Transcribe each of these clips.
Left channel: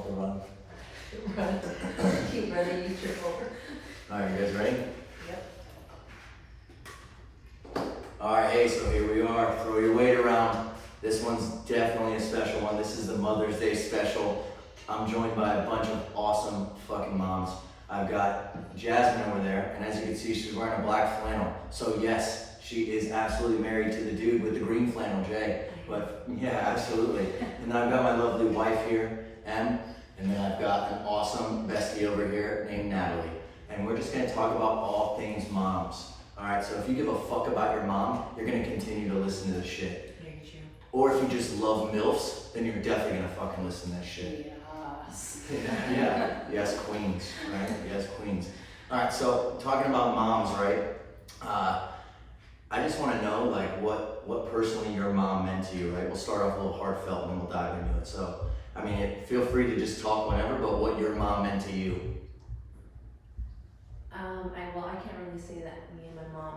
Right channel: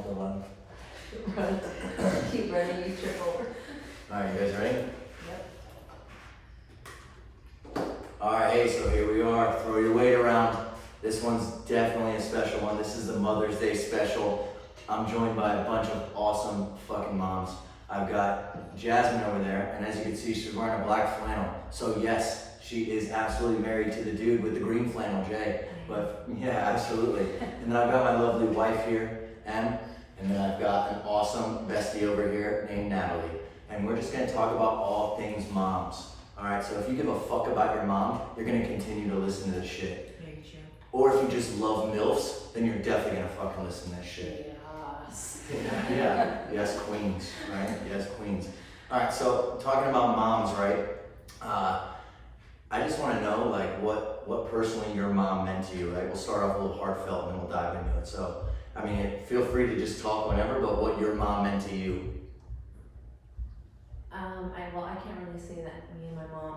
want to run. Run. Keep running, you trip over. Alright, you guys ready? Yep. Alright, hey, so here we are. Throw your weight around. This one's definitely a special one. This is the Mother's Day special. I'm joined by a bunch of awesome fucking moms. I've got Jasmine over there, and as you can see, she's wearing a black flannel. So yes, she is absolutely married to the dude with the green flannel, Jay. But yeah, absolutely. And then I've got my lovely wife here, Em, and then I've got an awesome bestie over here named Natalie. And we're just gonna talk about all things moms. All right, so if you give a fuck about your mom, you're gonna continue to listen to this shit. Very true. Or if you just love MILFs, then you're definitely gonna fucking listen to this shit. Yes. Yeah, yes, queens, right? Yes, queens. All right, so talking about moms, right? I just want to know, like, what personally your mom meant to you, right? We'll start off a little heartfelt and then we'll dive into it. So, I mean, feel free to just talk whatever, but what your mom meant to you. I can't really say that me and my mom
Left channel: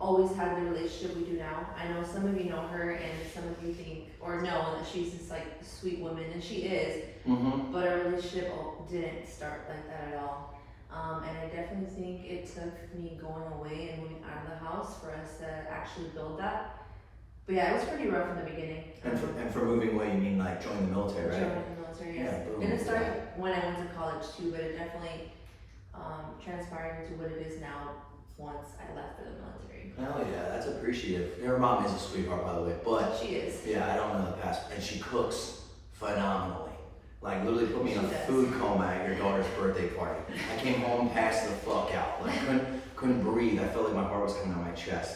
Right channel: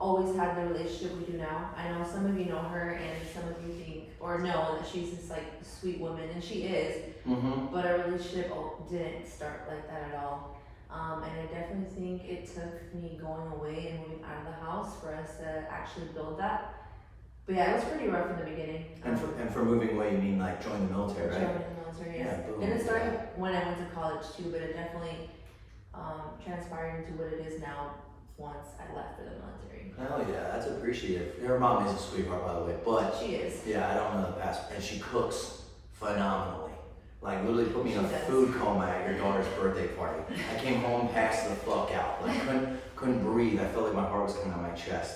always had the relationship we do now. I know some of you know her and some of you think, or know that she's this like sweet woman, and she is, but our relationship didn't start like that at all. And I definitely think it took me going away and moving out of the house for us to actually build that. But yeah, it was pretty rough in the beginning. And for moving away, you mean like join the military, right? Joining the military, yes. Yeah, boom. And it started when I went to college too, but it definitely transpired into what it is now once I left for the military. Hell yeah, that's appreciative. Your mom is a sweetheart, by the way, but She is. yeah, I don't know the past, and she cooks phenomenally. Like literally put me in a She does. food coma at your daughter's birthday party. I came home, passed the fuck out. Like couldn't breathe. I felt like my heart was coming out of my chest.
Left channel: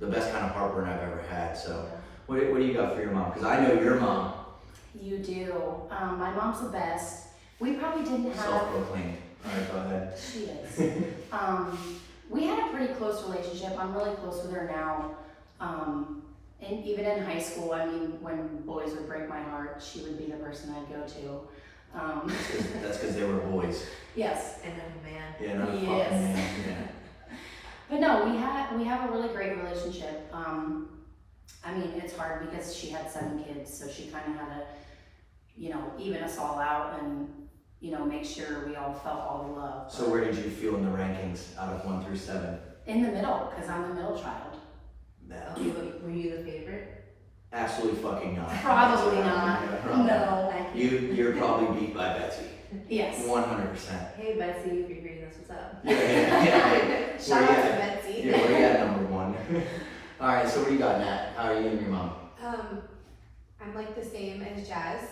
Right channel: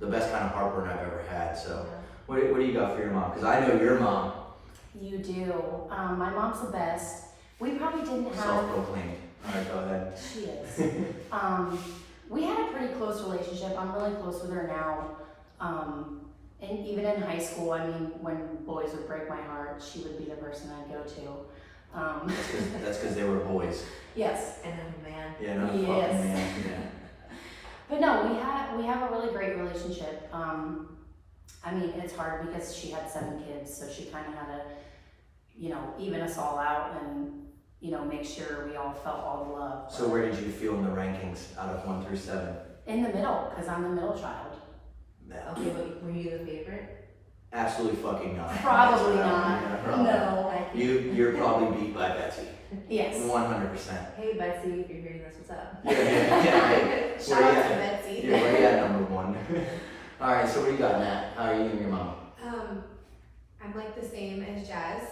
The best kind of heartburn I've ever had. So, what do you got for your mom? Because I know your mom. You do. My mom's the best. We probably didn't have. Self-proclaimed. All right, go ahead. She is. We had a pretty close relationship. I'm really close with her now. And even in high school, I mean, when boys would break my heart, she would be the person I'd go to. That's because they were boys. Yes. And a man. Yeah, not a Yes. fucking man. Yeah. But no, we have a really great relationship. I mean, it's hard because she had 7 kids, so she kind of had to, even us all out and, make sure we all felt all the love. So where did you feel in the rankings out of 1 through 7? In the middle, because I'm the middle child. No. Okay, but were you the favorite? Absolutely fucking not. Probably not. No. You're probably beat by Betsy. Yes. 100%. Hey Betsy, if you're hearing this, what's up? Yeah. Shout out to Betsy. Yeah, where you at, number 1? All right, so what do you got, Nat? How are you and your mom? I'm like the same as Jazz.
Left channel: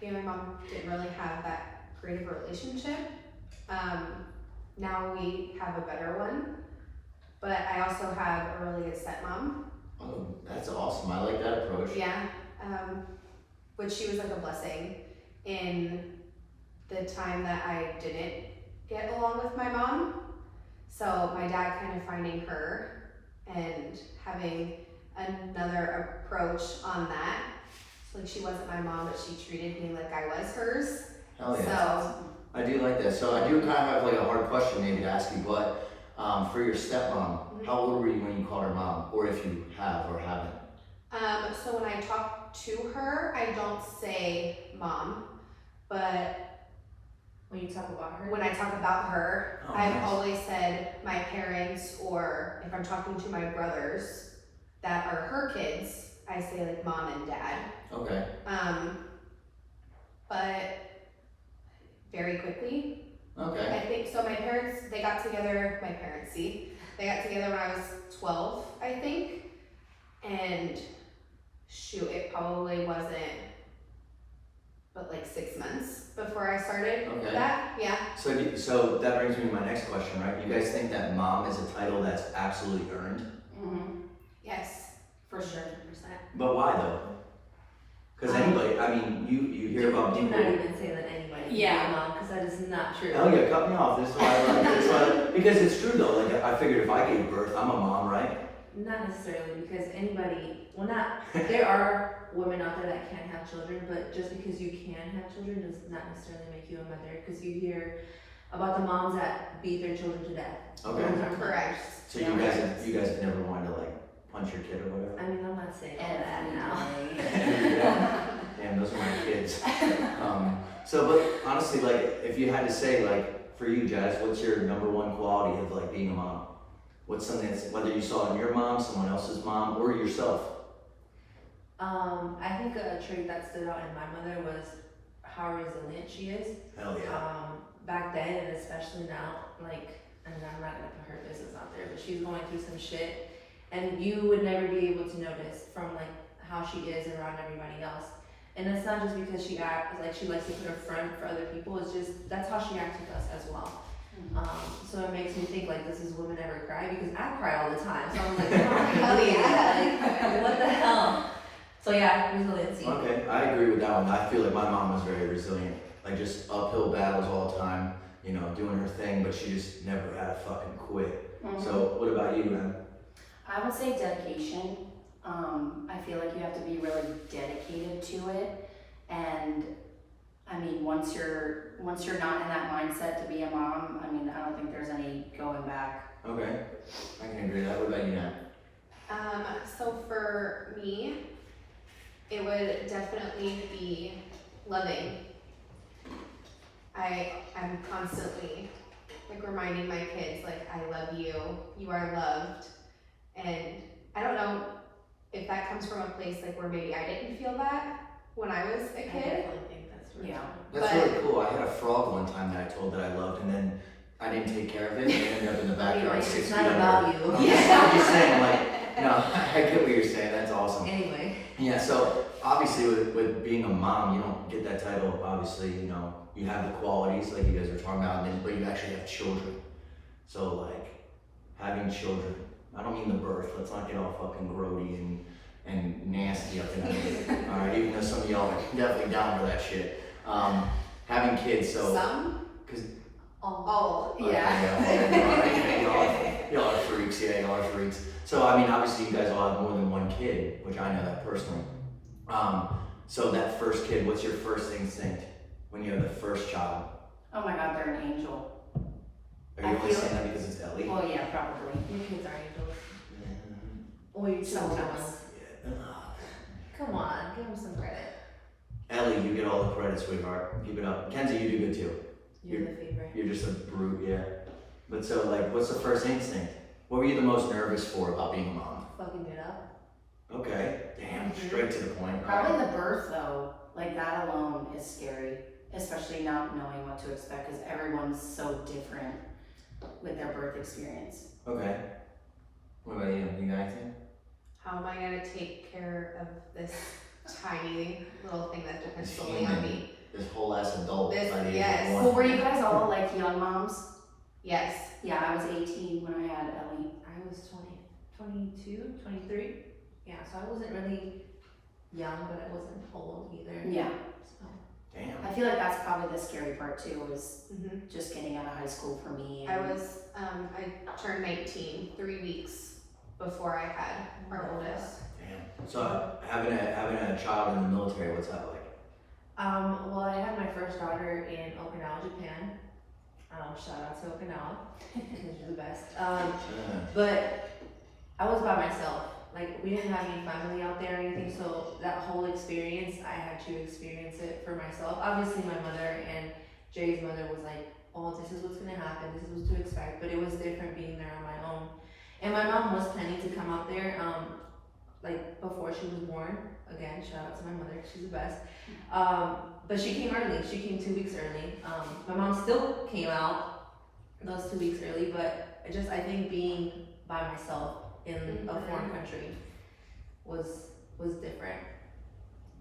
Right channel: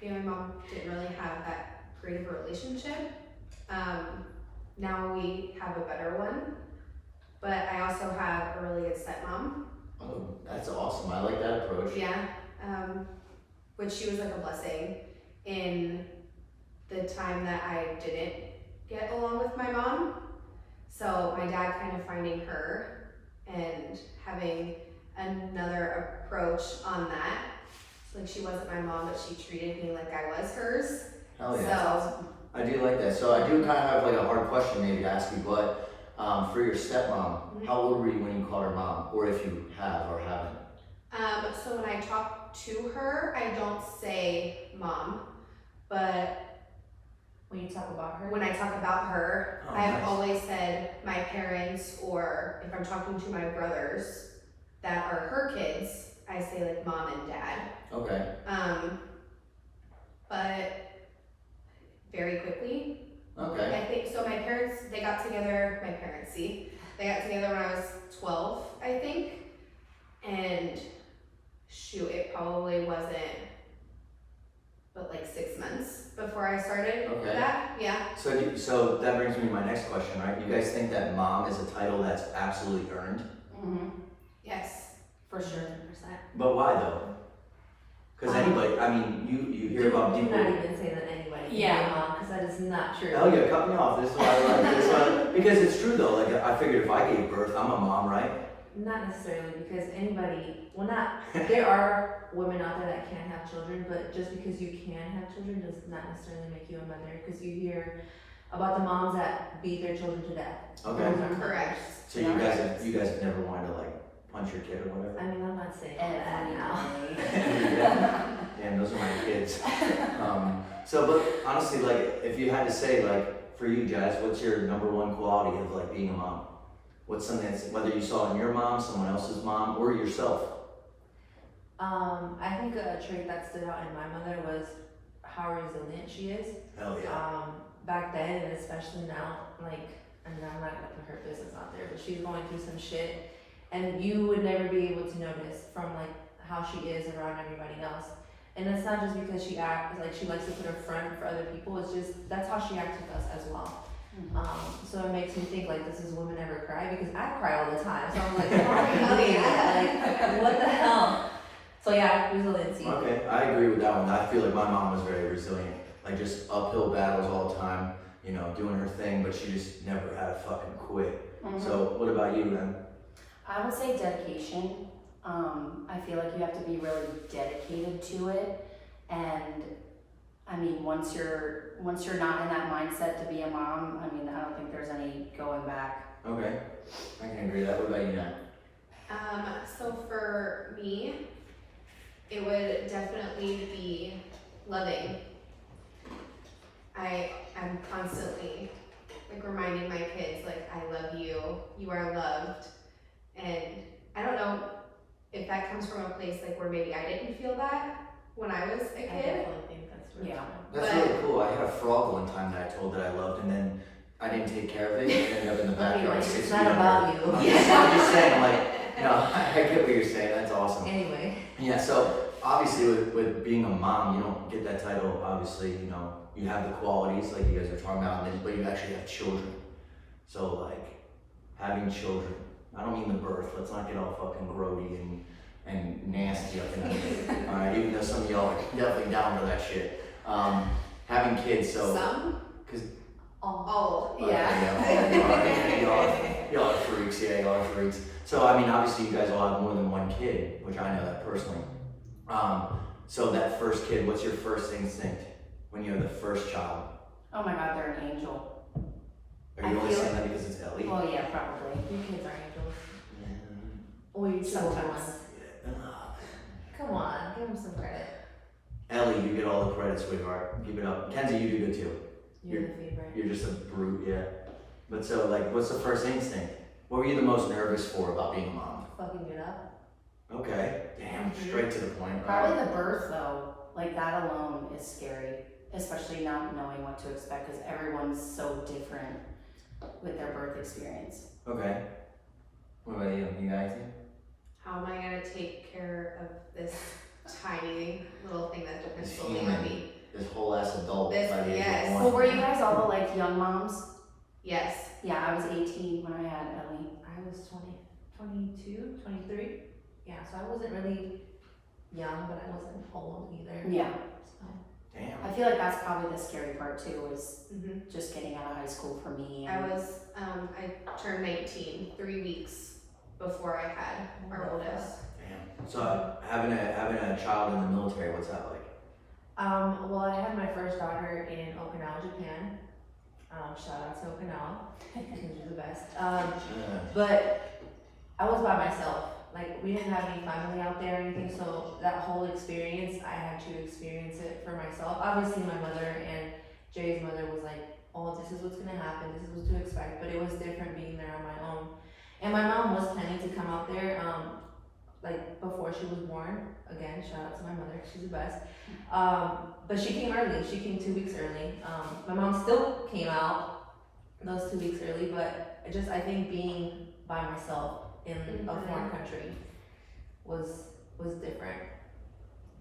Me and my mom didn't really have that great of a relationship. Now we have a better one, but I also have a really good stepmom. Oh, that's awesome. I like that approach. Yeah, which she was like a blessing in the time that I didn't get along with my mom. So my dad kind of finding her and having another approach on that. So like she wasn't my mom, but she treated me like I was hers. Hell yeah. So I do like that. So I do kind of have like a hard question maybe to ask you, but for your stepmom, how old were you when you called her mom? Or if you have or haven't? so when I talk to her, I don't say mom, but When you talk about her? when I talk about her, Oh, I've nice. always said my parents, or if I'm talking to my brothers that are her kids, I say like mom and dad. Okay. But very quickly, Okay. I think, so my parents, they got together when I was 12, I think, and shoot, it probably wasn't but like 6 months before I started Okay. that, yeah. So that brings me to my next question, right? You guys think that mom is a title that's absolutely earned? Yes. For sure. 100%. But why though? Because anybody, I mean, you hear about Do people. not even say that anybody. Yeah. Because that is not true. Hell yeah, cut me off. This is why I like this. Because it's true though. Like I figured if I gave birth, I'm a mom, right? Not necessarily, because there are women out there that can't have children, but just because you can have children does not necessarily make you a mother, because you hear about the moms that beat their children to death. Okay. Those are Correct. So you guys have never wanted to like punch your kid or whatever? I mean, I'm not saying all that now. Damn, those are my kids. kids. But honestly, like, if you had to say, like, for you, Jazz, what's your number one quality of, like, being a mom? What's something that's, whether you saw in your mom, someone else's mom, or yourself? I think a trait that stood out in my mother was how resilient she is. Hell yeah. Back then, and especially now, like, I mean, I'm not gonna put her business out there, but she's going through some shit, and you would never be able to notice from, like, how she is around everybody else. And it's not just because she acts like she likes to put her front for other people, it's just, that's how she acts with us as well. So it makes me think, like, does this woman ever cry? Because I cry all the time, so I'm like, oh, hell yeah, like, what the hell? So yeah, resiliency. Okay, I agree with that one. I feel like my mom was very resilient. Like, just uphill battles all the time, you know, doing her thing, but she just never had to fucking quit. So what about you, man? I would say dedication. I feel like you have to be really dedicated to it, and I mean, once you're not in that mindset to be a mom, I mean, I don't think there's any going back. Okay, I can agree with that. What about you, Nat? So for me, it would definitely be loving. I'm constantly like reminding my kids, like, I love you, you are loved. And I don't know if that comes from a place like where maybe I didn't feel that when I was a I kid. definitely think that's true. Yeah. That's really cool. I had a frog one time that I told that I loved, and then I didn't take care of it. It ended up in the backyard 6 feet It's not under. about you. I'm just saying, like, no, I get what you're saying. That's awesome. Anyway. Yeah, so obviously with being a mom, you don't get that title. Obviously, you know, you have the qualities like you guys were talking about, and then, but you actually have children. So, like, having children, I don't mean the birth. Let's not get all fucking grody and nasty up in here. All right, even though some of y'all are definitely down for that shit. Having kids, so Some? because All. Yeah. y'all are freaks. Yeah, y'all are freaks. So I mean, obviously, you guys all have more than one kid, which I know that personally. So that first kid, what's your first instinct when you have the first child? Oh my God, they're an angel. Are you only saying that because it's Ellie? Oh yeah, probably. Your kids are angels. Or your two older Sometimes. ones. Yeah. Come on, give them some credit. Ellie, you get all the credit, sweetheart. Keep it up. Kenzie, you do good too. You're the favorite. You're just a brute, yeah. But so, like, what's the first instinct? What were you the most nervous for about being a mom? Fucking it up. Okay, damn, straight to the point. Probably the birth though, like that alone is scary, especially not knowing what to expect because everyone's so different with their birth experience. Okay. What about you? You got anything? How am I gonna take care of this tiny little thing that depends This solely human. on me? This whole ass adult This- by the age yes. of 1. Well, were you guys all like young moms? Yes. Yeah, I was 18 when I had Ellie. I was 22, 23. Yeah, so I wasn't really young, but I wasn't old either. Yeah. So. Damn. I feel like that's probably the scary part too, is Mm-hmm. just getting out of high school for me. I I turned 19 3 weeks before I had our oldest. Damn. So having a child in the military, what's that like? Well, I had my first daughter in Okinawa, Japan. Shout out to Okinawa, because you're the best. But I was by myself. Like, we didn't have any family out there or anything, so that whole experience, I had to experience it for myself. Obviously, my mother and Jay's mother was like, oh, this is what's gonna happen, this is what to expect, but it was different being there on my own. And my mom was planning to come out there, like, before she was born. Again, shout out to my mother, she's the best. But she came early, she came 2 weeks early. My mom still came out those 2 weeks early, but I think being by myself in a foreign country was different.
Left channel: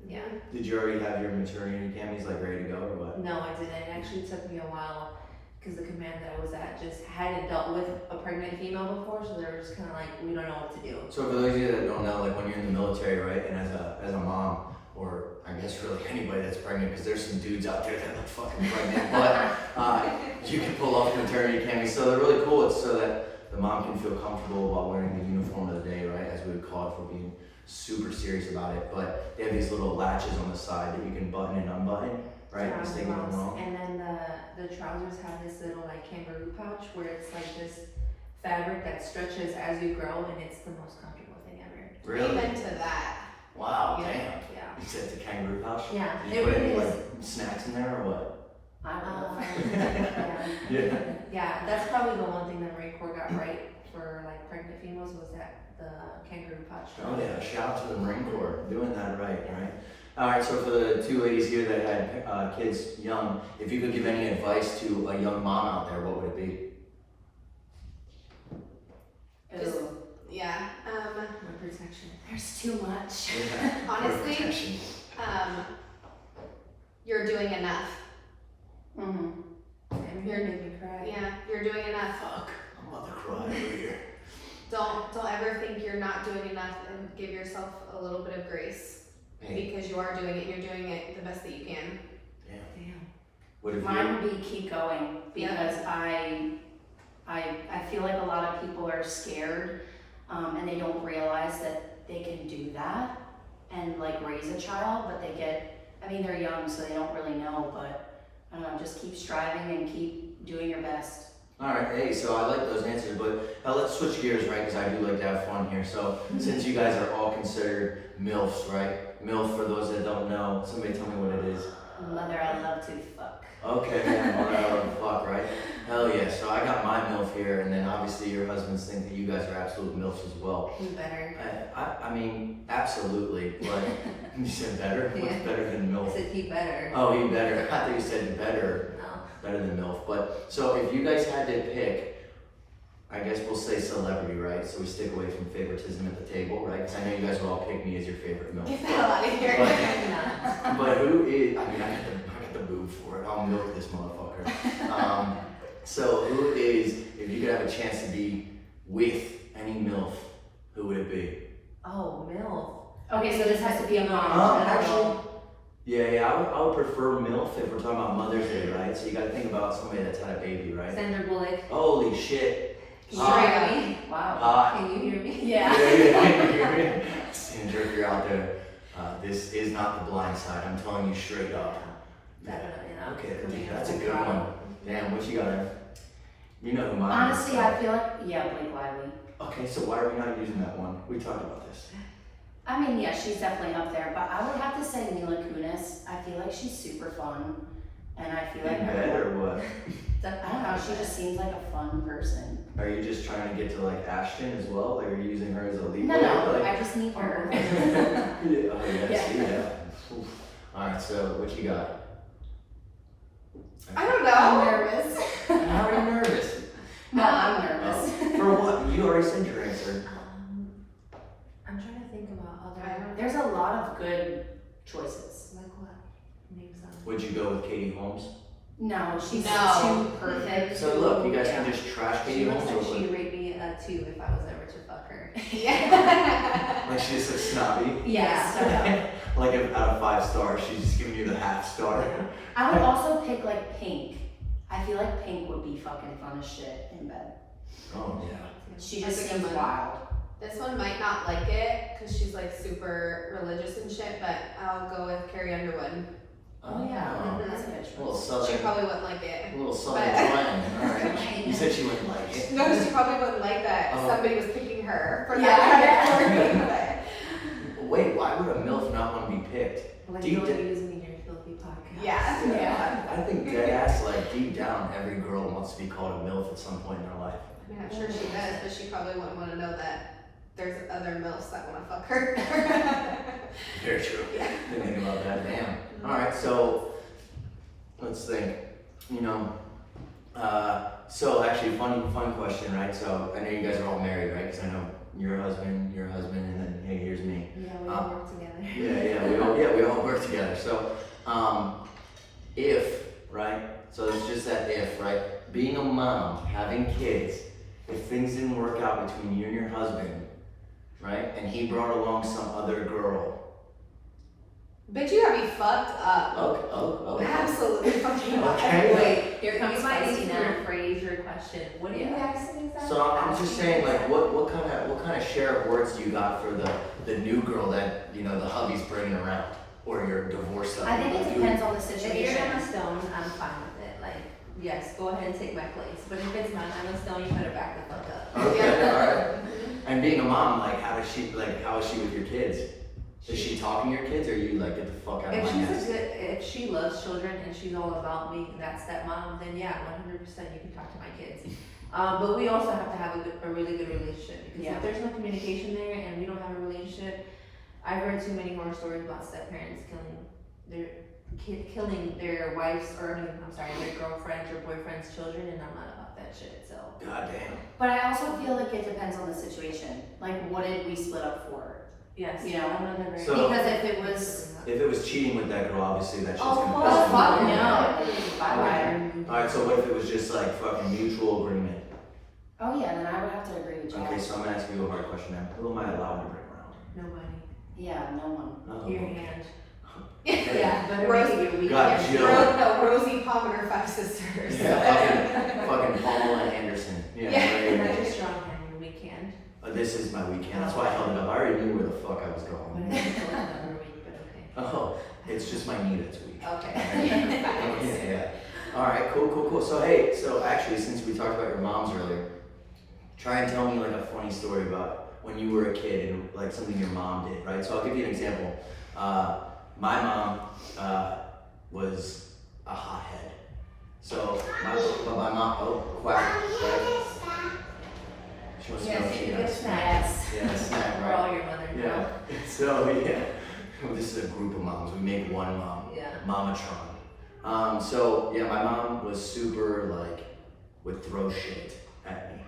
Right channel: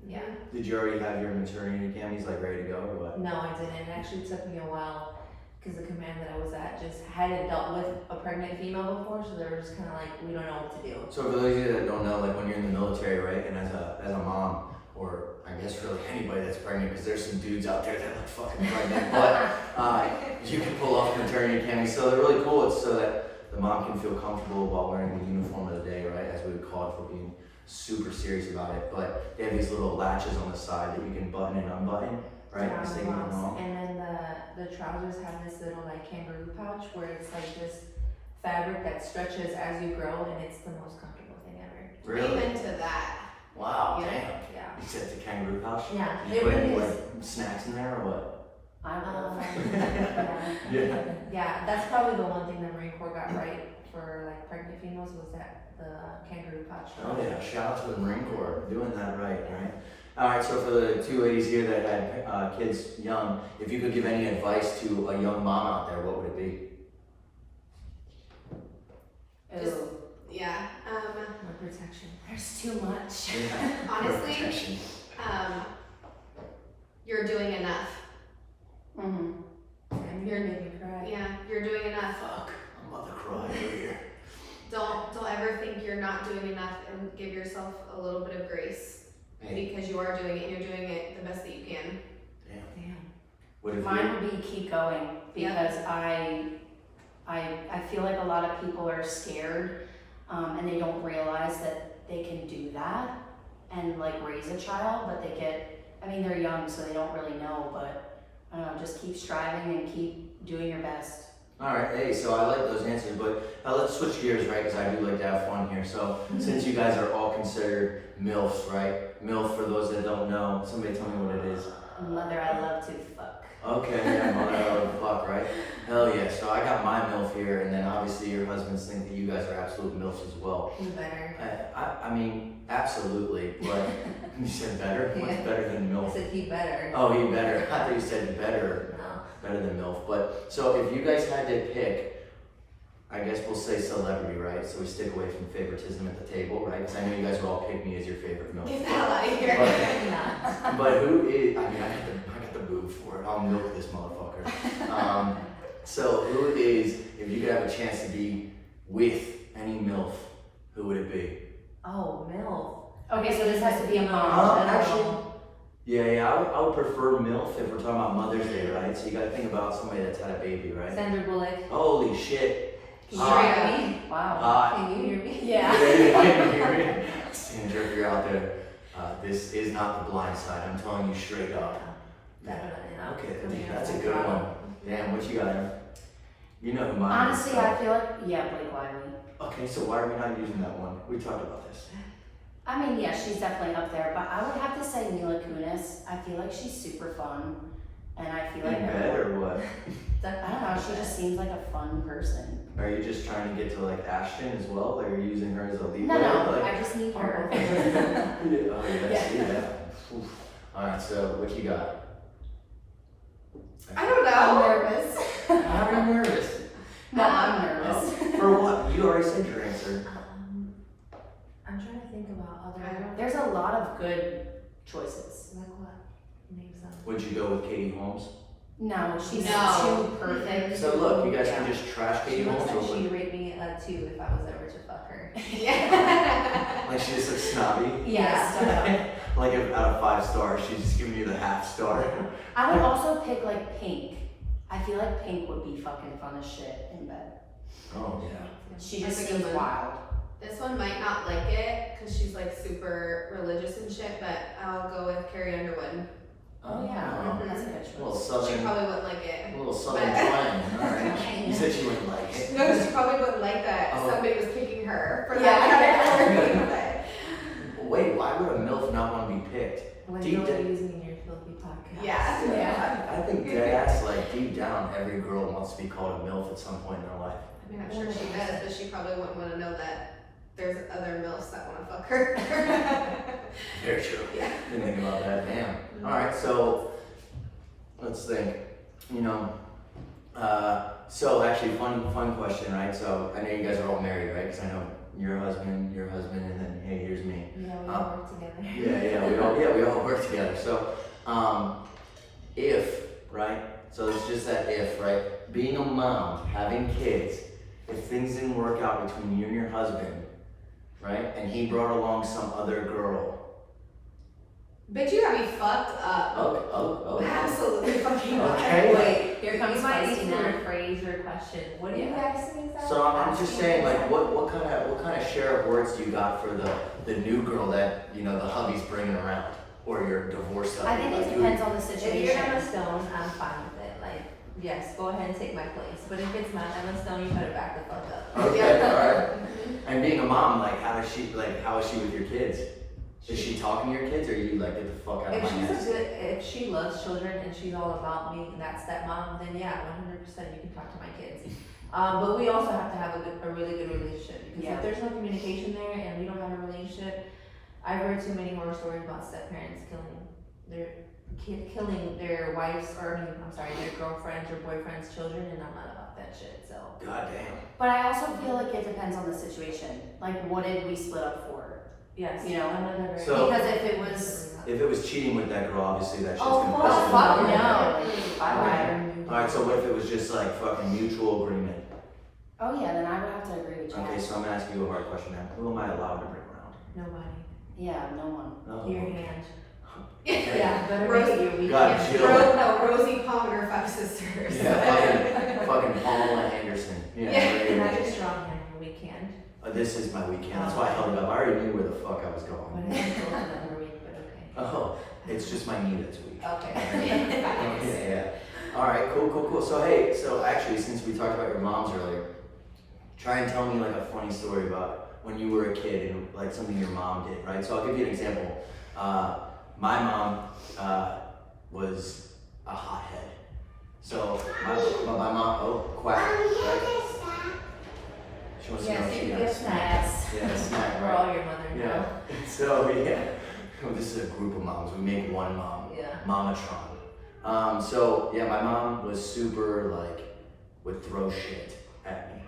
Yeah. Did you already have your maternity camis like ready to go or what? No, I didn't. It actually took me a while because the command that I was at just hadn't dealt with a pregnant female before, so they were just kind of like, we don't know what to do. So for those of you that don't know, like when you're in the military, right, and as a mom, or I guess really anybody that's pregnant, because there's some dudes out there that look fucking pregnant, but you can pull off maternity camis. So they're really cool. It's so that the mom can feel comfortable while wearing the uniform of the day, right, as we would call it, for being super serious about it. But they have these little latches on the side that you can button and unbutton, right? Around This the thing went moms. wrong. And then the trousers have this little like kangaroo pouch where it's like this fabric that stretches as you grow, and it's the most comfortable thing ever. Really? Amen to that. Wow, Yeah. damn. Yeah. You said it's a kangaroo pouch? Yeah. Did you It put any really like is. snacks in there or what? I don't know. Yeah. Yeah, that's probably the one thing that Marine Corps got right for like pregnant females was that the kangaroo pouch. Oh yeah, shout out to the Marine Corps, doing that right? All right, so for the two ladies here that had kids young, if you could give any advice to a young mom out there, what would it be? Ooh, Yeah. No protection. there's too much. Honestly, Protection. you're doing enough. Mm-hmm. And you're making me cry. Yeah, you're doing enough. Fuck, I'm about to cry over here. Don't ever think you're not doing enough, and give yourself a little bit of grace Hey, because you are doing it and you're doing it the best that you can. damn. Damn. What if Mine you? would be keep going Yeah. because I feel like a lot of people are scared and they don't realize that they can do that and like raise a child, but they're young so they don't really know, but I don't know, just keep striving and keep doing your best. All right, hey, so I like those answers, but let's switch gears, right? Because I do like to have fun here. So since you guys are all considered MILFs, right? MILF, for those that don't know, somebody tell me what it is. Mother, I love to fuck. Okay, yeah, mother, I love to fuck, right? Hell yeah. So I got my MILF here, and then obviously your husbands think that you guys are absolute MILFs as well. You better. I mean, absolutely, but you said better? What's Yeah. better than I MILF? said he better. Oh, he better. I thought you said better. No. Better than MILF. But so if you guys had to pick, I guess we'll say celebrity, right? So we stick away from favoritism at the table, right? Because I know you guys would all pick me as your favorite MILF. Get the hell out of here. But who is? I mean, I got the boob for it. I'll milk this motherfucker. So who is? If you could have a chance to be with any MILF, who would it be? Oh, MILF. Okay, so this has to be a mom. Actually, yeah, I would prefer MILF if we're talking about Mother's Day, right? So you got to think about somebody that's had a baby, right? Sandra Bullock. Holy shit. Can you hear me? Wow. Hot. Can you hear me? Yeah. Sandra, if you're out there, this is not the blind side. I'm telling you straight up. Definitely not. Okay, that's a good one. Damn, what you got, Em? You know who mine is. Honestly, I feel like, Blake Lively. Okay, so why are we not using that one? We talked about this. I mean, yeah, she's definitely up there, but I would have to say Mila Kunis. I feel like she's super fun, and I feel like In bed or what? I don't know, she just seems like a fun person. Are you just trying to get to like Ashton as well? Like, are you using her as a lead? No, Like, I just need her. yeah, oh yeah, Yeah. see that. Oof. All right, so what you got? I don't I'm know. nervous. How are you nervous? No, I'm Oh, nervous. for what? You already said your answer. I'm trying to think about other. There's a lot of good choices. Like what? Name some. Would you go with Katie Holmes? No, she's No. too perfect. So look, you guys Yeah. can just trash She Katie looks Holmes, like or she'd what? rate me a 2 if I was ever to fuck her. Yeah. Like she's just like snobby. Yes. Like if out of 5 stars, she's just giving you the half star. I would also pick like Pink. I feel like Pink would be fucking fun as shit in bed. Oh yeah. She That's just a good seems one. wild. This one might not like it because she's like super religious and shit, but I'll go with Carrie Underwood. Oh yeah, Oh, that's a good a little choice. She southern, probably wouldn't like it. a little southern But- twang. All right. You said she wouldn't like it. No, she probably wouldn't like that Oh. somebody was picking her for Yeah. that kind of category. Wait, why would a MILF not want to be picked? When Deep you're down- using in your filthy podcast. Yeah. Yeah. I think dead ass, like deep down, every girl wants to be called a MILF at some point in her life. I mean, I'm sure she does, but she probably wouldn't want to know that there's other MILFs that want to fuck her. Very true. Yeah. Didn't think about that. Damn. All right, so let's think. You know, so actually, fun question, right? So I know you guys are all married, right? Because I know your husband, and then hey, here's me. Yeah, we all work together. We all work together. So, if, right? So it's just that if, right? Being a mom, having kids, if things didn't work out between you and your husband, right? And he brought along some other girl. Bitch, you got me fucked up. Okay. Absolutely fucking up. Okay. Wait, Here comes you might spicy need to now. rephrase your question. What do you Yeah. guys think? So I'm just saying, like, what kind of share of words do you got for the new girl that the hubby's bringing around, or your divorced hubby? I think Like, it who- depends on the If you're situation. Emma Stone, I'm fine with it. Like, yes, go ahead and take my place. But if it's not Emma Stone, you better back the fuck up. Okay, all right. Mhm. And being a mom, like, how is she with your kids? Is she talking to your kids, or are you like, get the fuck out of If my she's nest? if she loves children and she's all about me and that stepmom, then yeah, 100% you can talk to my kids. But we also have to have a really good relationship, because if there's no communication there and we don't have a relationship, I've heard too many horror stories about step-parents killing their wives, or their girlfriends or boyfriends' children, and I'm not about that shit, so. God damn. But I also feel like it depends on the situation. Like, what did we split up for? Yes. You know, I'm not very. So- Because if it was, If it was cheating with that girl, obviously that shit's oh, gonna fuck, piss me fuck off. no. Bye-bye. Alright, so what if it was just like fucking mutual agreement? Oh yeah, then I would have to agree with Jack. Okay, so I'm gonna ask you a hard question now. Who am I allowed to bring around? Nobody. Yeah, no one. Oh. Your hand. Okay. Yeah, better Rosie. make it your God, weekend. Jill. Rosie Palm and her 5 sisters. Yeah, fucking Pamela Anderson. Yeah. You're not right. your strong hand, your weak hand. This is my weekend. That's why I held it up. I already knew where the fuck I was But going. I haven't told you that every week, but okay. Oh, it's just my knee that's weak. Okay. Yeah. All right, cool. So hey, so actually, since we talked about your moms earlier, try and tell me like a funny story about when you were a kid and like something your mom did, right? So I'll give you an example. My mom was a hothead. So my mom, oh, quack, right? She wants to know if she Yes, has snacks. Yeah, a snack, We're right? all your mother Yeah. now. So yeah, this is a group of moms. We make one mom, Yeah. Mamatron. So yeah, my mom was super like would throw shit at me,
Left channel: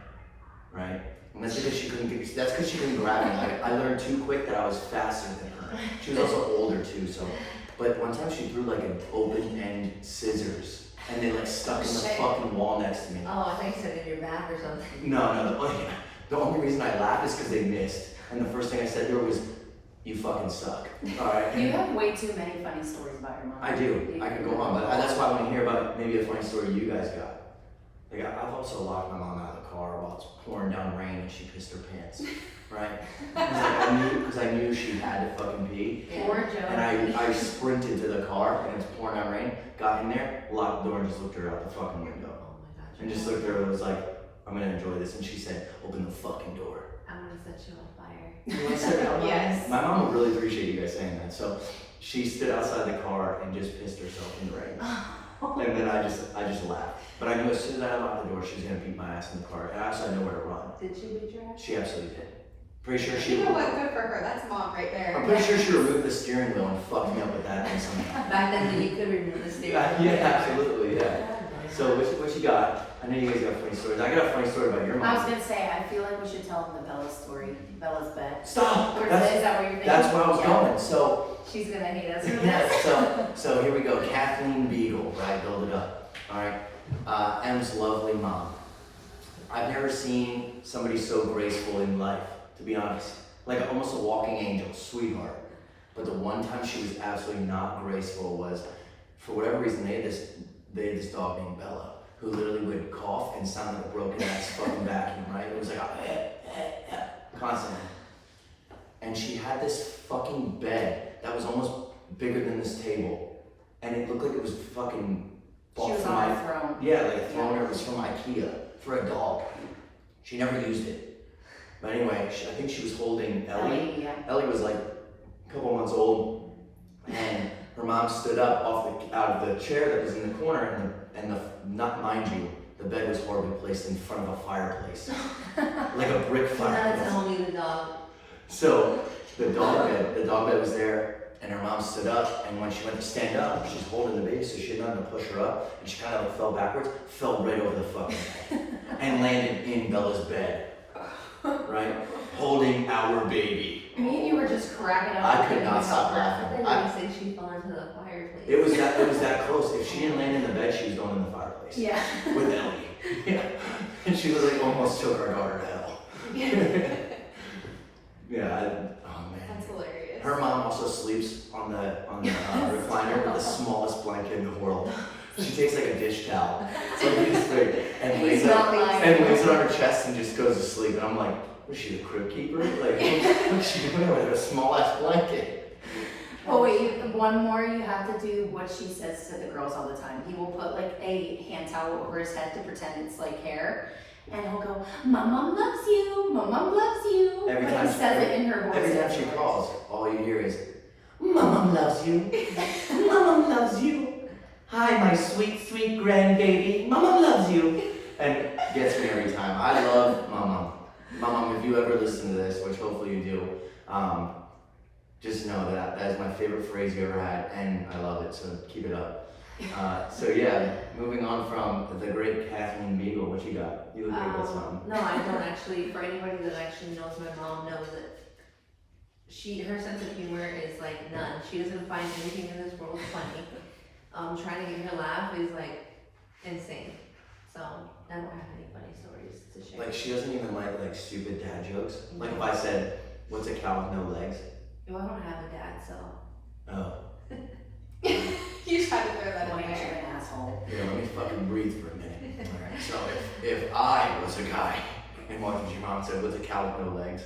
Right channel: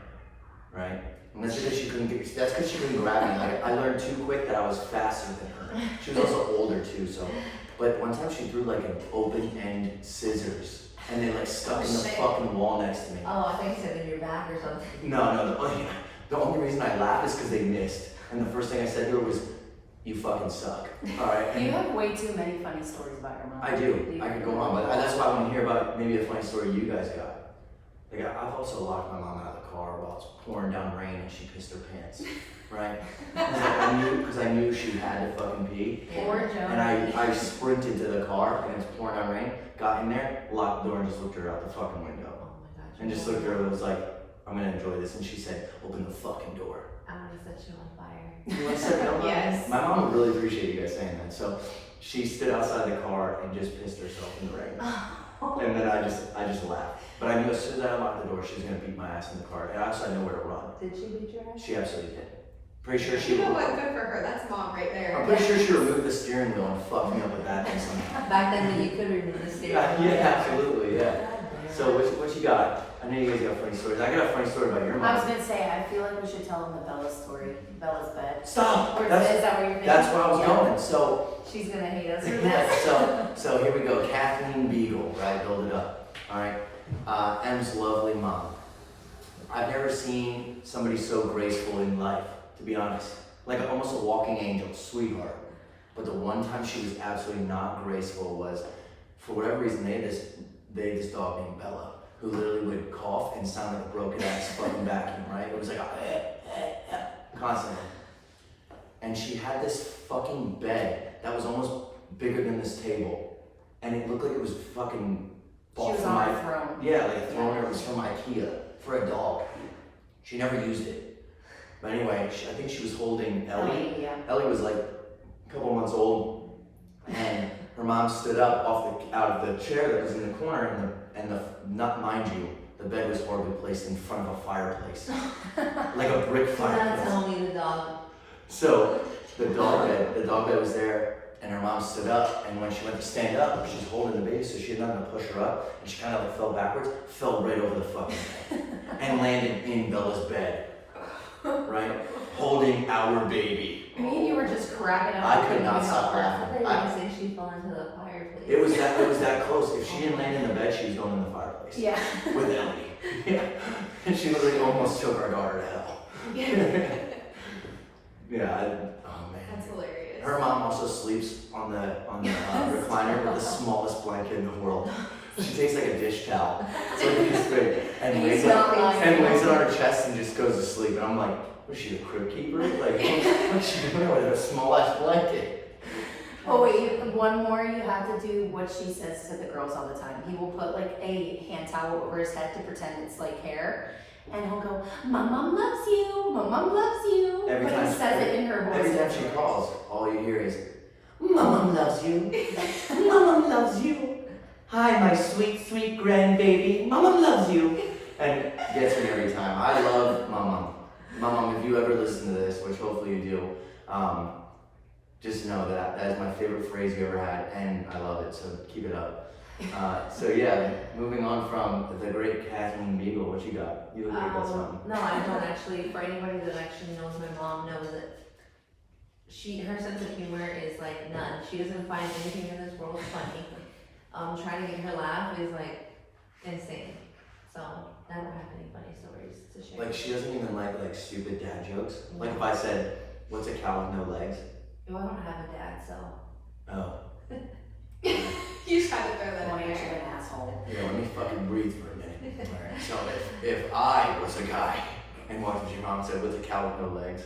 right? And that's because she couldn't get. That's because she couldn't grab me. Like I learned too quick that I was faster than her. She was also older too. So, but one time she threw like an open end scissors, and they like stuck in the Shit. fucking wall next to me. Oh, I thought you said in your back or something. No. The only reason I laughed is because they missed. And the first thing I said to her was, "You fucking suck." All right. You have way too many funny stories about your mom. I do. I could go on, but that's why I want to hear about maybe a funny story you guys got. Like I've also locked my mom out of the car while it's pouring down rain and she pissed her pants, right? Because I knew she had to fucking pee, Poor Joe. and I sprinted to the car and it's pouring down rain. Got in there, locked the door, and just looked her out the fucking window, Oh my gosh. and just looked at her and was like, "I'm gonna enjoy this." And she said, "Open the fucking door." I'm gonna set you on fire. You wanna set me on fire? Yes. My mom would really appreciate you guys saying that. So she stood outside the car and just pissed herself in the rain. And then I just laughed. But I knew as soon as I unlocked the door, she was gonna beat my ass in the car. And I also had nowhere to run. Did she beat your ass? She absolutely did. Pretty sure she You know what? Good for her. That's mom right there. I'm pretty sure she removed the steering wheel and fucked me up with that thing somehow. Back then when you could remove the steering. Yeah, absolutely, yeah. So what you got? I know you guys got funny stories. I got a funny story about your I was mom. gonna say, I feel like we should tell them the Bella's story. Bella's bed. Stop! Or is That's, that what you're thinking? that's where I was Yeah. going. So She's gonna hate us. yeah, so here we go. Kathleen Beagle, right? Build it up. All right. M's lovely mom. I've never seen somebody so graceful in life, to be honest. Like almost a walking angel, sweetheart. But the one time she was absolutely not graceful was, for whatever reason, they had this dog named Bella, who literally would cough and sound like a broken ass fucking vacuum, right? It was like constantly. And she had this fucking bed that was almost bigger than this table. And it looked like it was fucking She bought was from on the throne. yeah, like a throne. It was from IKEA for a dog. She never used it. But anyway, I think she was holding Ellie. Yeah. Ellie was like a couple months old, and her mom stood up out of the chair that was in the corner, and the not mind you, the bed was horribly placed in front of a fireplace, like a brick That's fireplace. only the dog. So the dog bed was there, and her mom stood up, and when she went to stand up, she's holding the baby, so she had nothing to push her up, and she kind of like fell backwards, fell right over the fucking bed, and landed in Bella's bed, right, holding our baby. Me and you were just cracking up. I could not stop I laughing. thought they were gonna say she fell into the fireplace. It was that close. If she didn't land in the bed, she was going in the fireplace. Yeah. With Ellie. Yeah. And she literally almost took our daughter to hell. Yeah. Oh man. That's hilarious. Her mom also sleeps on the recliner with the smallest blanket in the world. She takes like a dish towel, it's like this big, and lays it not on her chest and just goes to sleep. And I'm like, was she the crib keeper? Like, what's she doing with her small ass blanket? Oh wait, one more. You have to do what she says to the girls all the time. He will put like a hand towel over his head to pretend it's like hair, and he'll go, "My mom loves you, my mom loves you." Every But time he says it in her voice. Every time she calls, all you hear is, "My mom loves you. My mom loves you. Hi, my sweet, sweet grandbaby. My mom loves you." And it gets me every time. I love my mom. My mom, if you ever listen to this, which hopefully you do, just know that that is my favorite phrase you ever had, and I love it, so keep it up. So yeah, moving on from the great Kathleen Beagle, what you got? You look like you got something. No, I don't actually. For anybody that actually knows my mom knows that her sense of humor is like none. She doesn't find anything in this world funny. Trying to get her laugh is like insane. So I don't have any funny stories to share. Like she doesn't even like stupid dad jokes. Like if I said, "What's a cow with no legs?" Well, I don't have a dad, so. Oh. You tried to throw that Boy, in you're there. an asshole. Yeah, let me fucking breathe for a minute. Alright, so if I was a guy and watching your mom said, "What's a cow with no legs?"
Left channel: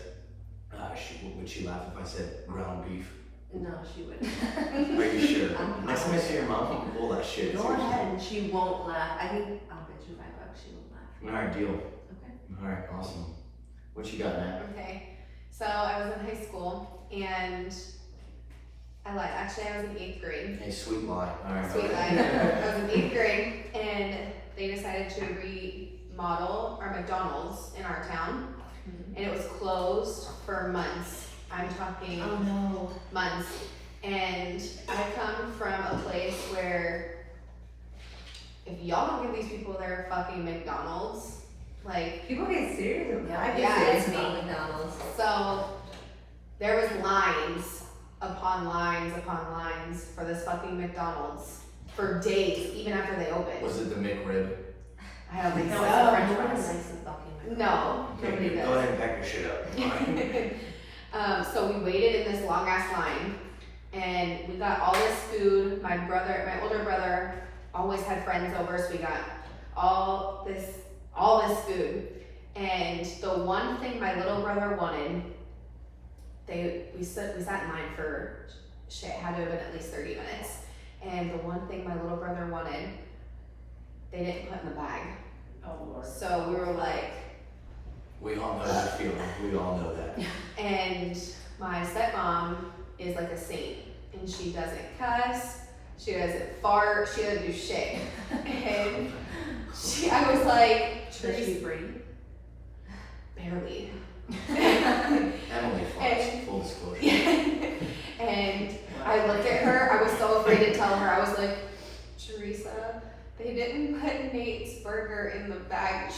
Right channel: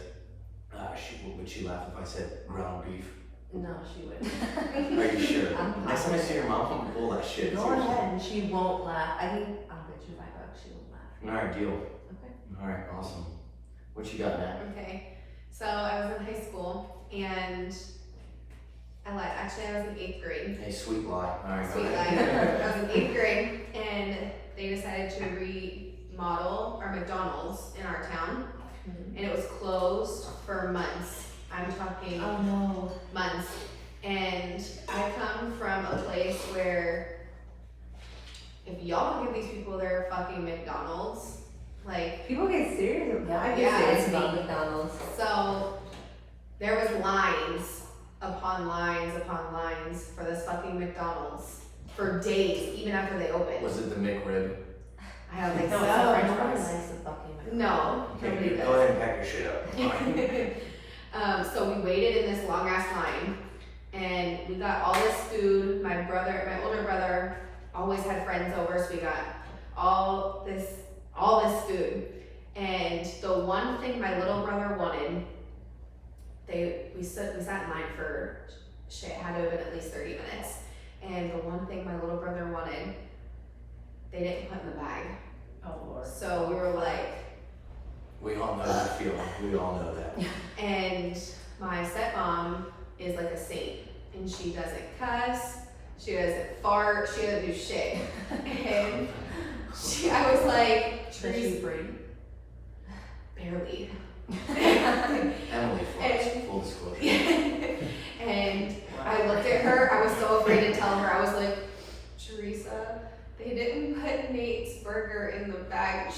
Would she laugh if I said ground beef? No, she wouldn't. Are you sure? I'm Next time I see your mom, I'm gonna pull that shit. Go Seriously. ahead, and she won't laugh. I'll bet you $5 she won't laugh. Alright, deal. Okay. Alright, awesome. What you got, Nat? Okay, so I was in high school and I lied. Actually, I was in 8th grade. Hey, sweet lie. Alright, go Sweet lie. ahead. I was in 8th grade and they decided to remodel our McDonald's in our town, and it was closed for months. I'm talking Oh no. months. And I come from a place where if y'all don't give these people their fucking McDonald's, like, People get serious about I Yeah, get serious it's about me. McDonald's. so there was lines upon lines upon lines for this fucking McDonald's for days, even after they opened. Was it the McRib? I don't think No, so. it's the French Nobody fries. likes the fucking No. Okay, nobody go does. ahead and pack your shit up. Fine. So we waited in this long ass line, and we got all this food. My older brother, always had friends over, so we got all this food. And the one thing my little brother wanted, we sat in line for shit, had to have been at least 30 minutes. And the one thing my little brother wanted, they didn't put in the bag. Oh Lord. So we were like, We all know that feeling. We all know that. and my stepmom is like a saint, and she doesn't cuss, she doesn't fart, she doesn't do shit. And I was like, Tracy Brady. barely. Emily farts, full disclosure. And I looked at her, I was so afraid to tell her, I was like, Teresa, they didn't put Nate's burger in the bag.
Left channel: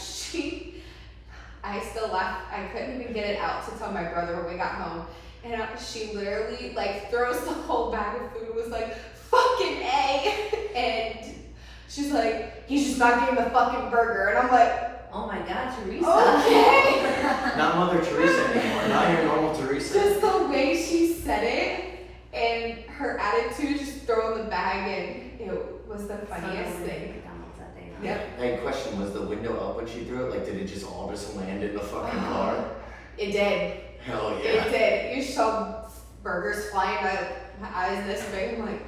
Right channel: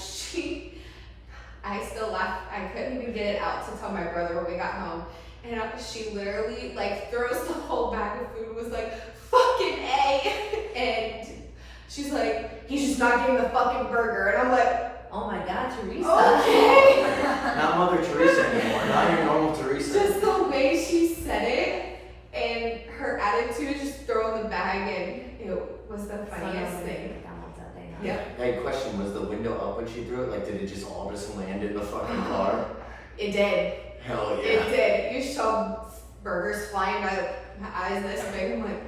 I still laughed, I couldn't even get it out to tell my brother when we got home. And she literally like throws the whole bag of food, was like, fucking A. And she's like, he's just not getting the fucking burger. And I'm like, Oh my God, Teresa. okay. Not Mother Teresa anymore. Not your normal Teresa. Just the way she said it and her attitude, just throwing the bag in, it was the funniest thing. McDonald's that day. Yep. Hey, question, was the window up when she threw it? Like, did it just all just land in the fucking car? It did. Hell It yeah. did. You saw burgers flying out of my eyes this big. I'm like,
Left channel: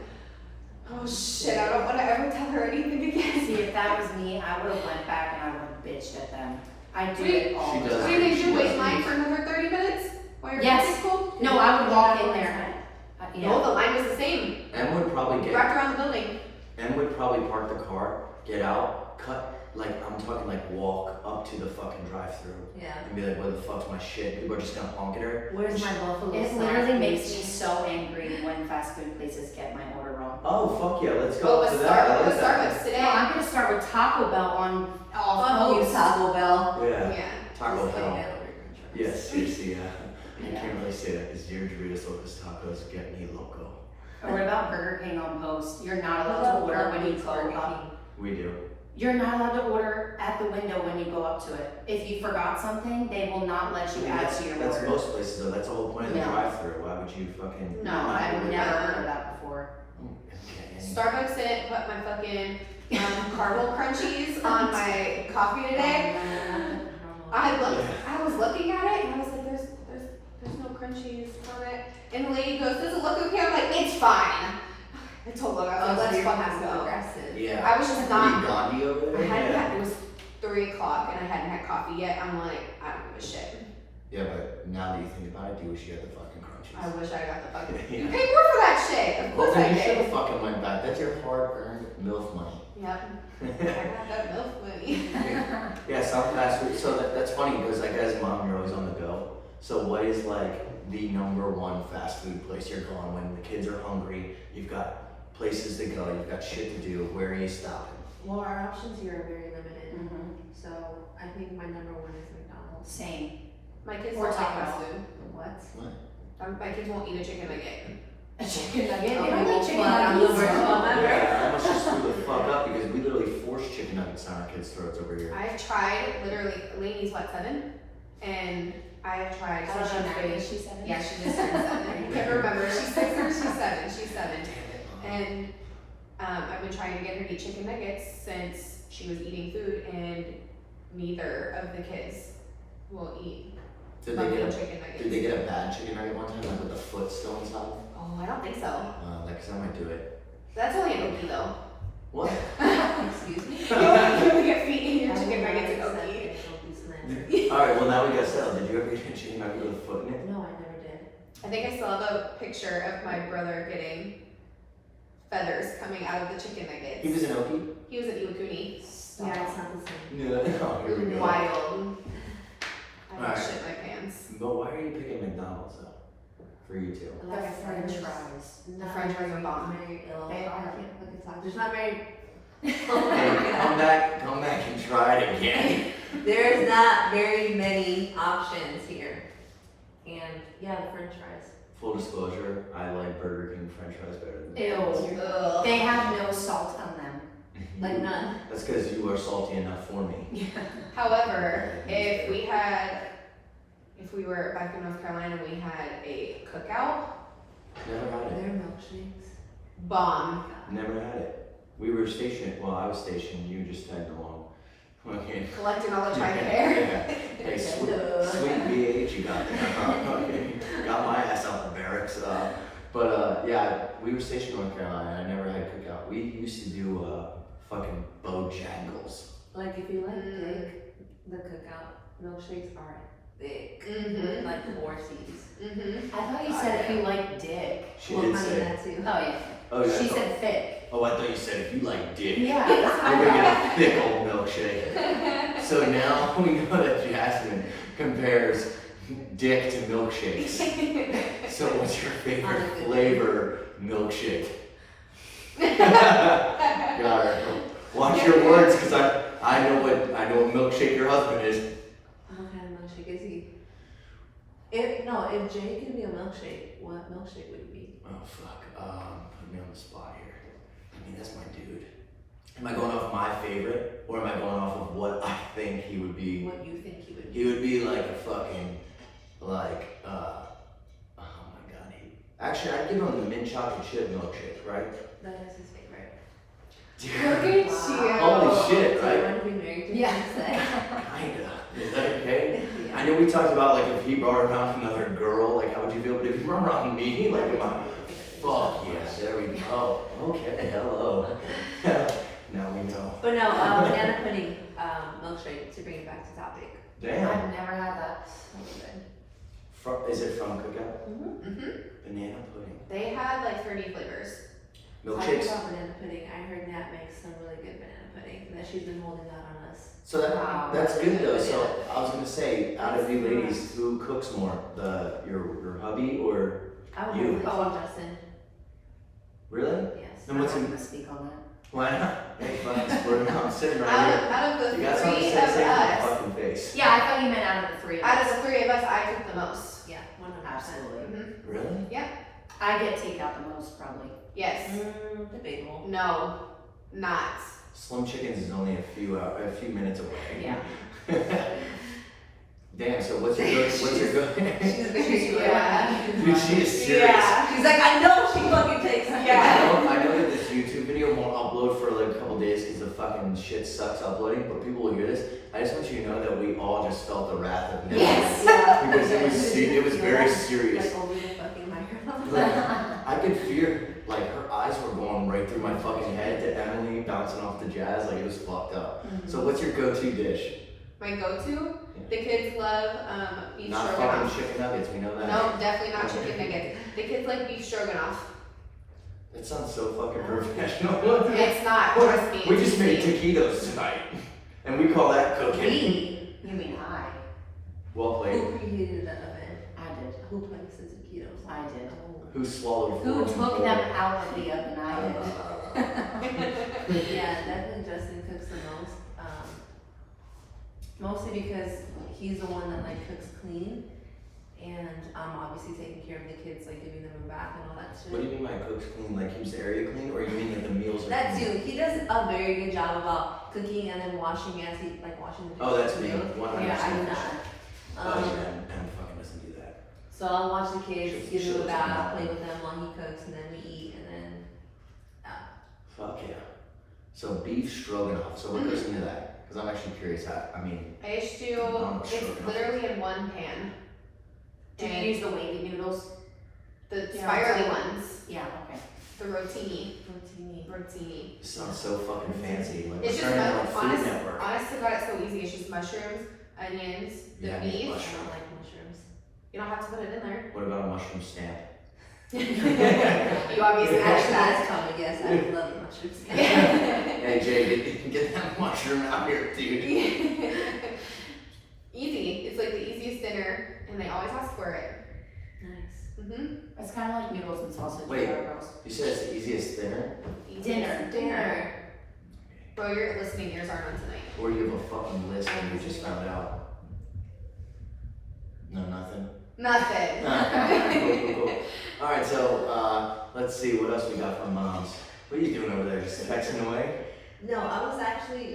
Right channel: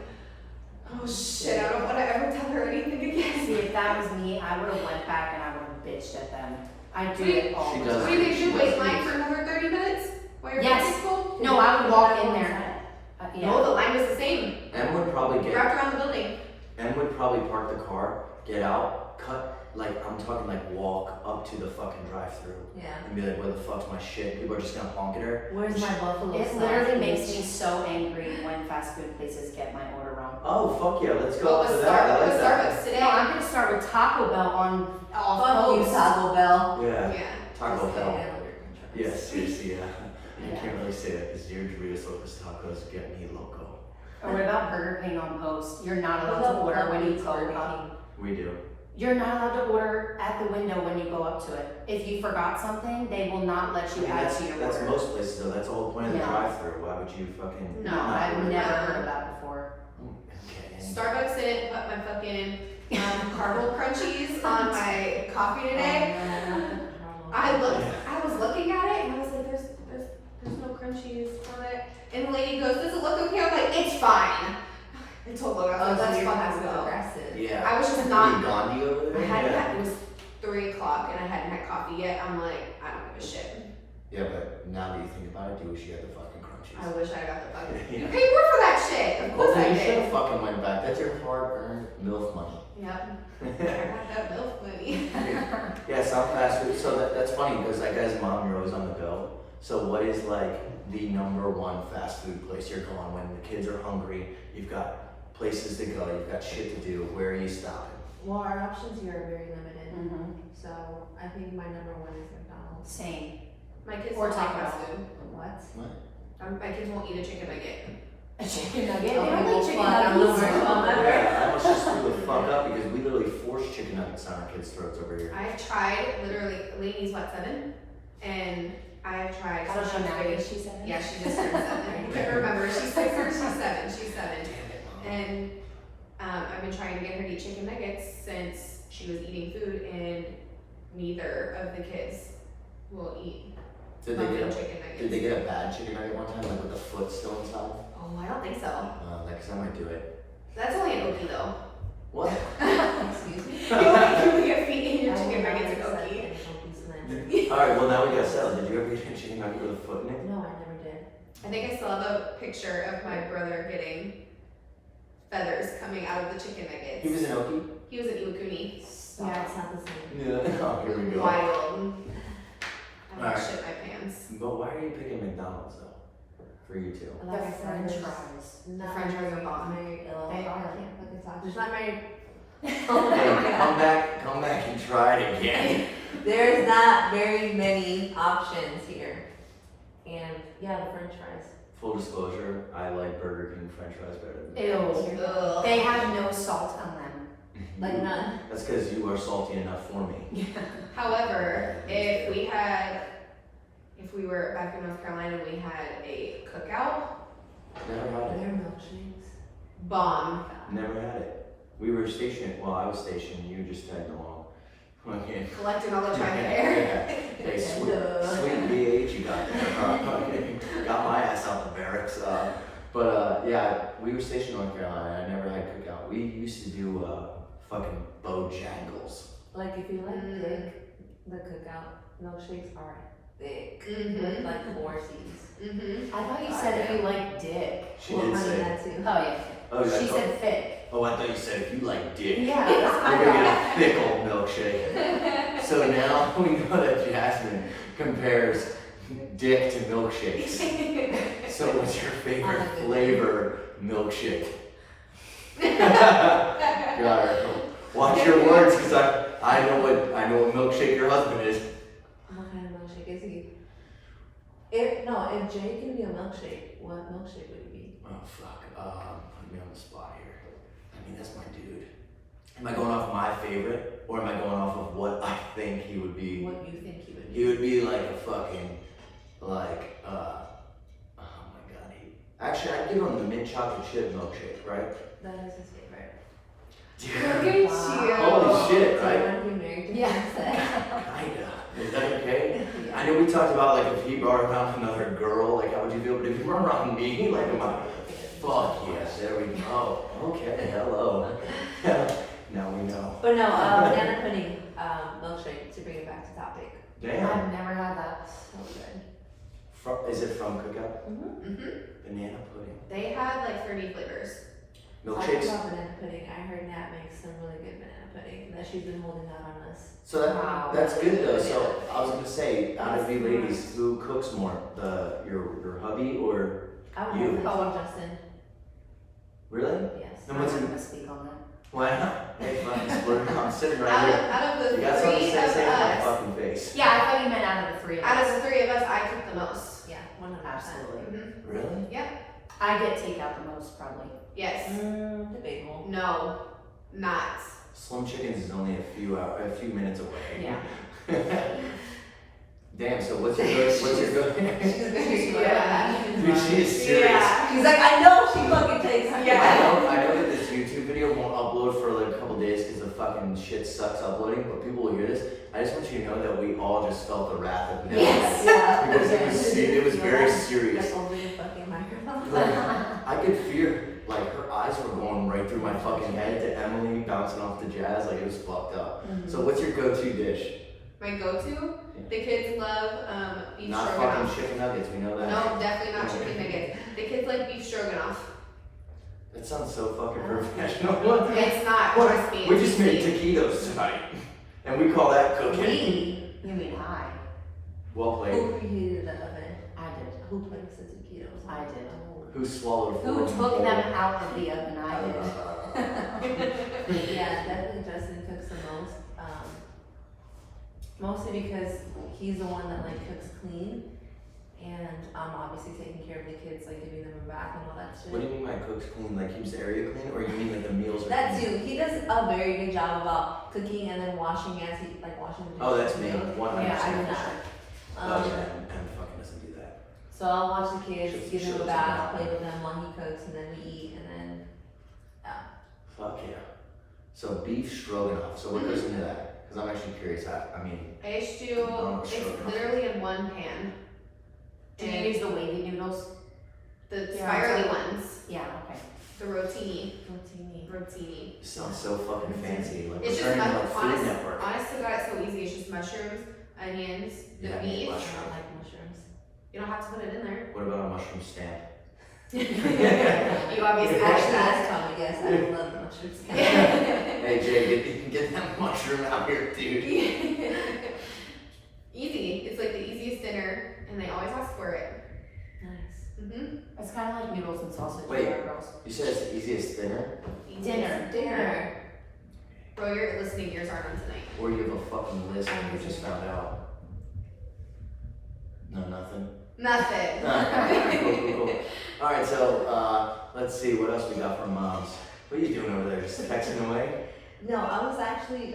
oh shit, I don't want to ever tell her anything again. See, if that was me, I would have went back and I would have bitched at them. I do Wait, it all she the does What time. do you think? She You wait does in line use- for another 30 minutes while you're Yes. in school? No, I would walk in there. No, the line was the same. Em would probably Wrapped around the building. Em would probably park the car, get out, cut, like, I'm talking like walk up to the fucking drive-through Yeah. and be like, where the fuck's my shit? People are just gonna honk at her. Where's my buffalo It sauce, literally makes please? me so angry when fast food places get my order wrong. Oh, fuck yeah, let's What go was to that. I like that. Starbucks today? No, I'm gonna start with Taco Bell on all Fuck you, posts. Taco Bell. Yeah, Yeah. Taco Just Bell. get it out of your contract. Yeah, seriously, yeah. You Yeah. can't really say that because your Doritos Locos Tacos get me loco. Or what about Burger King on post? You're not allowed Love to order when you go Burger up. King. We do. You're not allowed to order at the window when you go up to it. If you forgot something, they will not let I you mean, add that's to your that's order. most places though. That's the whole point of the No. drive-through. Why would you fucking? No, not I've order never that? heard of that before. Okay. Starbucks didn't put my fucking caramel crunchies on my coffee today. I was looking at it and I was like, there's no crunchies on it. And the lady goes, does it look okay? I'm like, it's fine. I told Logan, I Oh, was so like, let's you're fucking passive go. aggressive. Yeah. I was just Pretty not, Gandhi over I there. had, Yeah. it was 3 o'clock and I hadn't had coffee yet, I'm like, I don't give a shit. Yeah, but now that you think about it, do you wish you had the fucking crunchies? I wish I got the fucking. Yeah. You pay more for that shit. Of Well, course I then you should have did. fucking went back. That's your hard-earned MILF money. Yep. I got that milk money. Yeah, some fast food. So that's funny because like as mom, you're always on the go. So what is like the #1 fast food place you're going when the kids are hungry? You've got places to go. You've got shit to do. Where are you stopping? Well, our options here are very limited, Mhm. so I think my #1 is McDonald's. Same. My kids Or don't like Taco fast Bell. food. What? My kids won't eat a chicken nugget. A chicken nugget. They Okay, don't well, like chicken fine, I'm nuggets. the worst one. Yeah, I almost just threw the fuck up because we literally forced chicken nuggets down our kids' throats over here. I've tried literally. Lainey's what, 7? And I have tried. I don't know, she's Maggie, big. she said it. Yeah, she just turned 7. I can't remember. She's 6 or she's 7. She's 7. Damn it, Mom. And I've been trying to get her to eat chicken nuggets since she was eating food, and neither of the kids will eat Did they buffalo get chicken nuggets. Did they get a bad chicken nugget one time, like with the foot still inside? Oh, I don't think so. Like, 'cause I might do it. That's only an Okie though. What? Excuse me? You only get feet in your I chicken will nuggets and never accept Okie. an Okie slam. All right, well now we gotta settle. Did you ever get a chicken nugget with a foot in it? No, I never did. I think I still have a picture of my brother getting feathers coming out of the chicken nuggets. He was an Okie? He was an Iwakuni. Yeah, it's not the same. Yeah. Oh, here we go. Wild. I Alright. would shit my pants. But why are you picking McDonald's though? For you two? Like I The said, french there's fries. The french fries are bomb. very ill. They I are. can't fucking talk. There's not very. Hey, come back and try it again. There's not very many options here. And yeah, the french fries. Full disclosure, I like Burger King French fries better than Ew. Ugh. They have no salt on them. Like none. That's because you are salty enough for me. However, if we were back in North Carolina and we had a cookout, Never had Their it. milkshakes. bomb. Never had it. We were stationed, well, I was stationed, you just tagged along. Okay. Collecting all the time there. Yeah. Hey, sweet BH, you got there. Okay. Got my ass out the barracks. Yeah, we were stationed in North Carolina. I never had cookout. We used to do fucking Bojangles. Like if you like Mm. thick, the cookout milkshakes are thick. Mhm. With like 4 C's. Mm-hmm. I thought you said if you like dick. She Well, did I mean, say. that too. Oh yeah. Oh, yeah. I She thought- said thick. Oh, I thought you said if you like dick. Yeah. You're gonna get a thick old milkshake. So now we know that Jasmine compares dick to milkshakes. So what's your favorite flavor milkshake? Got her. Watch your words, cause I know what milkshake your husband is. What kind of milkshake is he? If Jay can be a milkshake, what milkshake would he be? Oh fuck. Put me on the spot here. I mean, that's my dude. Am I going off my favorite, or am I going off of what I think he would be? What you think he would be? He would be like a fucking, like, oh my god, actually, I'd give him the mint chocolate chip milkshake, right? That is his favorite. Look at you. Holy shit, Do right? you want to be married to Yeah. him? Kinda. Is that okay? I know we talked about, like, if he brought around another girl, like, how would you feel? But if he brought around me, like, am I, fuck yeah, there we go. Okay, hello. Now we know. But no, banana pudding milkshake, to bring it back to topic. Damn. I've never had that. So good. Is it from Cookout? Mm-hmm. Banana pudding. They had like 30 flavors. I Milkshakes? love banana pudding. I heard Nat makes some really good banana pudding that she's been holding out on us. So Wow. that's good though. So I was gonna say, out of you ladies, who cooks more? Your hubby or I would You. have to say Justin. really? Yes. Then what's I'm in, not gonna speak on that. why not? Hey, fine, split it up. I'm sitting right Out here. of the You got something to three of say in my us, fucking face. Yeah, I thought you meant out of the three of out us. of the 3 of us, I cook the most. Yeah, 100%. Absolutely. Mm-hmm. Really? I get takeout the most probably. Yes. Debatable. No. Not. Slim Chickens is only a few minutes away. Yeah. Damn. So what's your good? She's very Yeah. Dude, she is serious. Yeah. She's like, I know she fucking takes me. I know that this YouTube video won't upload for like a couple days because the fucking shit sucks uploading, but people will hear this. I just want you to know that we all just felt the wrath of Nick. Yes. Yeah. Because it was very serious. Like over the fucking microphone. Like, I could fear, like her eyes were going right right through my fucking head to Emily bouncing off the Jazz. Like, it was fucked up. Mhm. So what's your go-to dish? My go-to, Yeah. the kids love beef Not stroganoff. fucking chicken nuggets, we know that. No, definitely not chicken nuggets. The kids like beef stroganoff. It sounds so fucking professional. It's not, trust me. We it's just made easy. taquitos tonight. And we call that cooking. You mean I? Well played. Who preheated the oven? I did. Who placed the taquitos? I did. Oh. Who swallowed Who four took people? them out of the oven? I did. Yeah, definitely Justin cooks the most. Mostly because he's the one that like cooks clean, and obviously taking care of the kids, like giving them a bath and all that shit. What do you mean by cooks clean? Like keeps the area clean, or you mean like the meals are That clean? too. He does a very good job about cooking and then washing as he like washing the Oh, that's me. meals. 100%. Yeah, I do that. Oh yeah, Em fucking doesn't do that. So I'll watch the kids, give them a Shows bath, them. play with them while he cooks, and then we eat, and then Fuck yeah. So beef stroganoff. So what goes into that? Because I'm actually curious. I mean, I just do, Oh, it's stroganoff. literally in one pan. Did you And use the wavy noodles? the Yeah, spirally it's ones, Yeah, okay. the rotini. rotini. it sounds so fucking fancy. Like we're It's just turning into like, like Food Network. honestly, God, it's so easy. It's just mushrooms, onions, the Yeah, I need beef. I mushroom. don't like mushrooms. You don't have to put it in there. What about a mushroom stamp? You obviously like Actually, that. that's probably yes. I love mushrooms. Hey Jay, get that mushroom out here, dude. Easy. It's like the easiest dinner, and they always ask for it. Nice. It's kind of like noodles and sausage. Wait. Girls. You said it's the easiest dinner, Dinner. Dinner. Bro, your listening ears aren't on tonight. or you have a fucking list and you just found out? No, nothing. Nothing. Cool. All right, so let's see what else we got from moms. What are you doing over there? Just texting away? No, I was actually,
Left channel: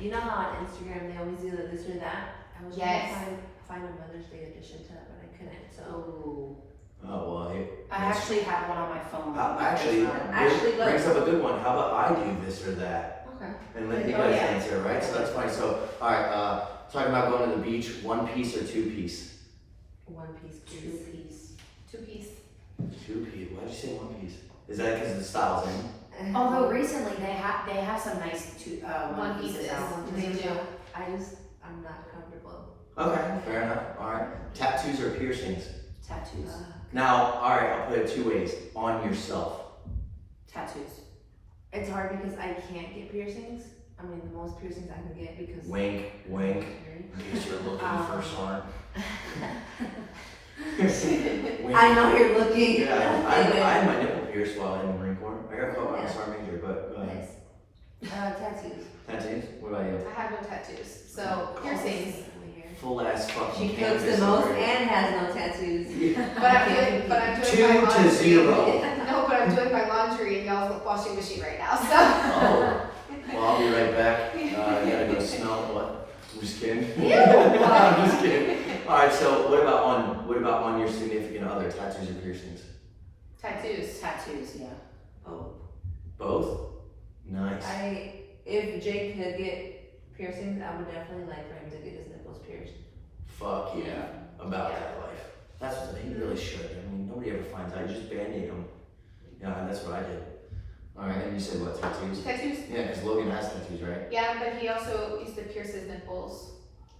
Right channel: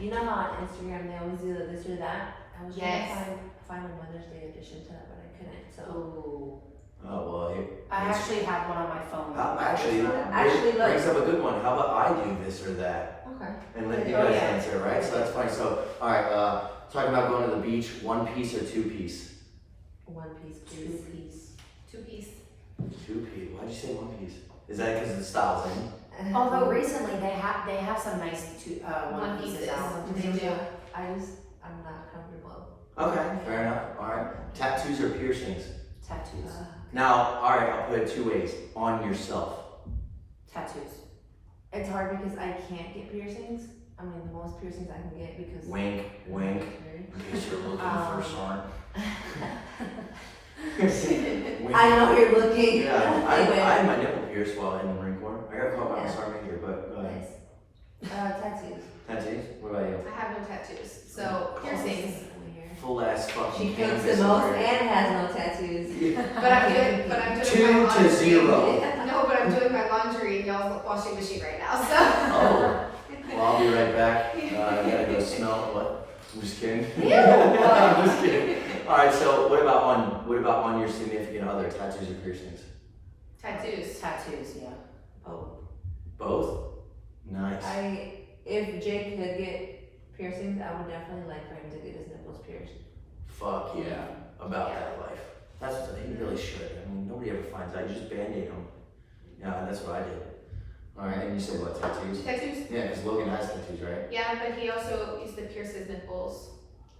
you know how on Instagram they always do the this or that? I was Yes. trying to find a Mother's Day edition to that, but I couldn't, so. Oh. Oh well, hey. I actually have one on my phone. Actually, Actually, but- brings up a good one. How about I do this or that? Okay. And let you Oh, guys yeah. answer, right? So that's fine. So, all right, talking about going to the beach, 1 piece or 2 piece? One piece, Two please. piece. 2 piece. 2 piece. Why'd you say 1 piece? Is that because the style's in? Although recently they have some nice one pieces pieces. out. They do. I'm not comfortable. Okay, fair enough. All right. Tattoos or piercings? Tattoos. Now, all right, I'll put it 2 ways. On yourself. Tattoos. It's hard because I can't get piercings. I mean, the most piercings I can get because. Wink, wink. In case you're looking for some. Wink. I know you're looking. Yeah, I Anyway. had my nipple pierced while in the Marine Corps. I got caught by a Yeah. sergeant major, but go ahead. Nice. Tattoos. Tattoos? What about you? I have no tattoos. So, piercings. Full ass fucking She cooks canvas the most over here. and has no tattoos. But I'm doing my 2 to laundry. 0. No, but I'm doing my laundry in y'all's washing machine right now, so. Oh, well, I'll be right back. I gotta go smell what? I'm just kidding. Ew. I'm just kidding. All right, so what about on your significant other? Tattoos or piercings? Tattoos. Tattoos, yeah. Oh. Both. Nice. If Jake could get piercings, I would definitely like for him to get his nipples pierced. Fuck yeah, about that life. That's what he really should. I mean, nobody ever finds out. You just band-aid them. Yeah, and that's what I did. All right, and you said what? Tattoos? Tattoos? Yeah, because Logan has tattoos, right? Yeah, but he also used to pierce his nipples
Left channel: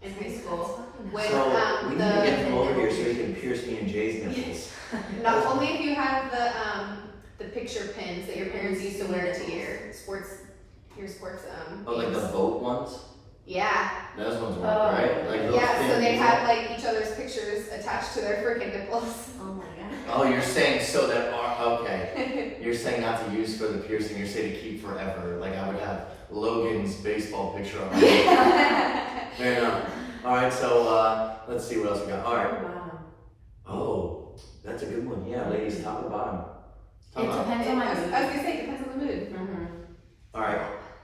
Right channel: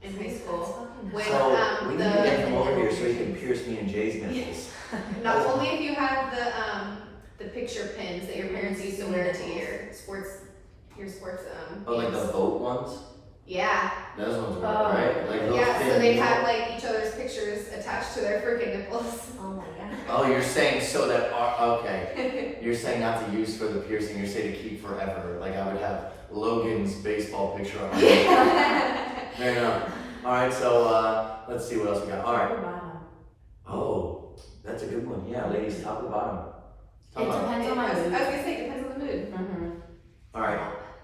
in high school. With, So we need to the- get him over here so he can pierce me and Jay's nipples. Not only if you have the picture pins that your parents used to wear to your sports Oh, like the games. boat ones? Yeah. Those ones work, Oh. right? Like those Yeah, so thin they needle- have like each other's pictures attached to their freaking nipples. Oh my god. Oh, you're saying so that okay. You're saying not to use for the piercing. You're saying to keep forever. Like I would have Logan's baseball picture on my head. Fair enough. All right, so let's see what else we got. All right. Bottom. Oh, that's a good one. Yeah, ladies, top or bottom? Top It or- depends on my I was mood. gonna say, it depends on the mood. Mm-hmm. All right,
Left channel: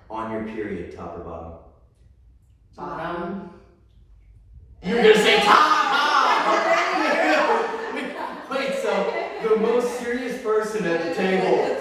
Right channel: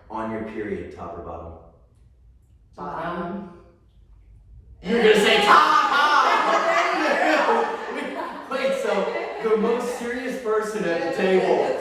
on your period, top or bottom? Bottom. You're gonna say top. Wait, so the most serious person at the table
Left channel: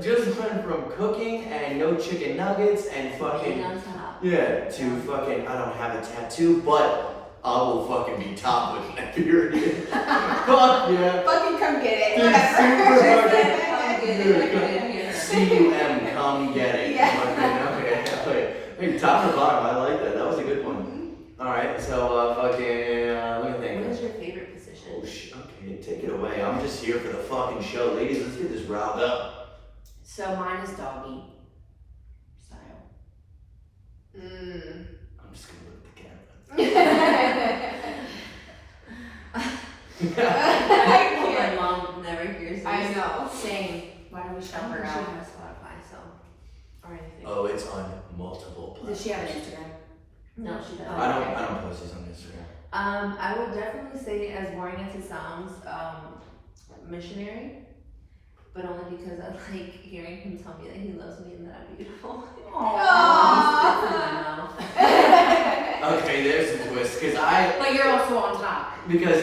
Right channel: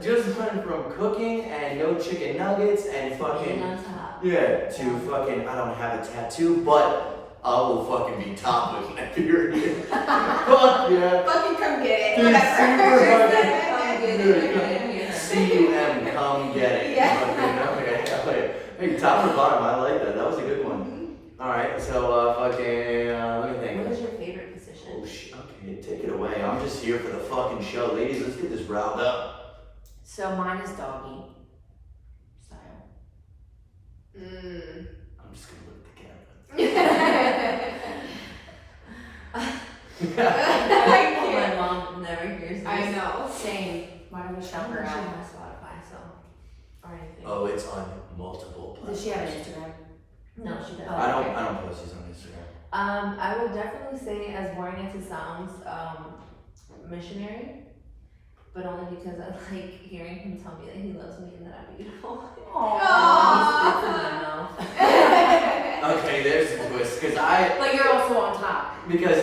just went from cooking and no chicken nuggets and fucking on top. yeah to fucking I don't have a tattoo, but I will fucking be top with my period. Fuck yeah. Fucking come get it. Dude, Whatever. super fucking- Come get Dude, it, come- come get C-U-M, come get it. Yeah. Okay. Hey, top or bottom, I like that. That was a good one. Alright, so let me think. What is your favorite position? Oh shit, okay, take it away. I'm just here for the fucking show. Ladies, let's get this round up. So mine is doggy style. I'm just gonna look at the camera. My mom never hears this. I know. Same. Why don't we shout She her has out? Spotify, so. Or anything. Oh, it's on multiple platforms. Does she have an Instagram? No, she doesn't. I don't post these on Instagram. I would definitely say, as boring as it sounds, missionary. But only because I like hearing him tell me that he loves me and that I'm beautiful. Aww. Okay, there's a twist, But you're also on top. because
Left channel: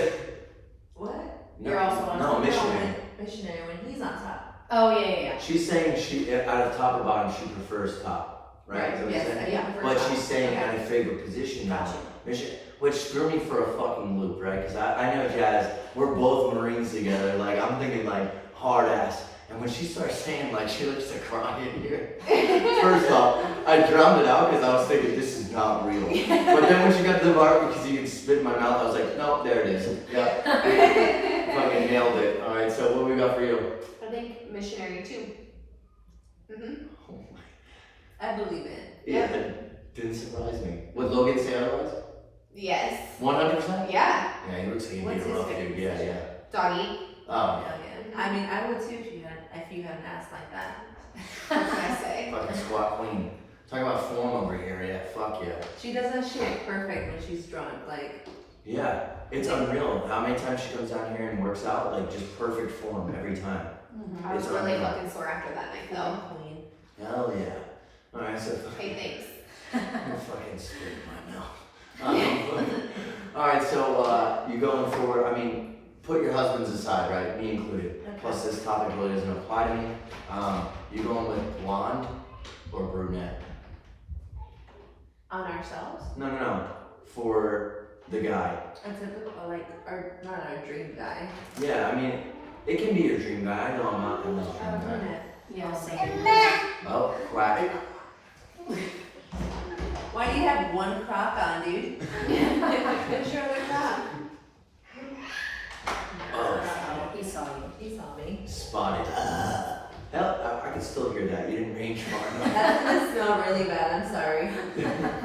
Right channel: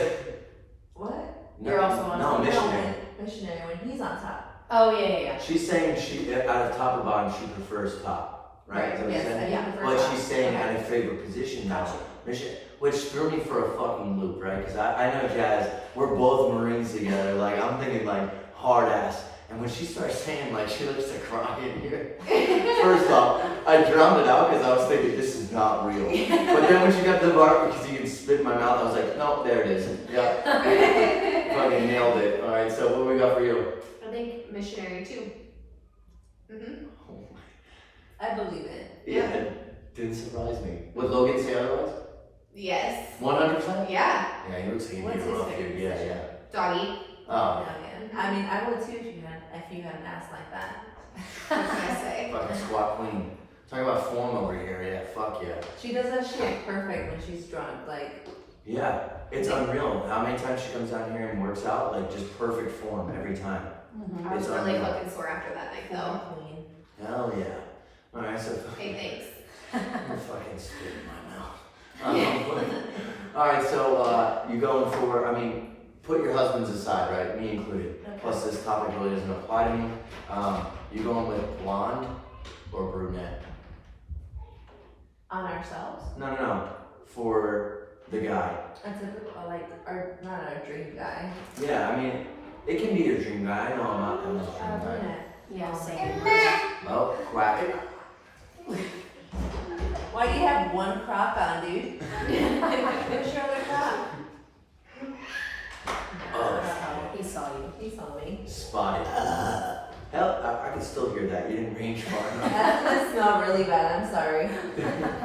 What? no, You're also on no top. missionary. Missionary when he's on top. Oh yeah. She's saying she out of top or bottom she prefers top, right? Is that what Yes, you're saying? yeah. But she's saying out of favorite position now. Gotcha. Mission, which threw me for a fucking loop, right? Because I know Jazz, we're both Marines together. Like I'm thinking like hard ass. And when she starts saying like she looks to cry in here, first off, I drowned it out because I was thinking this is not real. But then when she got to the part because you can spit in my mouth, I was like, no, there it is. Yeah, fucking nailed it. All right, so what we got for you? I think missionary too. Oh my. I believe it. Yeah, it didn't surprise me. Would Logan say otherwise? Yes. 100%? Yeah. Yeah, he looks like he'd be What's a his rough favorite dude. Yeah, yeah. Doggy. Oh, Yeah, man. I mean, I would too if you had an ass like that. What can I say? fucking squat queen. Talking about form over here. Yeah, fuck yeah. She does that shit perfect when she's drunk. Like, Yeah, it's unreal. How many times she comes down here and works out, like just perfect form every time. I was It's really unreal. fucking sore after that night though. queen. Hell yeah. All right, so Hey, thanks. I'm fucking spit in my mouth. All right, so you going for? I mean, put your husbands aside, right? Me included. Okay. Plus, this topic really doesn't apply to me. You going with blonde or brunette? On ourselves? No. For the guy. A typical, like, our, not our dream guy. Yeah, I mean, it can be your dream guy. I know I'm not Emma's dream guy. Brunette. Yeah, same. Oh, quack. Why do you have one crock on, dude? Where's your other crock? Oh, He saw you. He saw me. spotted. Hell, I can still hear that. You didn't range far enough. That smelled really bad, I'm sorry.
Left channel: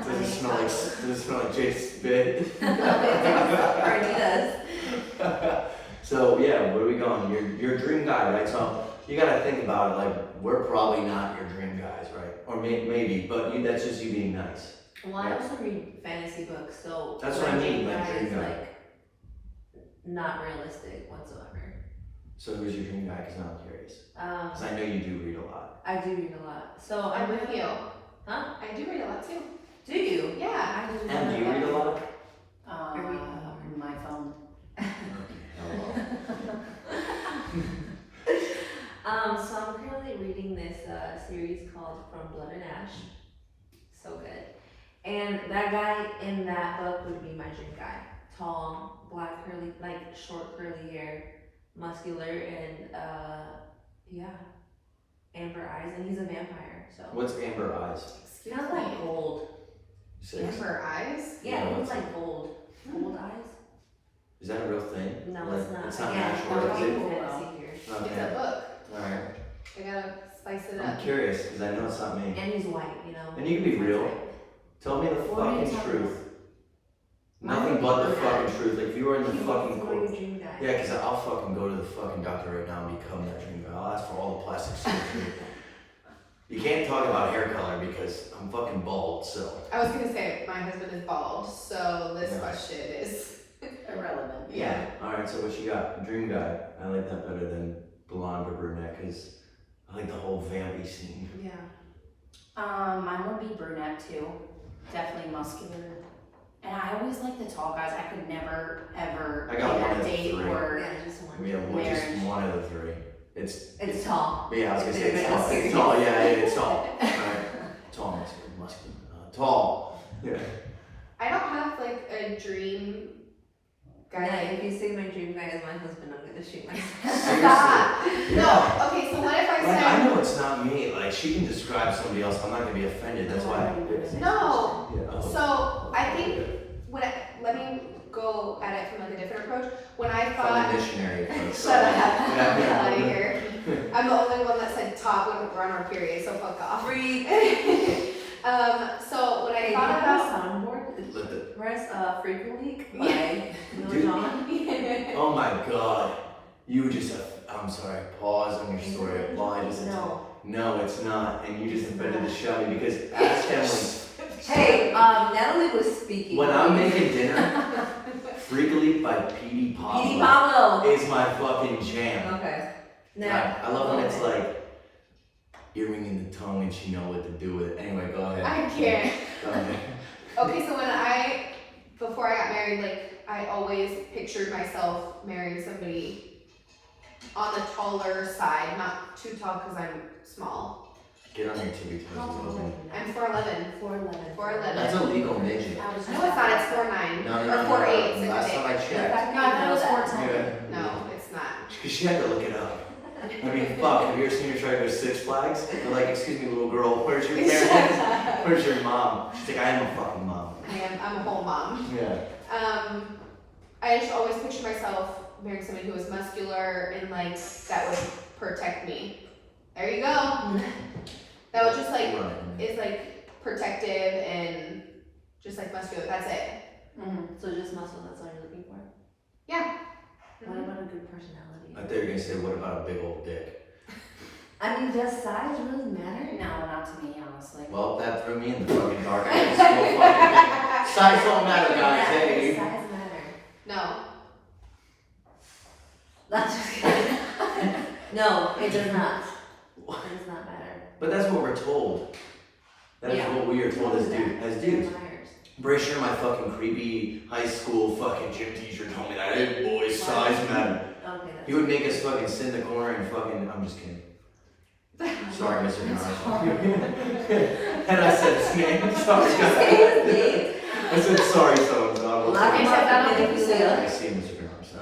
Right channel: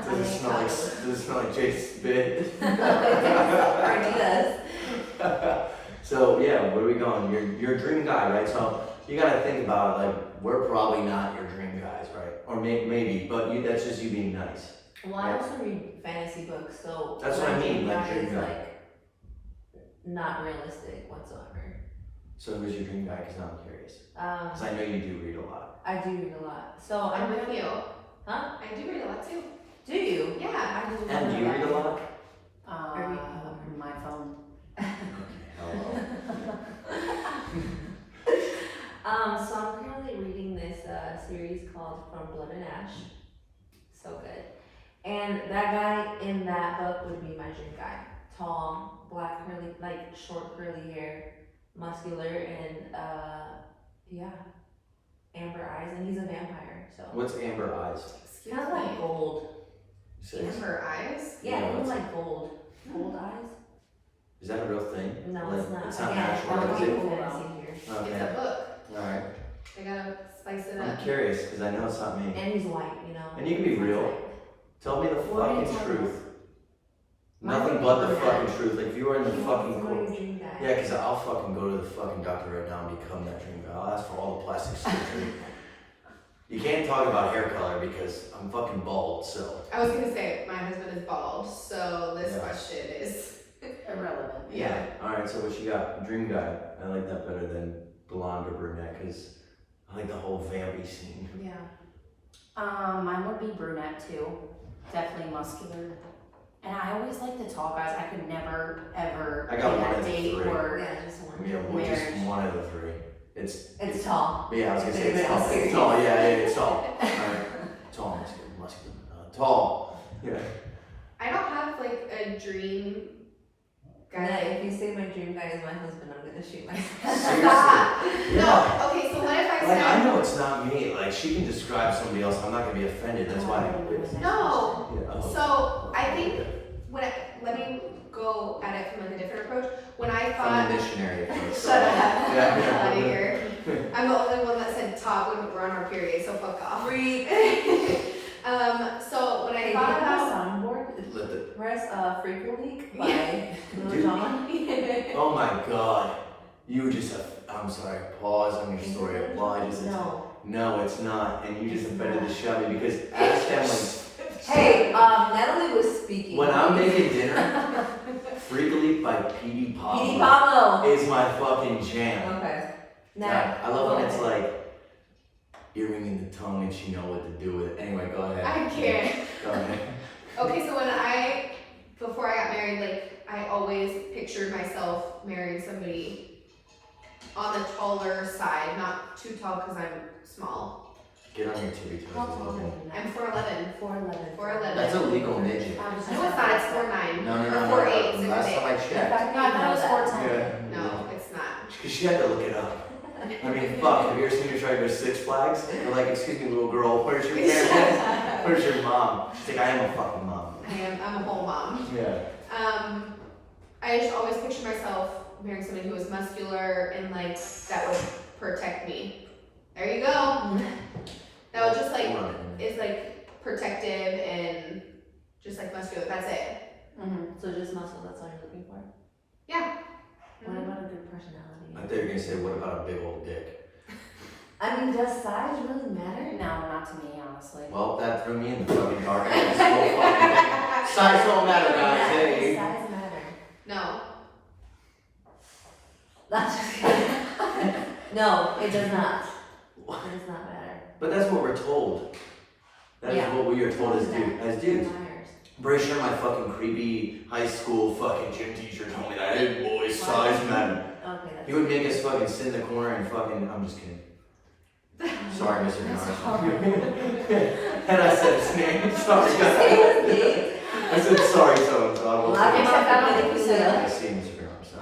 Does it smell like Jake's spit? Already does. So yeah, where are we going? Your dream guy, right? So you gotta think about it. Like we're probably not your dream guys, right? Or maybe, but that's just you being nice. Well, I also read fantasy books, so. That's what I mean, like guy dream is, guy. like, not realistic whatsoever. So who's your dream guy? Because now I'm curious. Because I know you do read a lot. I do read a lot. So I'm with you. Huh? I do read a lot too. Do you? Yeah. I do. And do you read a lot? My phone. Okay, hello. So I'm currently reading this series called From Blood and Ash. So good. And that guy in that book would be my dream guy. Tall, black curly, like short curly hair, muscular, and yeah, amber eyes, and he's a vampire. So What's amber eyes? Excuse kind of like me. gold. Amber eyes? Yeah, Yeah, it looks what's like gold. Gold eyes? Is that a real thing? No, Like, it's not. It's not Again, natural, I'm is not it? fantasy here. It's Okay, a book. alright. I gotta spice it I'm up. curious, because I know it's not me. And he's white, you know. And you can be real. Tell me the What are you fucking talking truth. My Nothing fucking but the dream guy. fucking truth. Like if you were in the He fucking wants to go to court. his dream guy. Yeah, because I'll fucking go to the fucking doctor right now and become that dream guy. I'll ask for all the plastic surgery. You can't talk about hair color because I'm fucking bald, so. I was gonna say, my husband is bald, so this Yeah. question is. Irrelevant. Yeah. Alright, so what you got? Dream guy. I like that better than blonde or brunette because I like the whole vampy scene. Yeah. Mine would be brunette too. Definitely muscular. And I always like the tall guys. I could never ever I got get one a of the date three. where Yeah, just one. We have just Marriage. one of the three. It's tall. Yeah, I was gonna say it's Yeah, tall. It's serious. tall. Yeah, it's tall. Alright. Tall, muscular. Tall. Yeah. I don't have like a dream Guys, if you say my dream guy is my husband, I'm gonna shoot myself. Seriously. Yeah. No, okay, so what if I Like, said, I know it's not me. Like, she can describe somebody else. I'm not gonna be offended. That's why. no, Yeah. Oh. so I think, let me go at it from like a different approach. When I From thought, the missionary approach. shut up, Yeah, get out of yeah. here. I'm the only one that said top when we're on our period, so fuck off. Freak. So when I Hey, thought do you have a about, soundboard? Let the- Press Freak Leak by Dude. Lil Jon. Oh my God. You just have, I'm sorry, pause on your story. Apologize. No, it's not. And you just offended the shit out of me because ask Emily. Hey, Natalie was speaking. When I'm making dinner, Freak Leak by Petey Pablo Pablo. is my fucking jam. Okay. I love when it's like earring in the tongue and she know what to do with it. Anyway, go ahead. I can't. Go ahead. Okay, so before I got married, like, I always pictured myself marrying somebody on the taller side, not too tall because I'm small. Get on your tippy toes a little bit. I'm 4'11". 4'11". 4'11". That's a legal midget. I was No, it's not, it's 4'9". No, Or no. 4'8", Last same time I checked. No, I thought it was 4'10". Yeah. No, it's not. Because she had to look it up. I mean, fuck, have you ever seen her try to go to Six Flags? They're like, excuse me, little girl, where's your parents? Where's your mom? She's like, I am a fucking mom. I'm a whole mom. Yeah. I just always pictured myself marrying somebody who was muscular and like that would protect me. There you go. That would just like Run it. is like protective and just like muscular. That's it. So just muscle, that's all you're looking for? Yeah. What about a good personality? I thought you were gonna say, what about a big old dick? I mean, does size really matter? No, not to me, honestly. Well, that threw me in the fucking dark. I had this whole fucking thing. Size don't matter, guys. Hey. Size matter. No. That's just kidding. No, it does not. It does not matter. But that's what we're told. That is Yeah. what we are told as dudes. Liars. Pretty sure my fucking creepy high school fucking gym teacher told me that. Hey boys, size matter. Okay, He would make us fucking sit in the corner and fucking, I'm just kidding. Sorry, Mr. Garrison. And I said his name. Sorry, guys. I said sorry, so and so. I will Well, I take can it. say that on the episode. I see Mr. Garrison.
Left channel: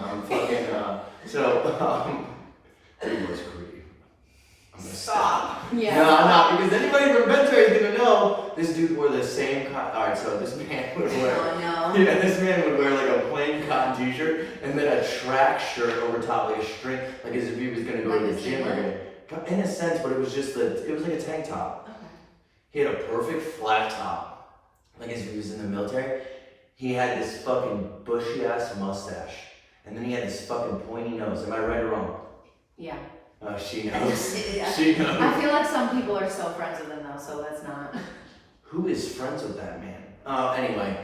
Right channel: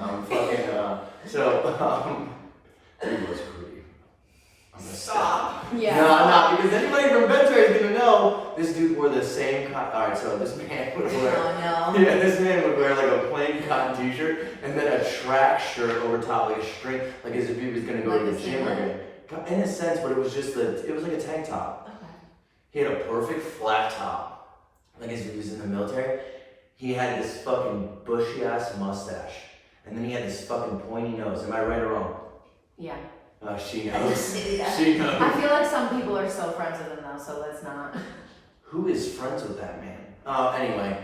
Dude was creepy. I'm gonna stop. Yeah. No, because anybody from Bentray is gonna know this dude wore the same alright, so this man would wear. Oh, no. Yeah, this man would wear like a plain cotton t-shirt and then a track shirt over top, like a string, like as if he was gonna go to the gym or anything. In a sense, but it was just it was like a tank top. Okay. He had a perfect flat top, like as if he was in the military. He had this fucking bushy ass mustache, and then he had this fucking pointy nose. Am I right or wrong? Yeah. She knows. Yeah. She knows. I feel like some people are still friends with him though, so that's not. Who is friends with that man? Anyway,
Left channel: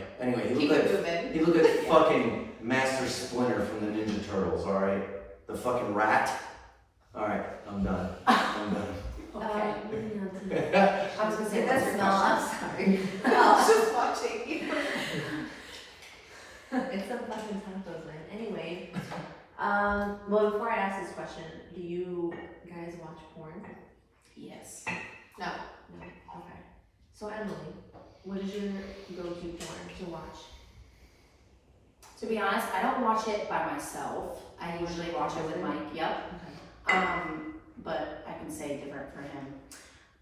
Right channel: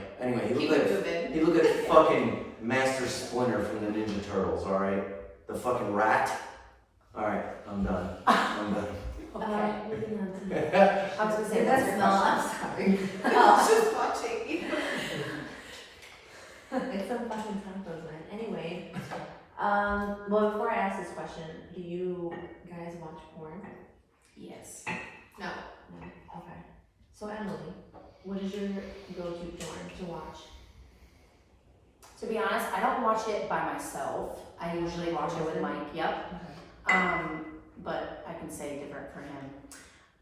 he Keep looked it like moving. he looked like fucking Master Splinter from the Ninja Turtles. All right, the fucking rat. All right, I'm done. I'm done. Okay. Okay. I was gonna say That's that's smell, your I'm sorry. I was just watching. It's some fucking tacos, man. Anyway, well, before I ask this question, do you guys watch porn? Yes. No. No? Okay. So, Emily, what is your go-to porn to watch? To be honest, I don't watch it by myself. I usually watch it with Mike. Yep. But I can say different for him.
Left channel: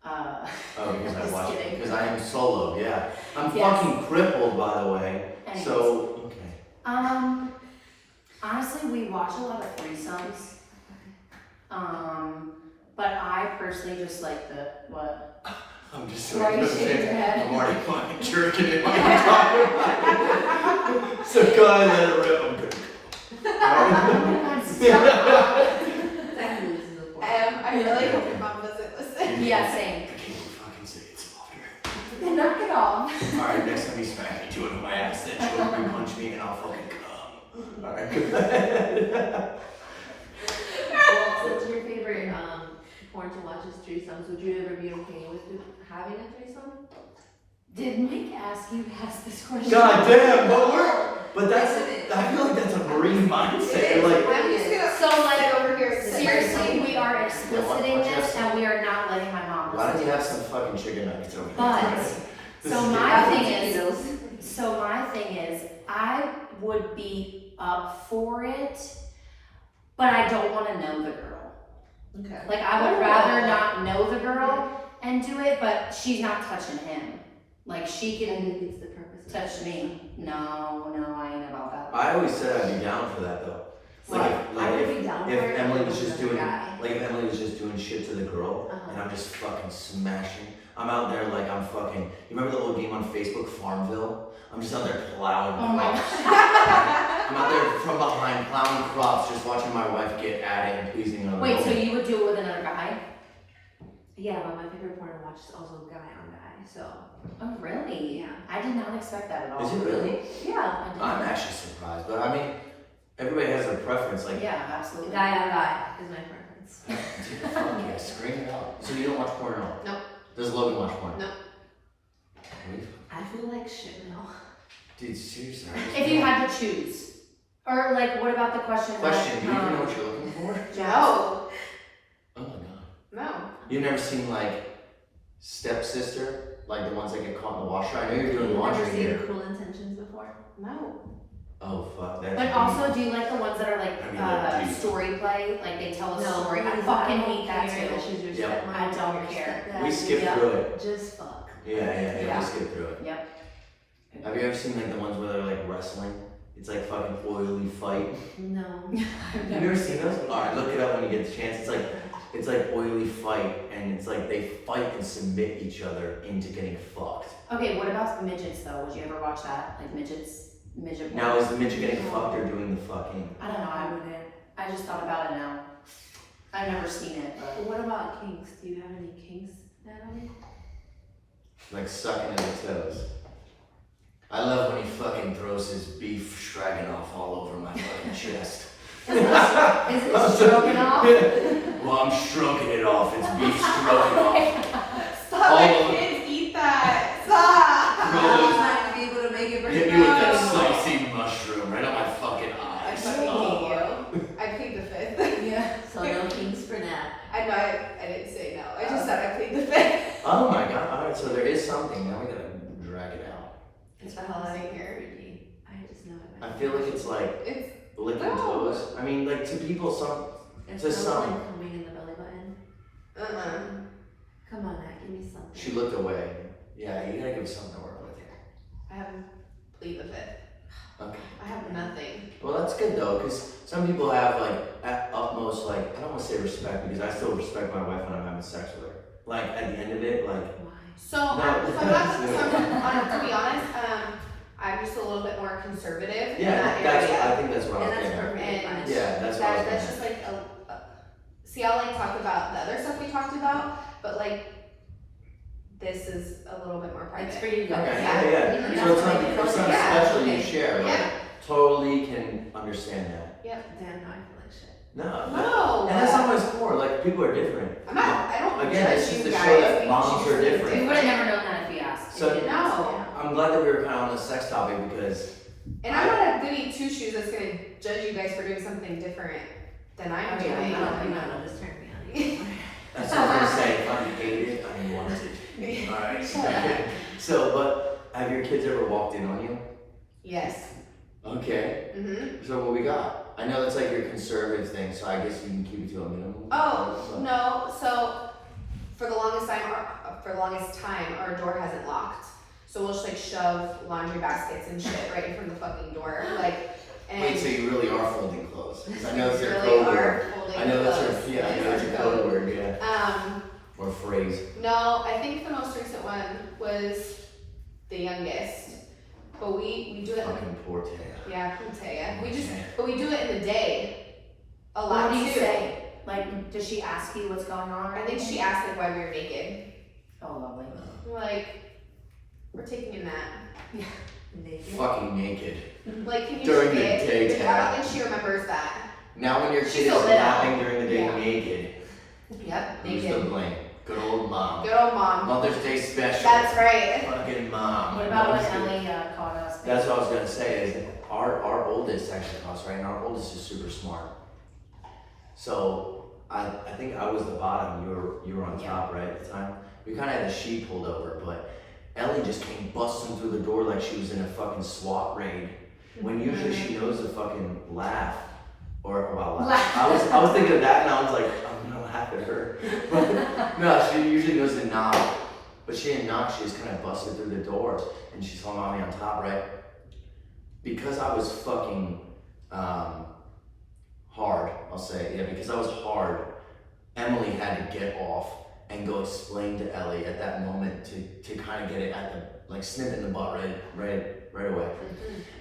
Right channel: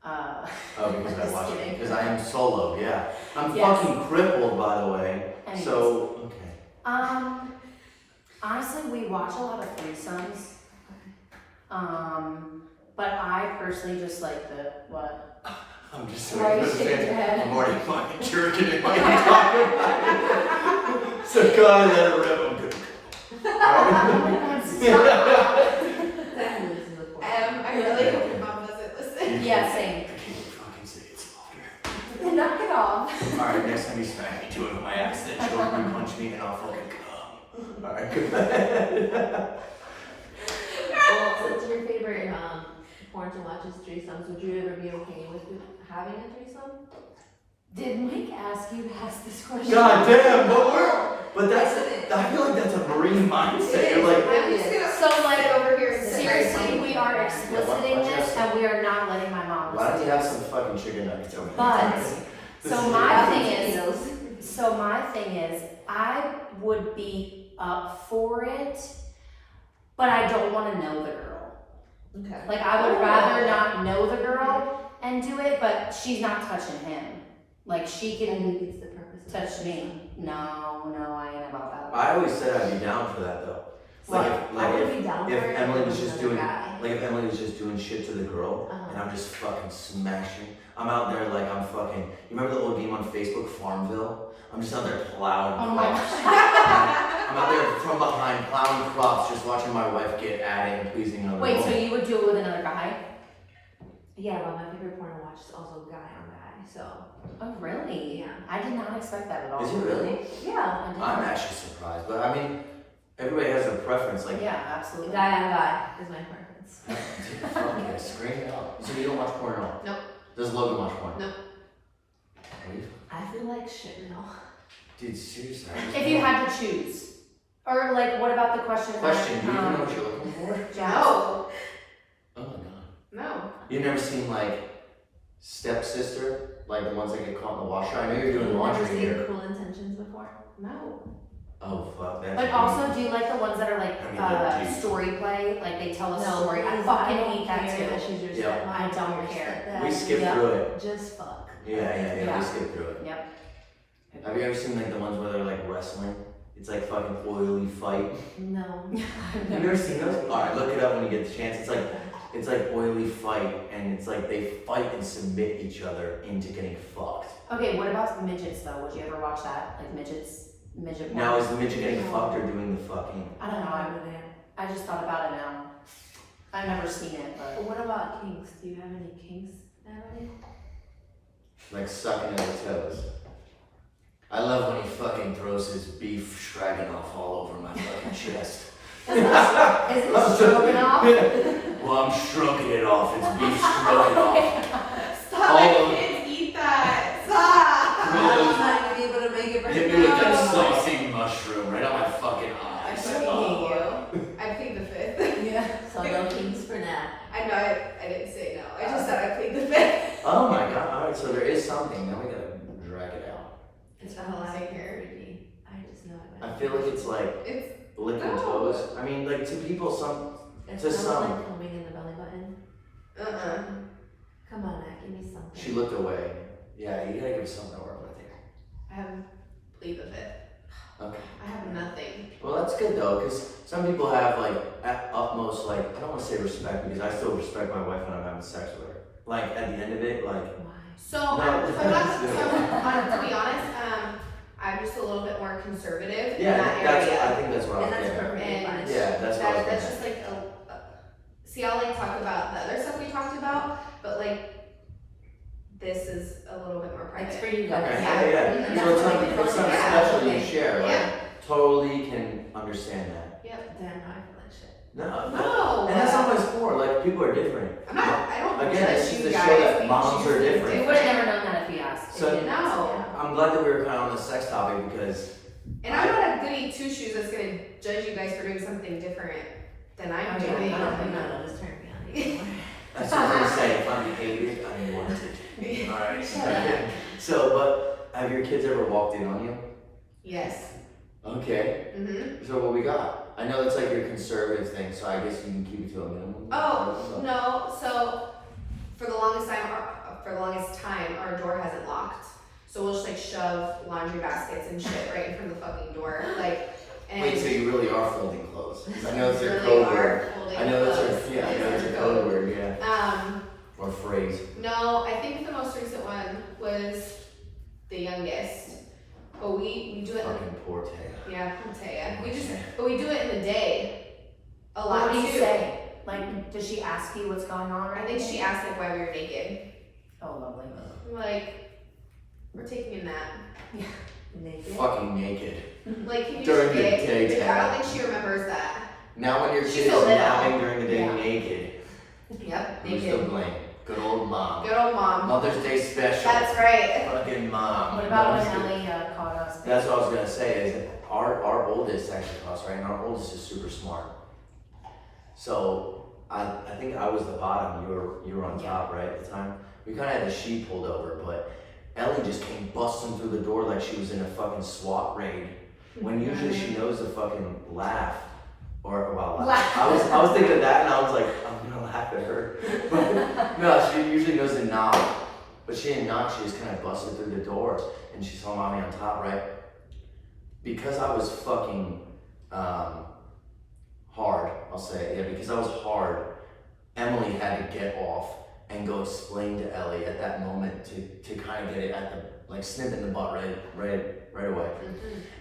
Oh, because I Just watch it. kidding. Because I am solo. Yeah, I'm Yes. fucking crippled, by the way. Anyways. So okay. Honestly, we watch a lot of threesomes. But I personally just like what? I'm just Why doing you the shaking your thing. head? I'm already fucking jerking it while you're talking about it. So go ahead, let it rip. I'm good. That loses the point. I really hope your mom doesn't listen. Yeah, same. Can you fucking say it softer? Then knock it off. Alright, next time you smack me, do it with my ass, then choke me, punch me, and I'll fucking come. Alright, go ahead. Well, what's your favorite porn to watch is threesomes? Would you ever be okay with having a threesome? Did Mike ask you to ask this question? God damn, but that's, I feel like that's a marine mindset. You're like, I'm just gonna So, like, sit over here and Seriously, we are Yeah, expliciting why don't you have this some- and we are not letting my mom why don't listen you to have this. some fucking chicken nuggets over But, there? This so is my good. thing is, I would be up for it, but I don't want to know the girl. Okay. Like, I would rather not know the girl and do it, but she's not touching him. Like, she And can he thinks the purpose of touch me. No, I ain't about that. I always said I'd be down for that though. I would be down if for it Emily if was it just was doing, a guy. like if Emily was just doing shit to the girl, Uh-huh. and I'm just fucking smashing. I'm out there like I'm fucking. You remember the old game on Facebook, Farmville? I'm just out there plowing Oh my crops. I'm out there from behind plowing crops, just watching my wife get at it and pleasing another Wait, so woman. you would do it with another guy? Yeah, but my favorite porn to watch is also guy on guy, so. Oh, really? Yeah. I did not expect that at all. Is it really? Yeah, I do. I'm actually surprised, but I mean, everybody has a preference. Like, Yeah, absolutely. Guy on guy is my preference. dude, fuck yeah, scream it out. So you don't watch porn at all? Nope. Does Logan watch porn? Nope. Really? I feel like shit now. Dude, seriously. I just If you had to choose. Or, like, what about the question? Question, do you even know what you're looking for? No. Oh my god. No. You've never seen like Stepsister? Like the ones that get caught in the washer? I know you're doing You've laundry never seen here. Cruel Intentions before? No. Oh fuck, that's But also, do you like the ones that are like I mean, they're deep. story play? Like, they tell a No, story. I because fucking don't hate that care too. she's your Yep. stepmom I don't or your care. stepdad. We skipped Yep. through it. Just fuck. Yeah, Yeah. we skipped through it. Yep. Have you ever seen like the ones where they're like wrestling? It's like fucking oily fight. No. You've never seen those? Alright, look it up when you get the chance. It's like oily fight, and it's like they fight and submit each other into getting fucked. Okay, what about midgets though? Would you ever watch that? Like midgets? Midget porn? Now is the midget getting fucked or doing the fucking? I don't know. I'm with it. I just thought about it now. I've never seen it, But but what about kinks? Do you have any kinks, Natalie? Like sucking at the toes. I love when he fucking throws his beef stroganoff all over my fucking chest. is it stroganoff? Well, I'm stroking it off. It's beef stroganoff. Stop All letting of- kids eat that. Stop. Throw those- I'm not gonna be able to make it right Hit me with that now. saucy mushroom right on my fucking I eyes. fucking Oh. hate you. I plead the fifth. Yeah. So no kinks for Nat. I know I didn't say no. I just said I plead the fifth. Oh my god. Alright, so there is something. Now we gotta drag it out. Get the hell out of here. I just know it. I feel like it's like It's licking No. toes. I mean, like to people, some. It to sounds some. like coming in the belly button. Come on, Nat, give me something. She looked away. Yeah, you gotta give something to work with here. I have plead the fifth. Okay. I have nothing. Well, that's good though, because some people have like at utmost, like, I don't want to say respect because I still respect my wife when I'm having sex with her. Like at the end of it, like, Why? So, I'm not, to be honest, I'm just a little bit more conservative in yeah, that that's, area. I think that's what I And was that's getting at. perfectly And fine. Yeah, that's what I was That's getting just like see, I'll like talk about the other stuff we talked about, but like this is a little bit more private. It's for you at. guys. Okay, Yeah. yeah, yeah. So it's not, it's not Yeah. special you Okay. share, like, Yeah. totally can understand that. Damn, no, I feel like shit. No, No. and that's not what it's for, like, people are different. I'm not. I don't. Again, judge it's just you to show guys. that moms are different. we would have never known that if you asked. So- If you didn't ask. No. I'm glad that we were kind of on the sex topic because And I'm not a goody two shoes that's gonna judge you guys for doing something different than I'm Yeah, doing. I don't think that'll just turn me on anymore. that's what I'm saying. If I'm hated, I'm wanted. Alright. So, but have your kids ever walked in on you? Yes. Okay. Mhm. So what we got? I know that's like your conservative thing, so I guess you can keep it to a minimum. Oh no. So for the longest time, our door hasn't locked. So we'll just like shove laundry baskets and shit right in front of the fucking door, like. And Wait, so you really are folding clothes? 'Cause I know it's your really code are word. holding I know that's clothes. your I know that's your code word, yeah. Or phrase. No, I think the most recent one was the youngest. But we do it. Fucking poor Taya. Yeah, Taya. But we do it in the day. A lot What do you too. say? Like, does she ask you what's going on? I think she asked like why we were naked. Oh, lovely. We're like, we're taking a nap. Naked. Fucking naked. Like, can you During the forget? daytime. I don't think she remembers that. Now when your She's kid is a little. napping during the day Yeah. naked, Yep, who's to naked. blame? Good old mom. Good old mom. Mother's Day special. That's right. Fucking mom. What about when Mother's Day. Ellie caught us? That's what I was gonna say is that our oldest actually costs right, and our oldest is super smart. So I think I was the bottom, you were on top, right, at the time. We kinda had the sheet pulled over, but Ellie just came busting through the door like she was in a fucking SWAT raid. when usually she knows to fucking laugh. Or, well, Laugh. I was thinking of that and I was like, I'm gonna laugh at her. But no, she usually knows to knock. But she didn't knock, she just kind of busted through the door and she saw mommy on top, right? Because I was fucking hard, I'll say, yeah, because I was hard, Emily had to get off and go explain to Ellie at that moment to kind of get it at the, like snip in the butt right away.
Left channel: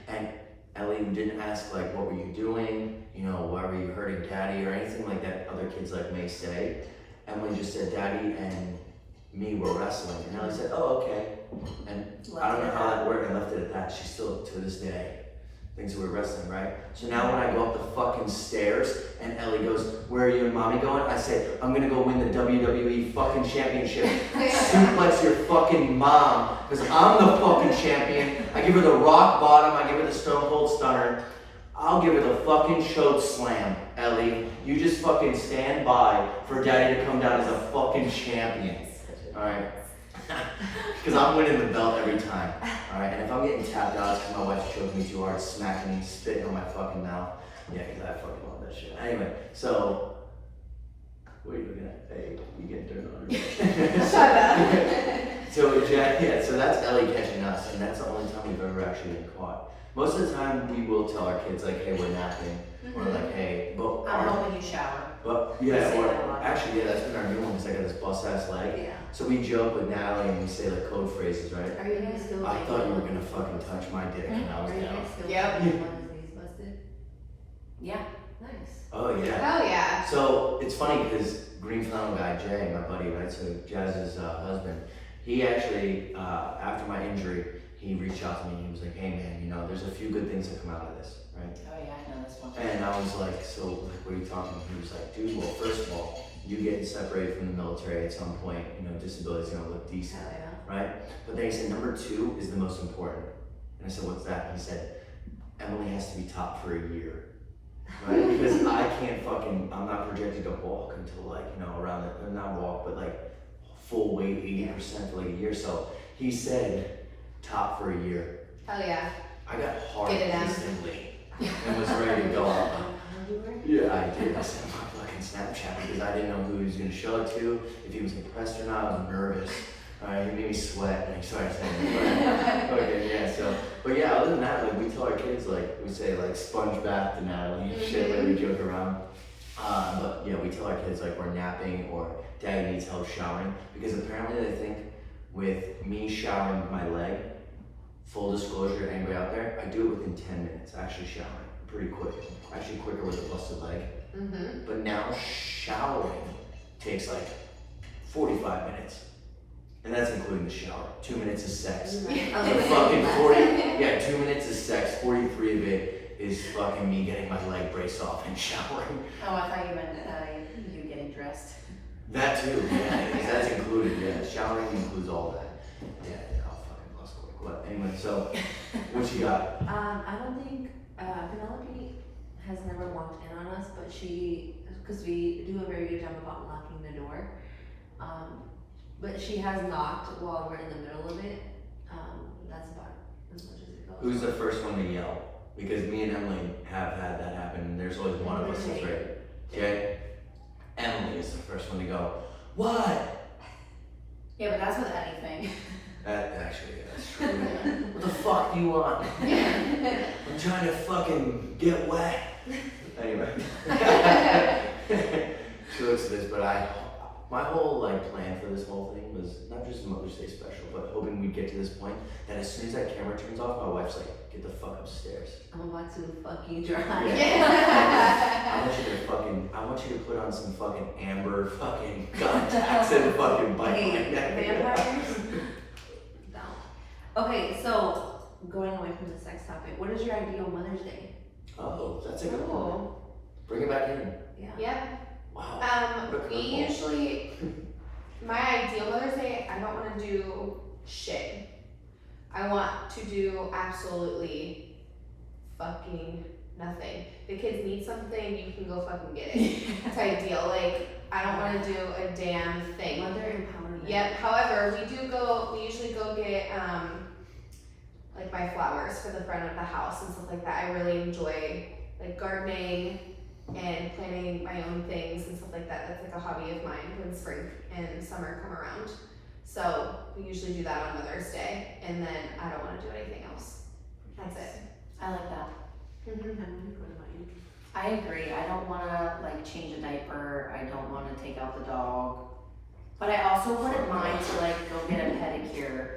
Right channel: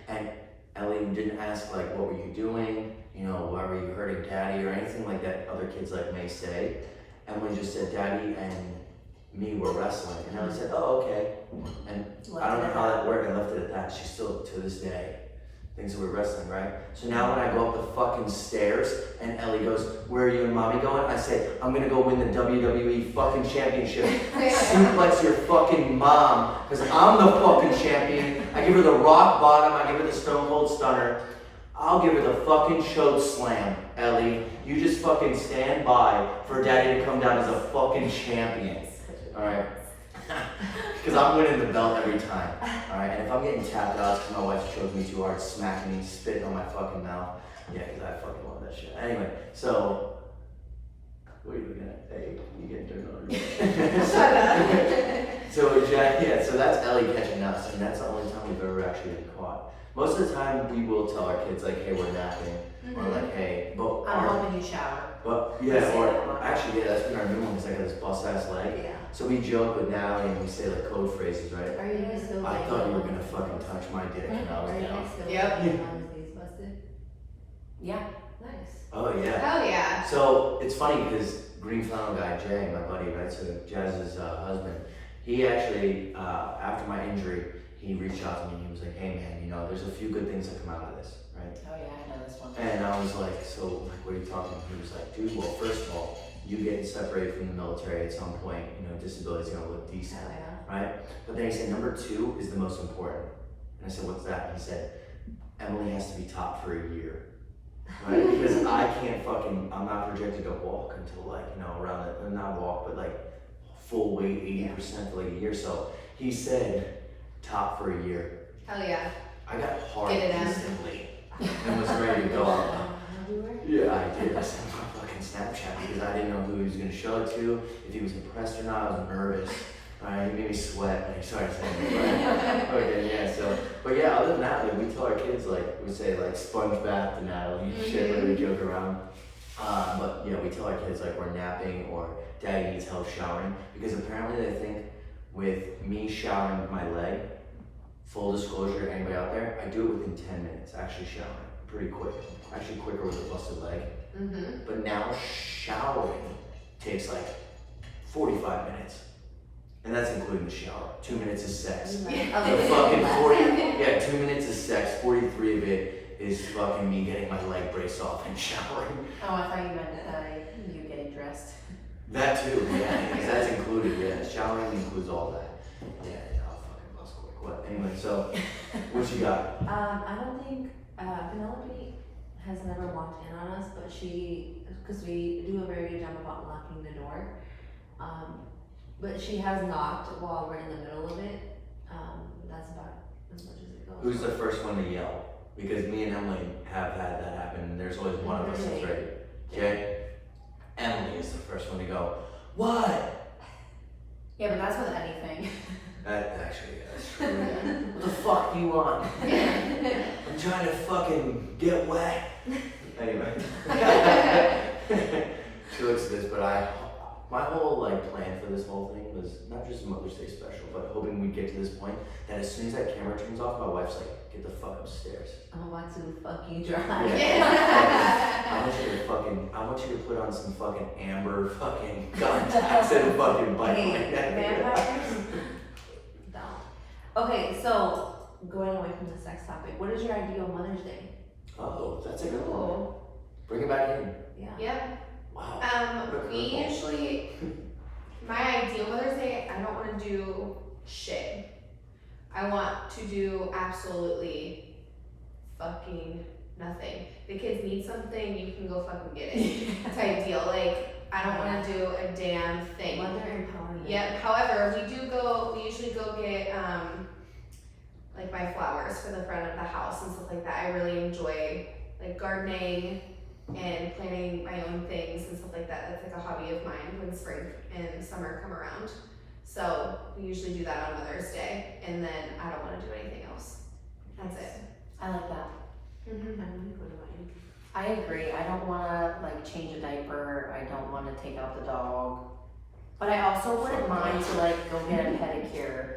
And Ellie didn't ask like, what were you doing? You know, why were you hurting daddy or anything like that other kids like may say. Emily just said, daddy and me were wrestling. And Ellie said, oh, okay. And I don't know how that worked and left it at that. She still, to this day, thinks that we're wrestling, right? So now when I go up the fucking stairs and Ellie goes, where are you and mommy going? I say, I'm gonna go win the WWE fucking championship. Suplex your fucking mom, because I'm the fucking champion. I give her the rock bottom, I give her the stone cold stunner. I'll give her the fucking choke slam, Ellie. You just fucking stand by for daddy to come down as a fucking champion. Alright? Because I'm winning the belt every time. Alright? And if I'm getting tapped out, it's because my wife's choking me too hard, smacking me, spitting on my fucking mouth. Yeah, because I fucking love that shit. Anyway, so. What are you looking at? Hey, you getting turned on. Shut up. So, yeah, so that's Ellie catching us, and that's the only time we've ever actually been caught. Most of the time, we will tell our kids, like, hey, we're napping, or like, hey, but. I'm hoping you shower. But, yeah, or actually, yeah, that's been our new one, because I got this bust-ass leg. Yeah. So we joke with Natalie and we say like code phrases, right? Are you guys still? I thought you were gonna fucking touch my dick and I was Are you down. guys still? Yep. Mother's Day's busted. Yeah. Nice. Oh yeah. Hell yeah. So it's funny because Green Flannel guy Jay, my buddy, right? So Jazz's husband, he actually after my injury, he reached out to me and he was like, "Hey man, you know, there's a few good things that come out of this, right?" Oh yeah, I know this one. And I was like, "So like, what are you talking about?" He was like, "Dude, well, first of all, you getting separated from the military at some point, you know, disability's gonna look decent, Hell yeah. right?" But then he said, number 2 is the most important. And I said, what's that? He said, Emily has to be top for a year, right? Because I can't fucking, I'm not projected to walk until like, you know, around the, not walk, but like full weight, 80% for like a year. So he said, top for a year. Hell yeah. I got hard Get it in. instantly and was ready to go. Everywhere? Yeah, I did. I sent him my fucking Snapchat because I didn't know who he was gonna show it to, if he was impressed or not. I was nervous. He made me sweat when he started saying it. Okay, yeah. So, but yeah, other than that, like we tell our kids, like we say, like sponge bath to Natalie, shit, like we joke around. But yeah, we tell our kids like we're napping or daddy needs help showering because apparently they think with me showering with my leg, full disclosure to anybody out there, I do it within 10 minutes actually showering. Pretty quick, actually quicker with a busted leg. Mm-hmm. But now showering takes like 45 minutes. And that's including the shower. 2 minutes is sex. So fucking 2 minutes is sex, 43 of it is fucking me getting my leg brace off and showering. Oh, I thought you meant you getting dressed. That too, yeah, because that's included, yeah. Showering includes all that. Yeah, I'll fucking lost quick. What? Anyway, so what you got? I don't think Penelope has never walked in on us, but because we do a very good job about locking the door. But she has knocked while we're in the middle of it. That's about as much as it goes. Who's the first one to yell? Because me and Emily have had that happen, and there's always one of us that's ready. Okay? Emily is the first one to go, what? Yeah, but that's with anything. That actually, yeah, that's true. Yeah. What the fuck do you want? I'm trying to fucking get wet. Anyway. She looks at this, but my whole like plan for this whole thing was not just Mother's Day special, but hoping we'd get to this point that as soon as that camera turns off, my wife's like, get the fuck upstairs. I'm about to fucking drive. Yeah. I want you to put on some fucking amber fucking contacts and fucking bike Hey, like that. vampires? No. Okay, so going away from the sex topic, what is your ideal Mother's Day? Oh, that's a good one. Oh, Bring it back in. yeah. Yeah. Wow. We usually, my ideal Mother's Day, I don't want to do shit. I want to do absolutely fucking nothing. The kids need something, you can go fucking get it. It's ideal. Like, I don't want to do a damn thing. Mother empowerment. Yep. However, we usually go get like my flowers for the front of the house and stuff like that. I really enjoy like gardening and planting my own things and stuff like that. That's like a hobby of mine when spring and summer come around. So we usually do that on Mother's Day, and then I don't want to do anything else. That's it. I like that. Mm-hmm. I agree. I don't wanna like change a diaper. I don't wanna take out the dog. But I also wouldn't mind to like go get a pedicure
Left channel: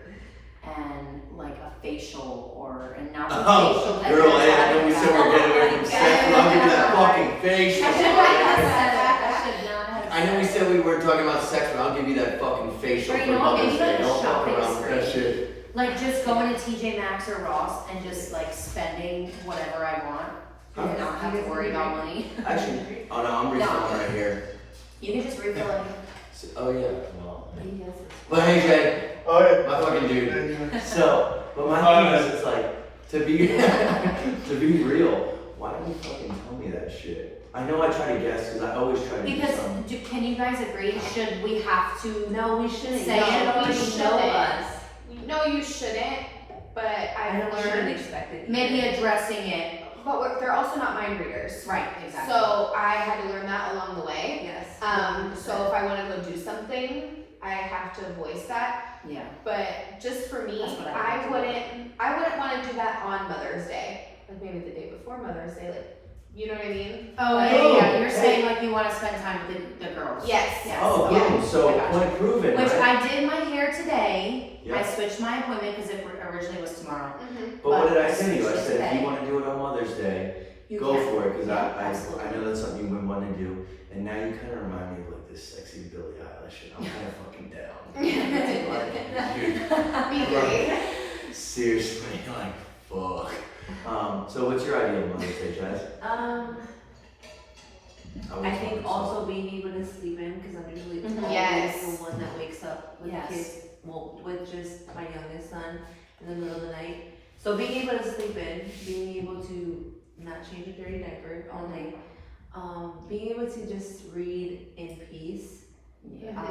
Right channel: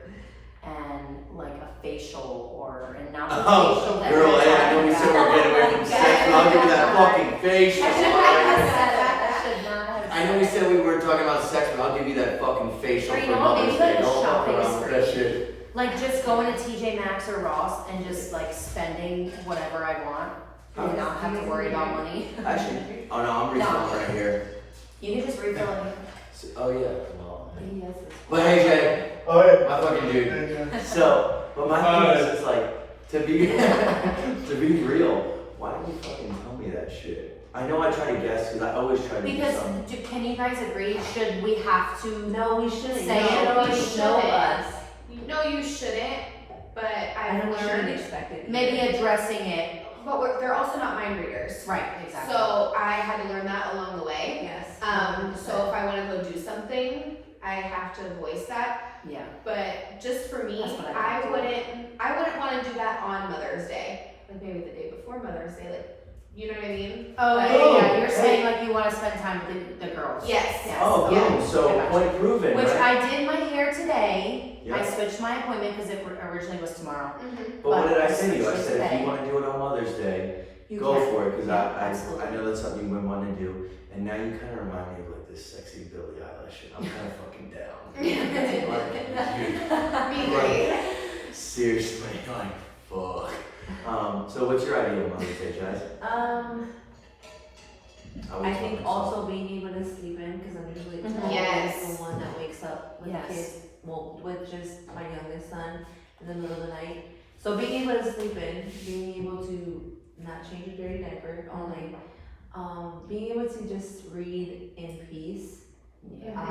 and like a facial and not the facial that Girl, you're hey, I know we talking said we're about. getting away from sex, but I'll give you that fucking facial. I should not have I know we said we weren't talking about sex, but I'll give you that fucking facial Or you for know what, Mother's maybe like Day. a Don't fuck shopping around with that spree. shit. Like just going to TJ Maxx or Ross and just like spending whatever I want and not have to worry about money. Actually, oh no, I'm refilling right here. You can just refill it. Oh yeah, well. But hey Jay, my fucking dude. So, but my thing is, it's like, to be real, why didn't you fucking tell me that shit? I know I try to guess, because I always try to do Because something. can you guys agree? Should we have to? No, we shouldn't. Say You it. should No, already you know shouldn't. us. No, you shouldn't, but I I've know we shouldn't learned. expect it. Maybe addressing it. But they're also not mind readers. Right, exactly. So I had to learn that along the way. Yes. So if I want to go do something, I have to voice that. Yeah. But just for me, That's what I I wouldn't want to do that on Mother's Day. Like maybe the day before Mother's Day, like, you know what I mean? Oh, Like, yeah. You're hey. saying like you want to spend time with the girls. Yes. Yes. Oh, Yeah. boom, so I got point proven, Which right? I did my hair today. Yeah. I switched my appointment because it originally was tomorrow. Mhm. But what did I but say to you? I switch it said, if today. you want to do it on Mother's Day, You go can. for it, because Yeah, I absolutely. know that's something you would want to do. And now you kind of remind me of like this sexy Billie Eilish shit. I'm kind of fucking down. Like, dude, Be great. seriously, like, fuck. So what's your ideal Mother's Day, Jazz? I think also being able to sleep in, because I'm usually Mhm. Yes. the one that wakes up with Yes. the kids, well, with just my youngest son in the middle of the night. So being able to sleep in, being able to not change a dirty diaper all night, being able to just read in peace, Yeah.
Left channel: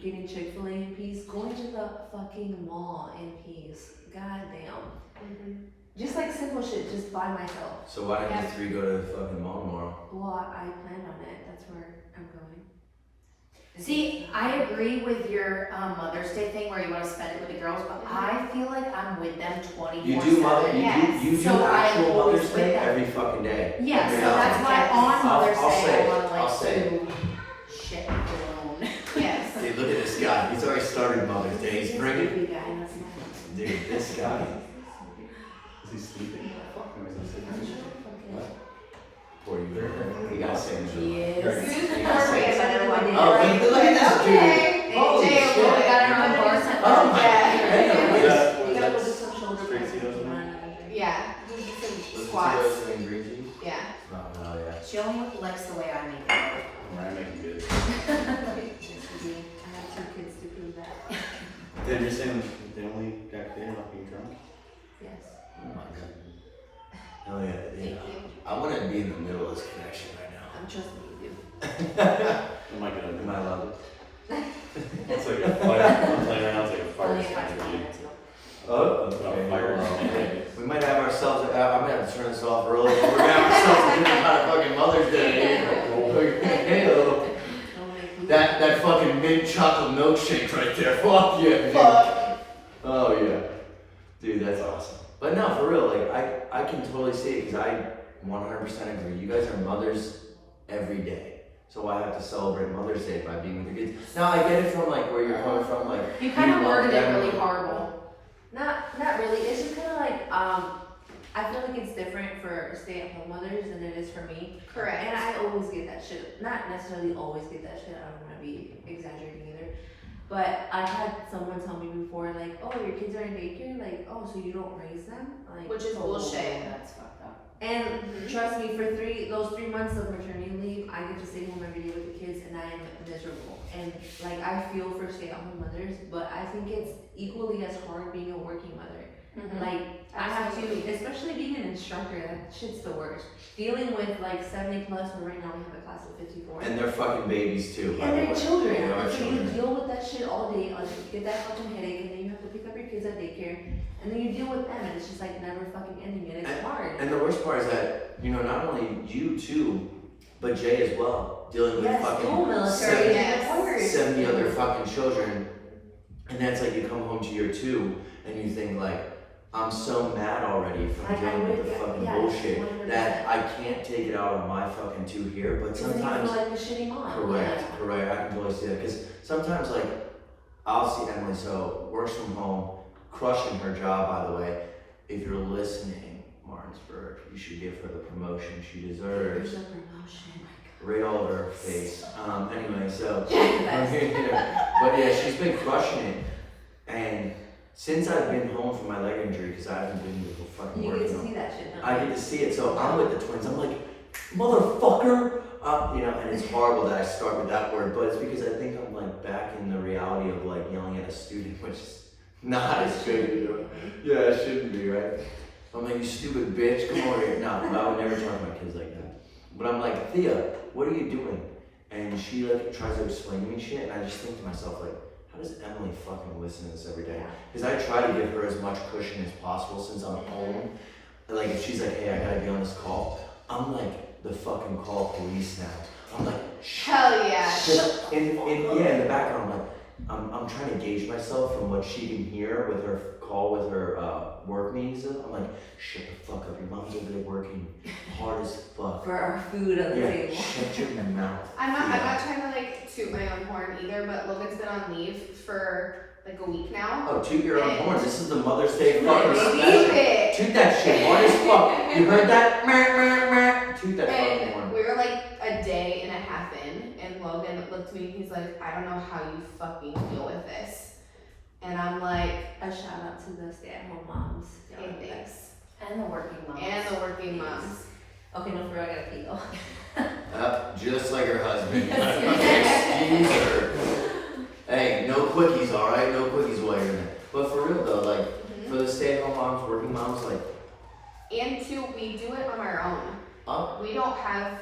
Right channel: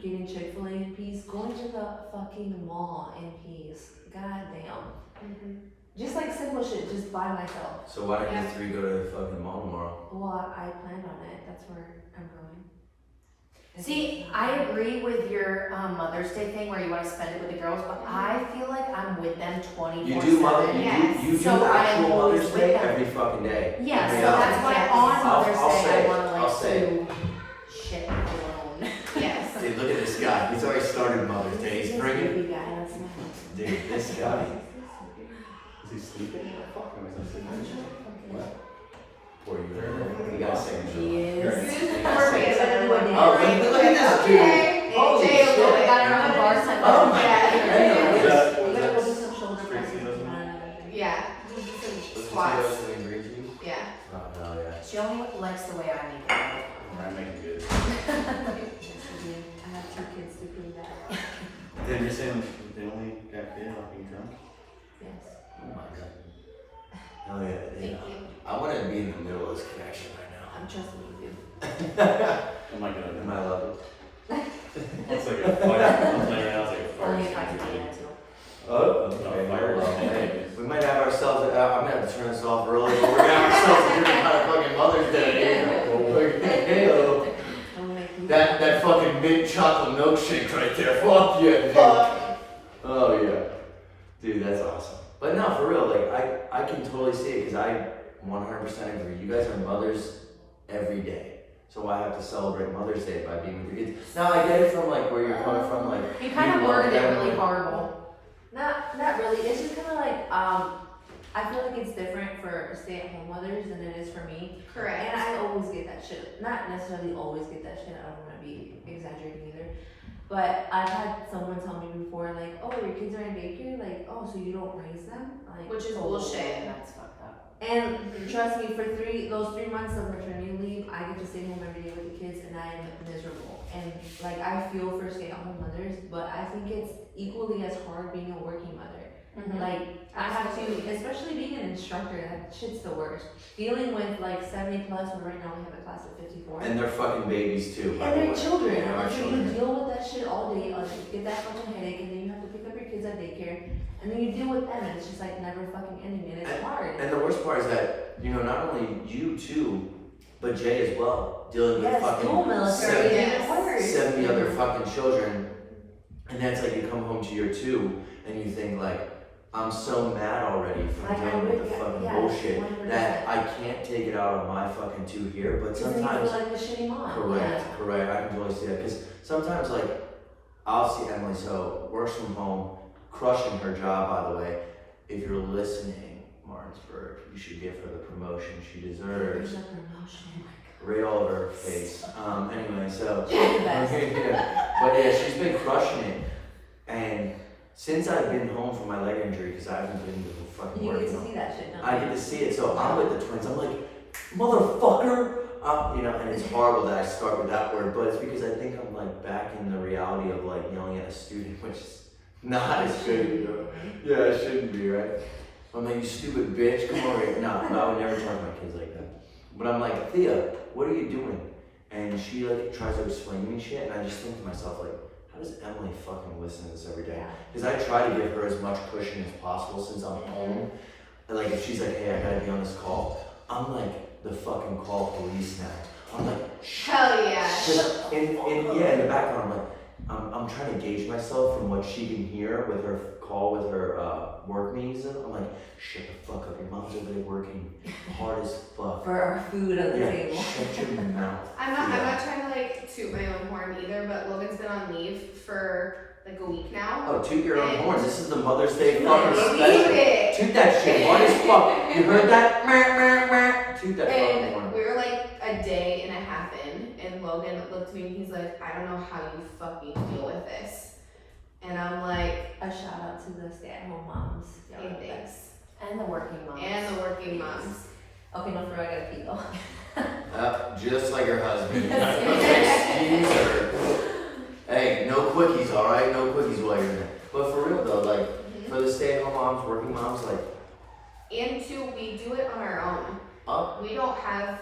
getting Chick-fil-A in peace, going to the fucking mall in peace, god damn. Mhm. Just like simple shit, just by myself. So why don't you three go to the fucking mall tomorrow? Well, I planned on it, that's where I'm going. See, I agree with your Mother's Day thing where you want to spend it with the girls, but I feel like I'm with them 24/7. You do mother, Yes. you do So I am actual always Mother's with Day them. every fucking day. Yeah, Every so hour. that's why on Mother's I'll say Day it. I want to I'll like say it. do shit alone. Yes. Dude, look at this guy. He's already started Mother's Day. He's bringing. Big guy, that's nice. Dude, this guy. Is he sleeping? Fuck him, is he sleeping? What? Poor you. You gotta say it. Yes. You gotta say it. Oh, Oh, look at this dude. Okay. Holy Jay, shit. I got our own bartender. Oh my Yeah. goodness. We gotta go do some shoulder Straight presses. seals? Yeah. Do some Was it squats. Tito's and green tea? Yeah. Oh, hell yeah. She only likes the way I make it. Alright, making good. Yes, we do. I have 2 kids to prove that. Then you're saying they only got there off being drunk? Yes. Oh my god. Hell yeah. Thank you. I want to be in the middle of this connection right I'm trusting you. Oh my god. now. Am I loved? It's like a fire, I'm playing around, it's like a fire Only if I extinguisher, can dude. get it too. Oh, okay. Fire Well, extinguisher. we might have ourselves, I'm gonna have to turn this off early, but we're gonna have ourselves a different kind of fucking Mother's Day. Ew. That fucking mint chocolate milkshake right there, fuck yeah, dude. Oh yeah. Dude, that's awesome. But no, for real, like, I can totally see it, because I 100% agree. You guys are mothers every day. So why have to celebrate Mother's Day by being with your kids? Now, I get it from, like, where you're coming from, like, You kind of you love worded it them. really horrible. Not really. It's just kind of like, I feel like it's different for stay-at-home mothers than it is for me. Correct. And I always get that shit. Not necessarily always get that shit. I don't want to be exaggerating either. But I've had someone tell me before, like, oh, your kids are in daycare? Like, oh, so you don't raise them? Like, Which is oh. bullshit. That's fucked up. And trust me, for those 3 months of maternity leave, I get to stay home every day with the kids, and I am miserable. And like, I feel for stay-at-home mothers, but I think it's equally as hard being a working mother. Like, I have to, especially being an instructor, that shit's the worst. Dealing with like 70 plus, but right now we have a class of 54. And they're fucking babies too, by And the they're way. children. They are So you children. deal with that shit all day, get that fucking headache, and then you have to pick up your kids kids at daycare, and then you deal with them, and it's just like never fucking ending, and it's hard. And the worst part is that, you know, not only you too, but Jay as well, dealing with fucking military, 70 other fucking children. And that's like you come home to year 2 and you think like, I'm so mad already from dealing with the fucking bullshit 100%. that I can't take it out on my fucking 2 here. But sometimes, like a shitty mom. correct, I can totally see that. Because sometimes like, I'll see Emily, so works from home, crushing her job, by the way. If you're listening, Martinsburg, you should give her the promotion she deserves. There's a promotion. Right all over her face. Anyway, so, Best. but yeah, she's been crushing it. And since I've been home from my leg injury, because I haven't been to the fucking You work, get you to know, see that shit, don't I you? get to see it. So I'm with the twins. I'm like, motherfucker. You know, and it's horrible that I start with that word, but it's because I think I'm like back in the reality of like yelling at a student, which is not as good. You know? Yeah, it shouldn't be, right? I'm like, you stupid bitch, come over here. No, I would never talk to my kids like that. But I'm like, Thea, what are you doing? And she like tries to explain to me shit, and I just think to myself like, how does Emily fucking listen to this every day? Because I try to give her as much cushion as possible since I'm home. And like if she's like, hey, I gotta be on this call, I'm like the fucking call police now. I'm like, Hell yeah. in the background, I'm like, I'm trying to gauge myself from what she can hear with her call with her work meetings. I'm like, shut the fuck up, your mom's over there working hard as fuck. For our food on the table. Shut your mouth. I'm not trying to like toot my own horn either, but Logan's been on leave for like a week now. Oh, toot your own horn. This is the Mother's Day Toot fucking special. it. Toot that shit hard as fuck. You heard that? Toot that fucking And horn. we were like a day and a half in, and Logan looked at me and he's like, I don't know how you fucking deal with this. And I'm like, A shout out to the stay-at-home moms. hey, thanks. And the working moms. And the working moms. Okay, no, for real, I gotta pee though. Just like her husband. Excuse her. Hey, no quickies, alright? No quickies while you're in there. But for real though, like, for the stay-at-home moms, working moms, like, And two, we do it on our own. oh, We don't have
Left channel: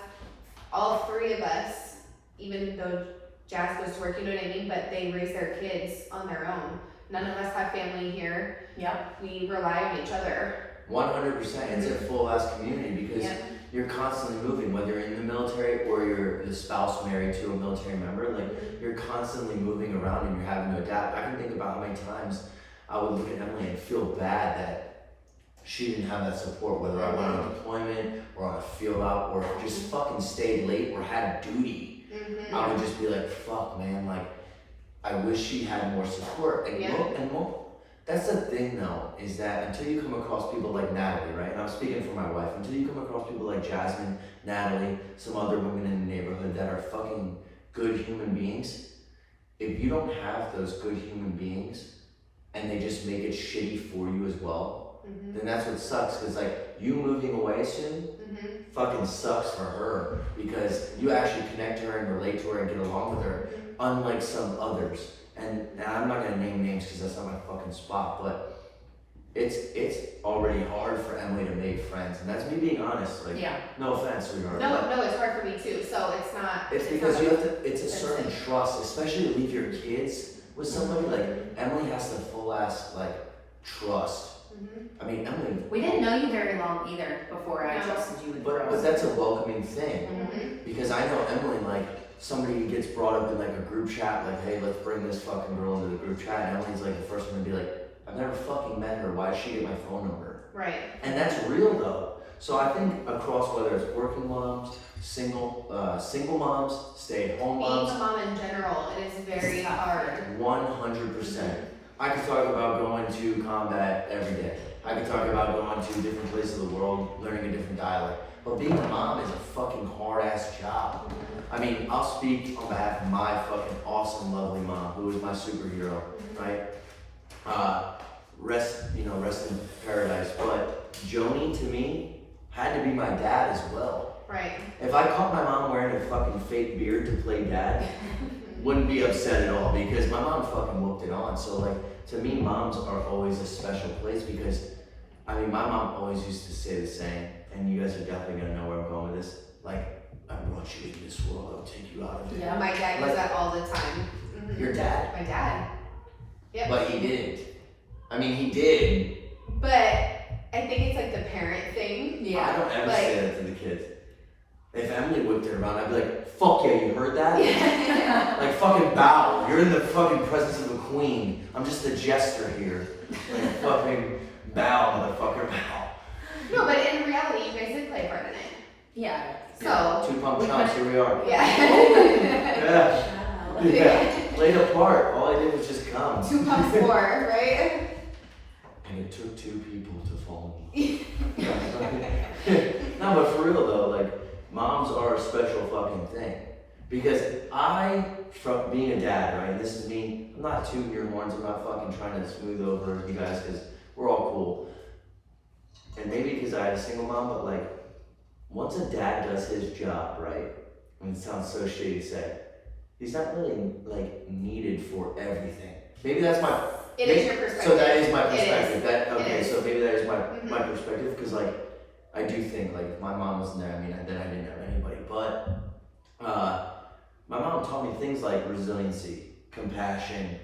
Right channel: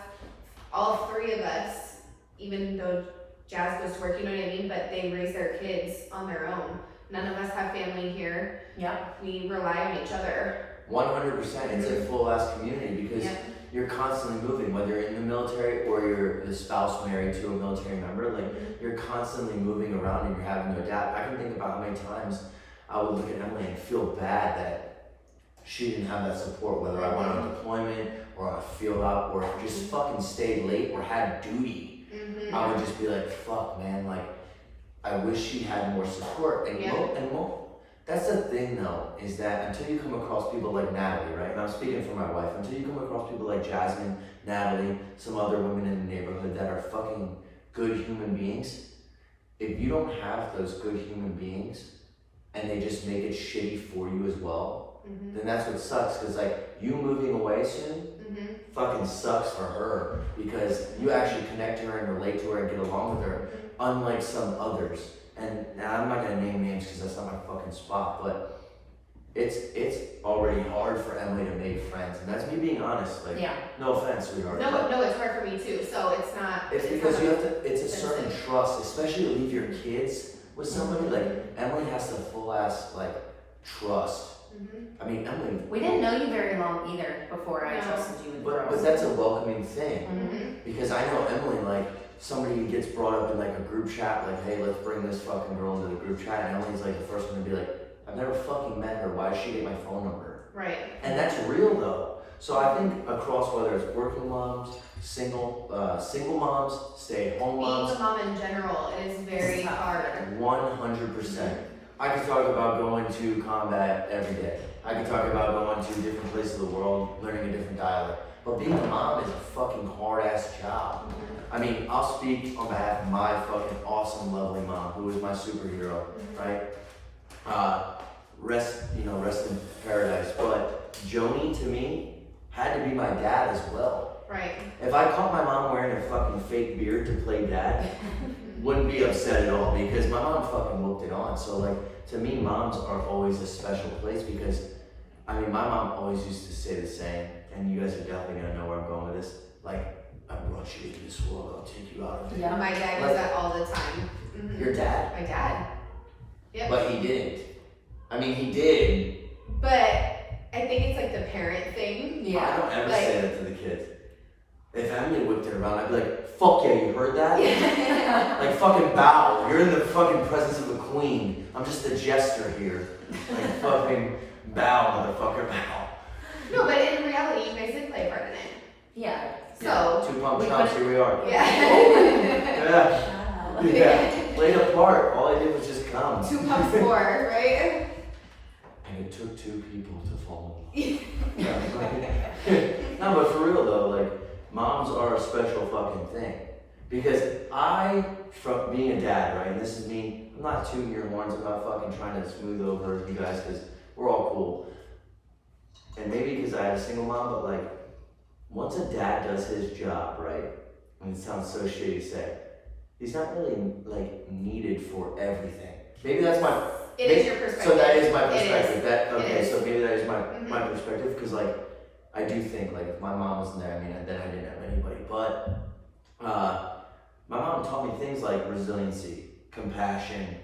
all 3 of us, even though Jazz goes to work, you know what I mean? But they raise their kids on their own. None of us have family here. Yep. We rely on each other. 100%. It's a full-ass community because Yeah. you're constantly moving, whether you're in the military or you're the spouse married to a military member, like, you're constantly moving around and you're having to adapt. I can think about how many times I would look at Emily and feel bad that she didn't have that support, whether I went on a deployment or on a field op or just fucking stayed late or had duty. I would just be like, fuck, man, like, I wish she had more support. And, that's the thing, though, is that until you come across people like Natalie, right? And I'm speaking for my wife. Until you come across people like Jasmine, Natalie, some other women in the neighborhood that are fucking good human beings, if you don't have those good human beings and they just make it shitty for you as well, then that's what sucks. Because, like, you moving away soon fucking sucks for her because you actually connect to her and relate to her and get along with her, unlike some others. And I'm not gonna name names because that's not my fucking spot, but it's already hard for Emily to make friends, and that's me being honest. Like, no offense, sweetheart. No, it's hard for me too. So it's not. It's because you have to. It's a certain trust, especially to leave your kids with somebody. Like Emily has to full ass like trust. I mean, Emily. We didn't know you very long either before I trusted you with But that's a welcoming thing because I know Emily, like, somebody gets brought up in like a group chat, like, hey, let's bring this fucking girl into the group chat, and Emily's like the first one to be like, I've never fucking met her, why does she get my phone number? Right. And that's real though. So I think across whether it's working moms, single moms, stay-at-home moms, Being a mom in general, it is very hard. 100%. I could talk about going to combat every day. I could talk about going to different places of the world, learning a different dialect. But being a mom is a fucking hard-ass job. I mean, I'll speak on behalf of my fucking awesome, lovely mom, who is my superhero, right? Rest in paradise. But Joni, to me, had to be my dad as well. Right. If I caught my mom wearing a fucking fake beard to play dad, wouldn't be upset at all because my mom fucking whooped it on. So like, to me, moms are always a special place because, I mean, my mom always used to say the saying, and you guys are definitely gonna know where I'm going with this, like, I brought you into this world, I'll take you out of it. Yeah. My dad does that all the time. Your dad? My dad. Yep. But he didn't. I mean, he did. But I think it's like the parent thing. I don't ever Like- say that to the kids. If Emily whipped it around, I'd be like, fuck yeah, you heard that? Like, fucking bow. You're in the fucking presence of the queen. I'm just the jester here. Like, fucking bow, motherfucker, bow. No, but in reality, you guys did play a part in it. Yeah. So, Two pump chumps, here we are. yeah. Yeah. Shout out. Yeah. Played a part. All I did was just come. 2 pumps more, right? And it took 2 people to fall in love. No, but for real though, like, moms are a special fucking thing. Because from being a dad, right, and this is me, I'm not tooting your horns, I'm not fucking trying to smooth over you guys, because we're all cool. And maybe because I had a single mom, but like, once a dad does his job, right, and it sounds so shitty to say, he's not really, like, needed for everything. Maybe that's my... It is your perspective. So that is my It is. perspective. It is. So maybe that is my Mhm. my perspective, because like I do think like if my mom wasn't there, I mean then I didn't have anybody. But my mom taught me things like resiliency, compassion,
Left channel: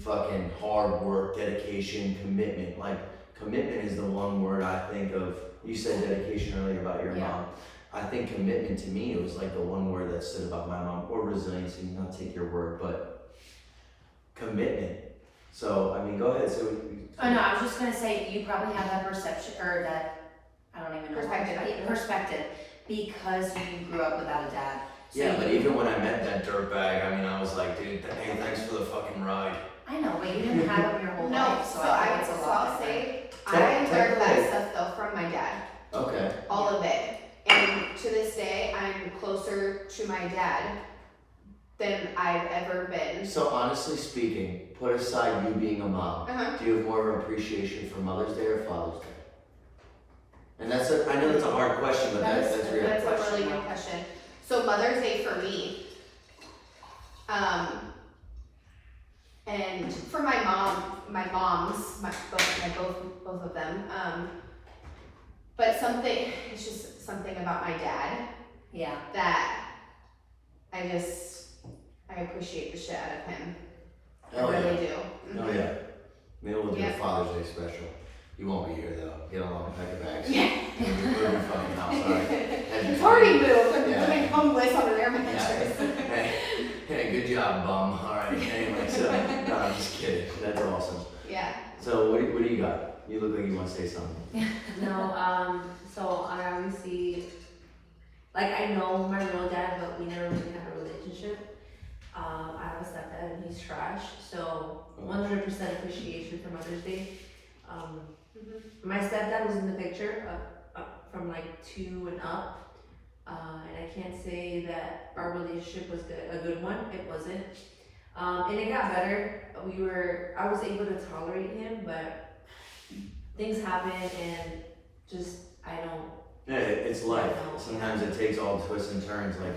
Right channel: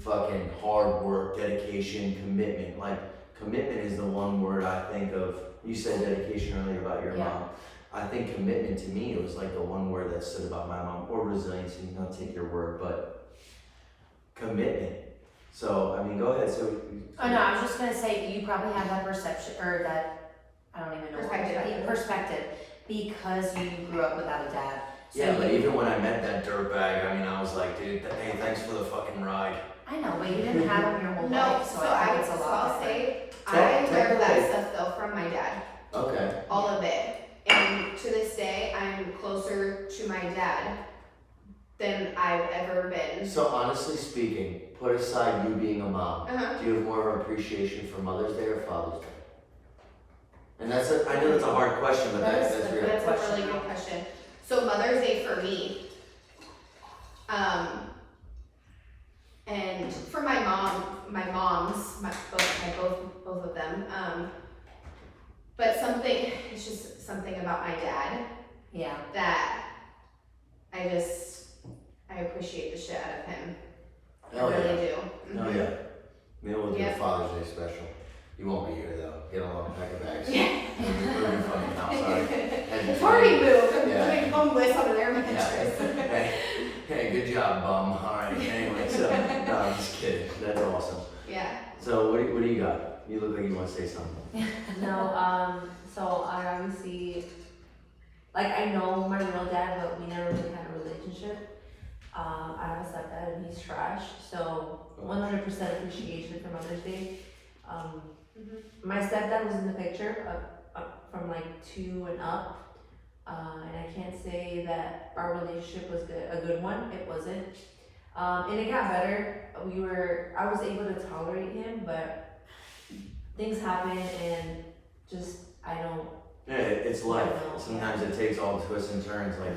fucking hard work, dedication, commitment. Like commitment is the one word I think of. You said dedication earlier about your Yeah. mom. I think commitment to me, it was like the one word that stood about my mom, or resiliency, not take your word, but commitment. So, I mean, go ahead. So, Oh no, I was just gonna say, you probably have that perception, or that, I don't even know. Perspective. Perspective, because you grew up without a dad. So yeah, but you- even when I met that dirtbag, I mean, I was like, dude, hey, thanks for the fucking ride. I know, but you didn't have him your whole No, life, so I think it's a lot I'll different. say, I Technically- learned that stuff though from my dad. Okay. All of it. And to this day, I'm closer to my dad than I've ever been. So, honestly speaking, put aside you being a mom, Uh-huh. do you have more of an appreciation for Mother's Day or Father's Day? And I know that's a hard question, but that's real. That's a really good question. So Mother's Day for me, and for my moms, both of them, but it's just something about my dad Yeah. that I appreciate the shit out of him. Hell I really yeah. do. Oh yeah. Maybe we'll do a Yep. Father's Day special. You won't be here though. Get along, pack your bags. Yeah. We're in a fucking house, sorry. It's already moved. I'm Yeah. doing homeless on an air Yeah. mattress. Hey, good job, bum. All right. Anyway, so no, I'm just kidding. That's awesome. Yeah. So what do you got? You look like you want to say something. No, so I obviously, like I know my real dad, but we never really had a relationship. I have a stepdad and he's trash, so 100% appreciation for Mother's Day. My stepdad was in the picture from like 2 and up, and I can't say that our relationship was a good one. It wasn't, and it got better. I was able to tolerate him, but things happen and just I don't. Yeah, it's life. Sometimes it takes all the twists and turns. Like,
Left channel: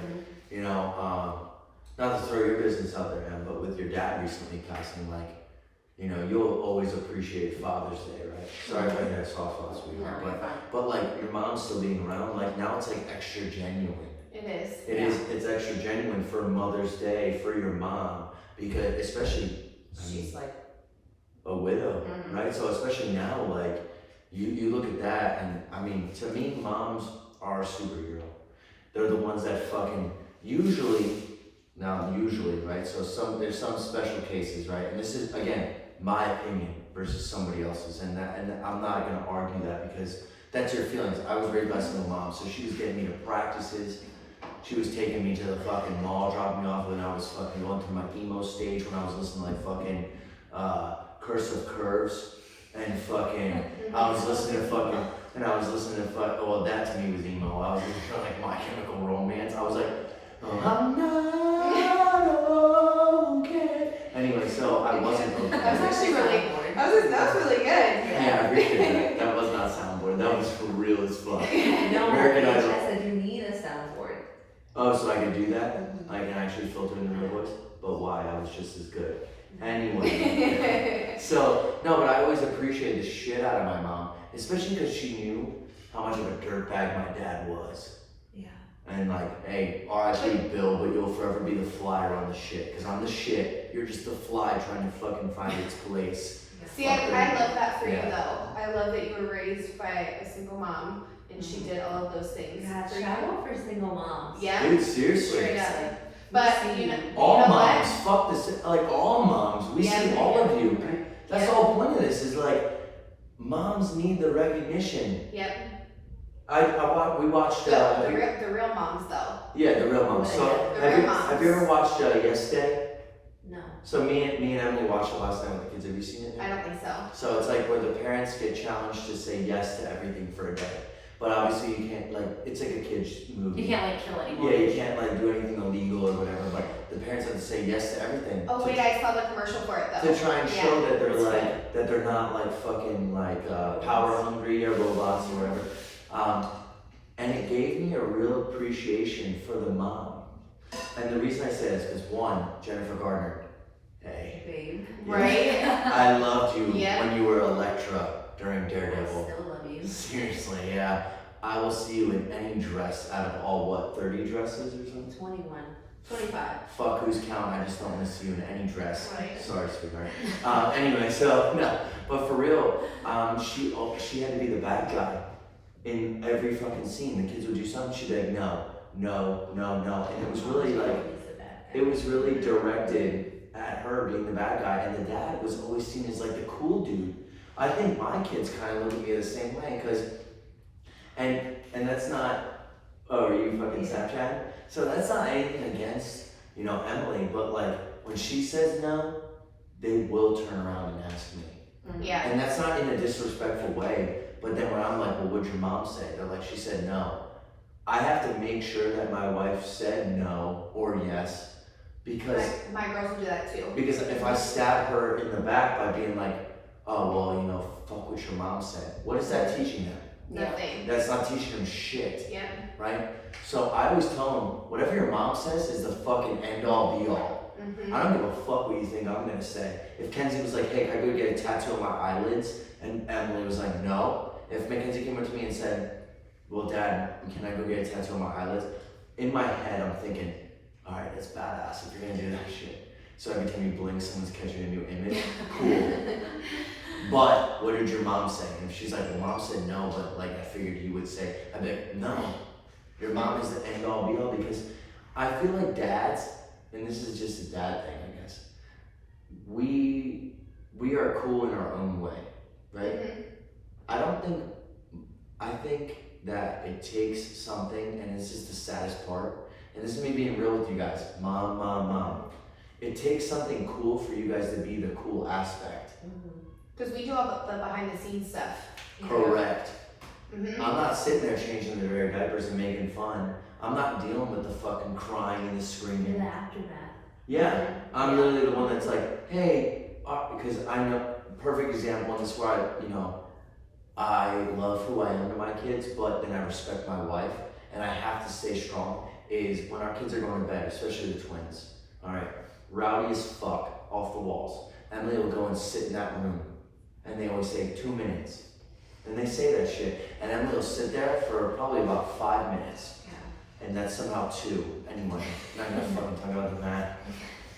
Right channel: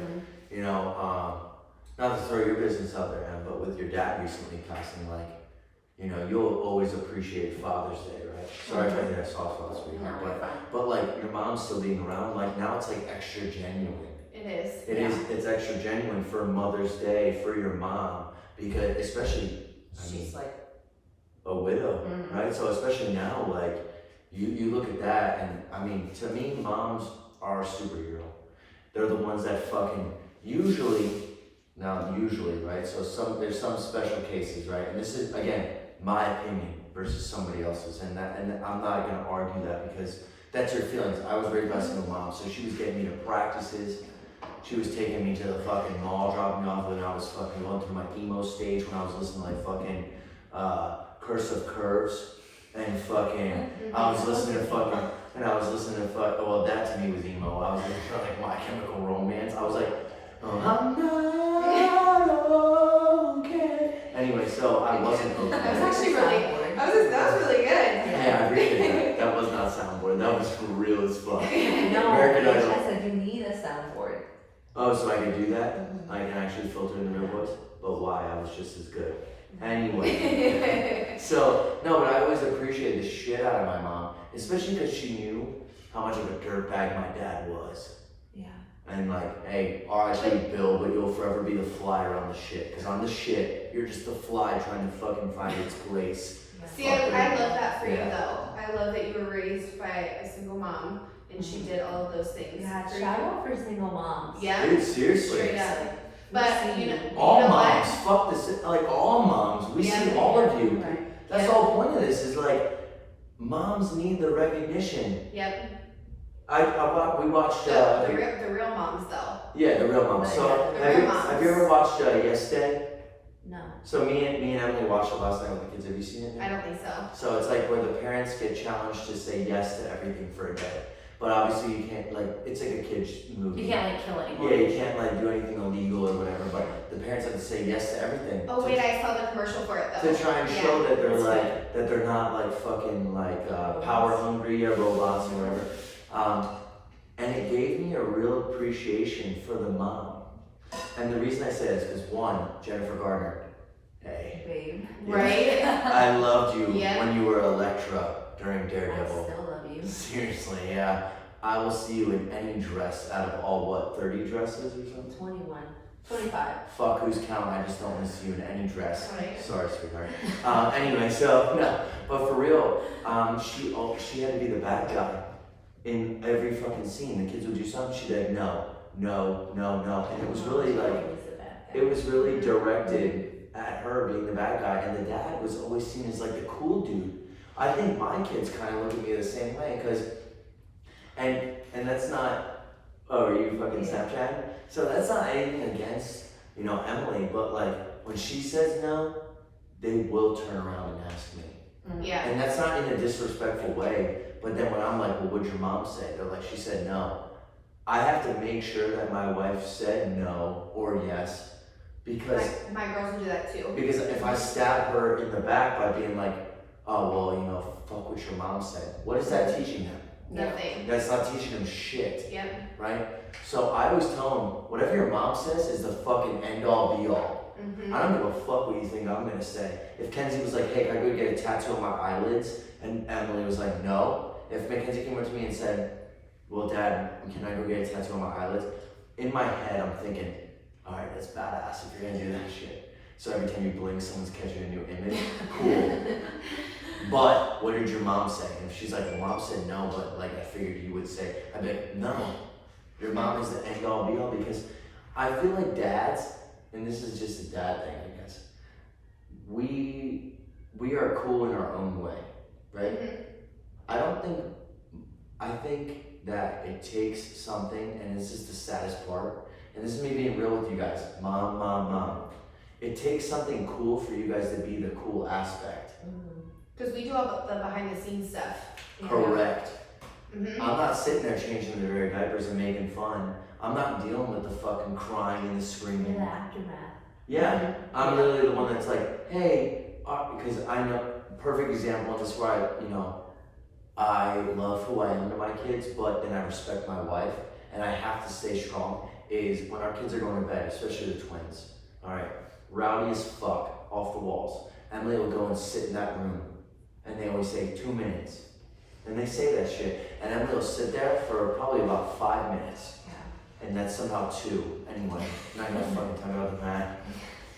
you know, not to throw your business out there, Em, but with your dad recently passing, like, you know, you'll always appreciate Father's Day, right? Sorry if I got a soft spot, sweetheart, No, you're fine. but like your mom's still being around, like now it's like extra genuine. It is. It's extra genuine for Mother's Day for your mom, because especially, I mean, She's like, a widow, Mhm. right? So especially now, like, you look at that, and I mean, to me, moms are a superhero. They're the ones that fucking, usually, right? So there's some special cases, right? And this is, again, my opinion versus somebody else's, and I'm not gonna argue that because that's your feelings. I was raised by a single mom, so she was getting me to practices. She was taking me to the fucking mall, dropping me off when I was fucking going through my emo stage, when I was listening to like fucking Curse of Curves, and fucking, I was listening to fucking, well, that to me was emo. I was listening to like My Chemical Romance. I was like, oh, I'm not okay. Anyway, so I wasn't okay. That was actually that was really good. Yeah, I appreciate that. That was not soundboard. That was for real as fuck. No, American I Idol. said you need a soundboard. Oh, so I could do that? I can actually filter in the real voice? But why? I was just as good. Anyway. So, no, but I always appreciated the shit out of my mom, especially because she knew how much of a dirtbag my dad was. Yeah. And like, hey, RIP Bill, but you'll forever be the fly around the shit. Because I'm the shit, you're just the fly trying to fucking find its place. See, I love that for Yeah. you though. I love that you were raised by a single mom and she did all of those things. Yeah, for shout you. out for single moms. Yeah. Dude, seriously. Straight up. But you know, All you know moms, what? fuck this, like all moms, we Yeah, see all of you. Right. That's the whole point of this, is like, moms need the recognition. Yep. We watched, The real moms though. yeah, the real moms. So, The have real you, moms. have you ever watched Yes Day? No. So me and Emily watched it last night with the kids. Have you seen it? I don't think so. So it's like where the parents get challenged to say yes to everything for a day. But obviously you can't, like, it's like a kid's movie. You can't like kill anyone. Yeah, you can't like do anything illegal or whatever, but the parents have to say yes to everything. Oh to, wait, I saw the commercial for it though. to try and Yeah. show that they're That's like, that they're not like fucking like power hungry or robots or whatever. And it gave me a real appreciation for the mom. And the reason I say that is because one, Jennifer Garner, hey. Babe. Right? I loved you Yeah. when you were Electra during I Daredevil. still love you. Seriously, yeah. I will see you in any dress out of all, what, 30 dresses or something? 21. 25. Fuck who's counting, I just don't want to see you in any dress. Right. Sorry, sweetheart. Anyway, so, no, but for real, she had to be the bad guy in every fucking scene. The kids would do something, she'd be like, no, no, no, no. And it was really like, it was really directed at her being the bad guy, and the dad was always seen as like the cool dude. I think my kids kind of look at me the same way, because, and that's not, oh, are you fucking Snapchatting? So that's not anything against, you know, Emily, but like, when she says no, they will turn around and ask me. Yeah. And that's not in a disrespectful way, but then when I'm like, well, what'd your mom say? They're like, she said no. I have to make sure that my wife said no or yes, because My girls will do that too. because if I stab her in the back by being like, oh, well, you know, fuck what your mom said, what is that teaching them? Nothing. That's not teaching them shit, Yep. right? So I always tell them, whatever your mom says is the fucking end all be all. Mm-hmm. I don't give a fuck what you think I'm gonna say. If Kenzie was like, hey, can I go get a tattoo on my eyelids? And Emily was like, no. If Mackenzie came up to me and said, well, Dad, can I go get a tattoo on my eyelids? In my head, I'm thinking, all right, that's badass if you're gonna do that shit. So every time you blink, someone's catching a new image. Cool. But what did your mom say? And if she's like, well, Mom said no, but like I figured you would say, I'd be like, no. Your mom is the end all be all, because I feel like dads, and this is just a dad thing, I guess. We are cool in our own way, right? Mm-hmm. I think that it takes something, and it's just the saddest part, and this is me being real with you guys, mom. It takes something cool for you guys to be the cool aspect. Because we do all the behind the scenes stuff. you know? Correct. Mm-hmm. I'm not sitting there changing their very diapers and making fun. I'm not dealing with the fucking crying and the You're screaming. the aftermath. Yeah, I'm really the one that's like, hey, because I know, perfect example, and this is where I love who I am to my kids, but then I respect my wife, and I have to stay strong, is when our kids are going to bed, especially the twins, all right, rowdy as fuck, off the walls. Emily will go and sit in that room, and they always say 2 minutes. And they say that shit, and Emily will sit there for probably about 5 minutes. And that's somehow 2, anyway, I'm not gonna fucking talk about the math.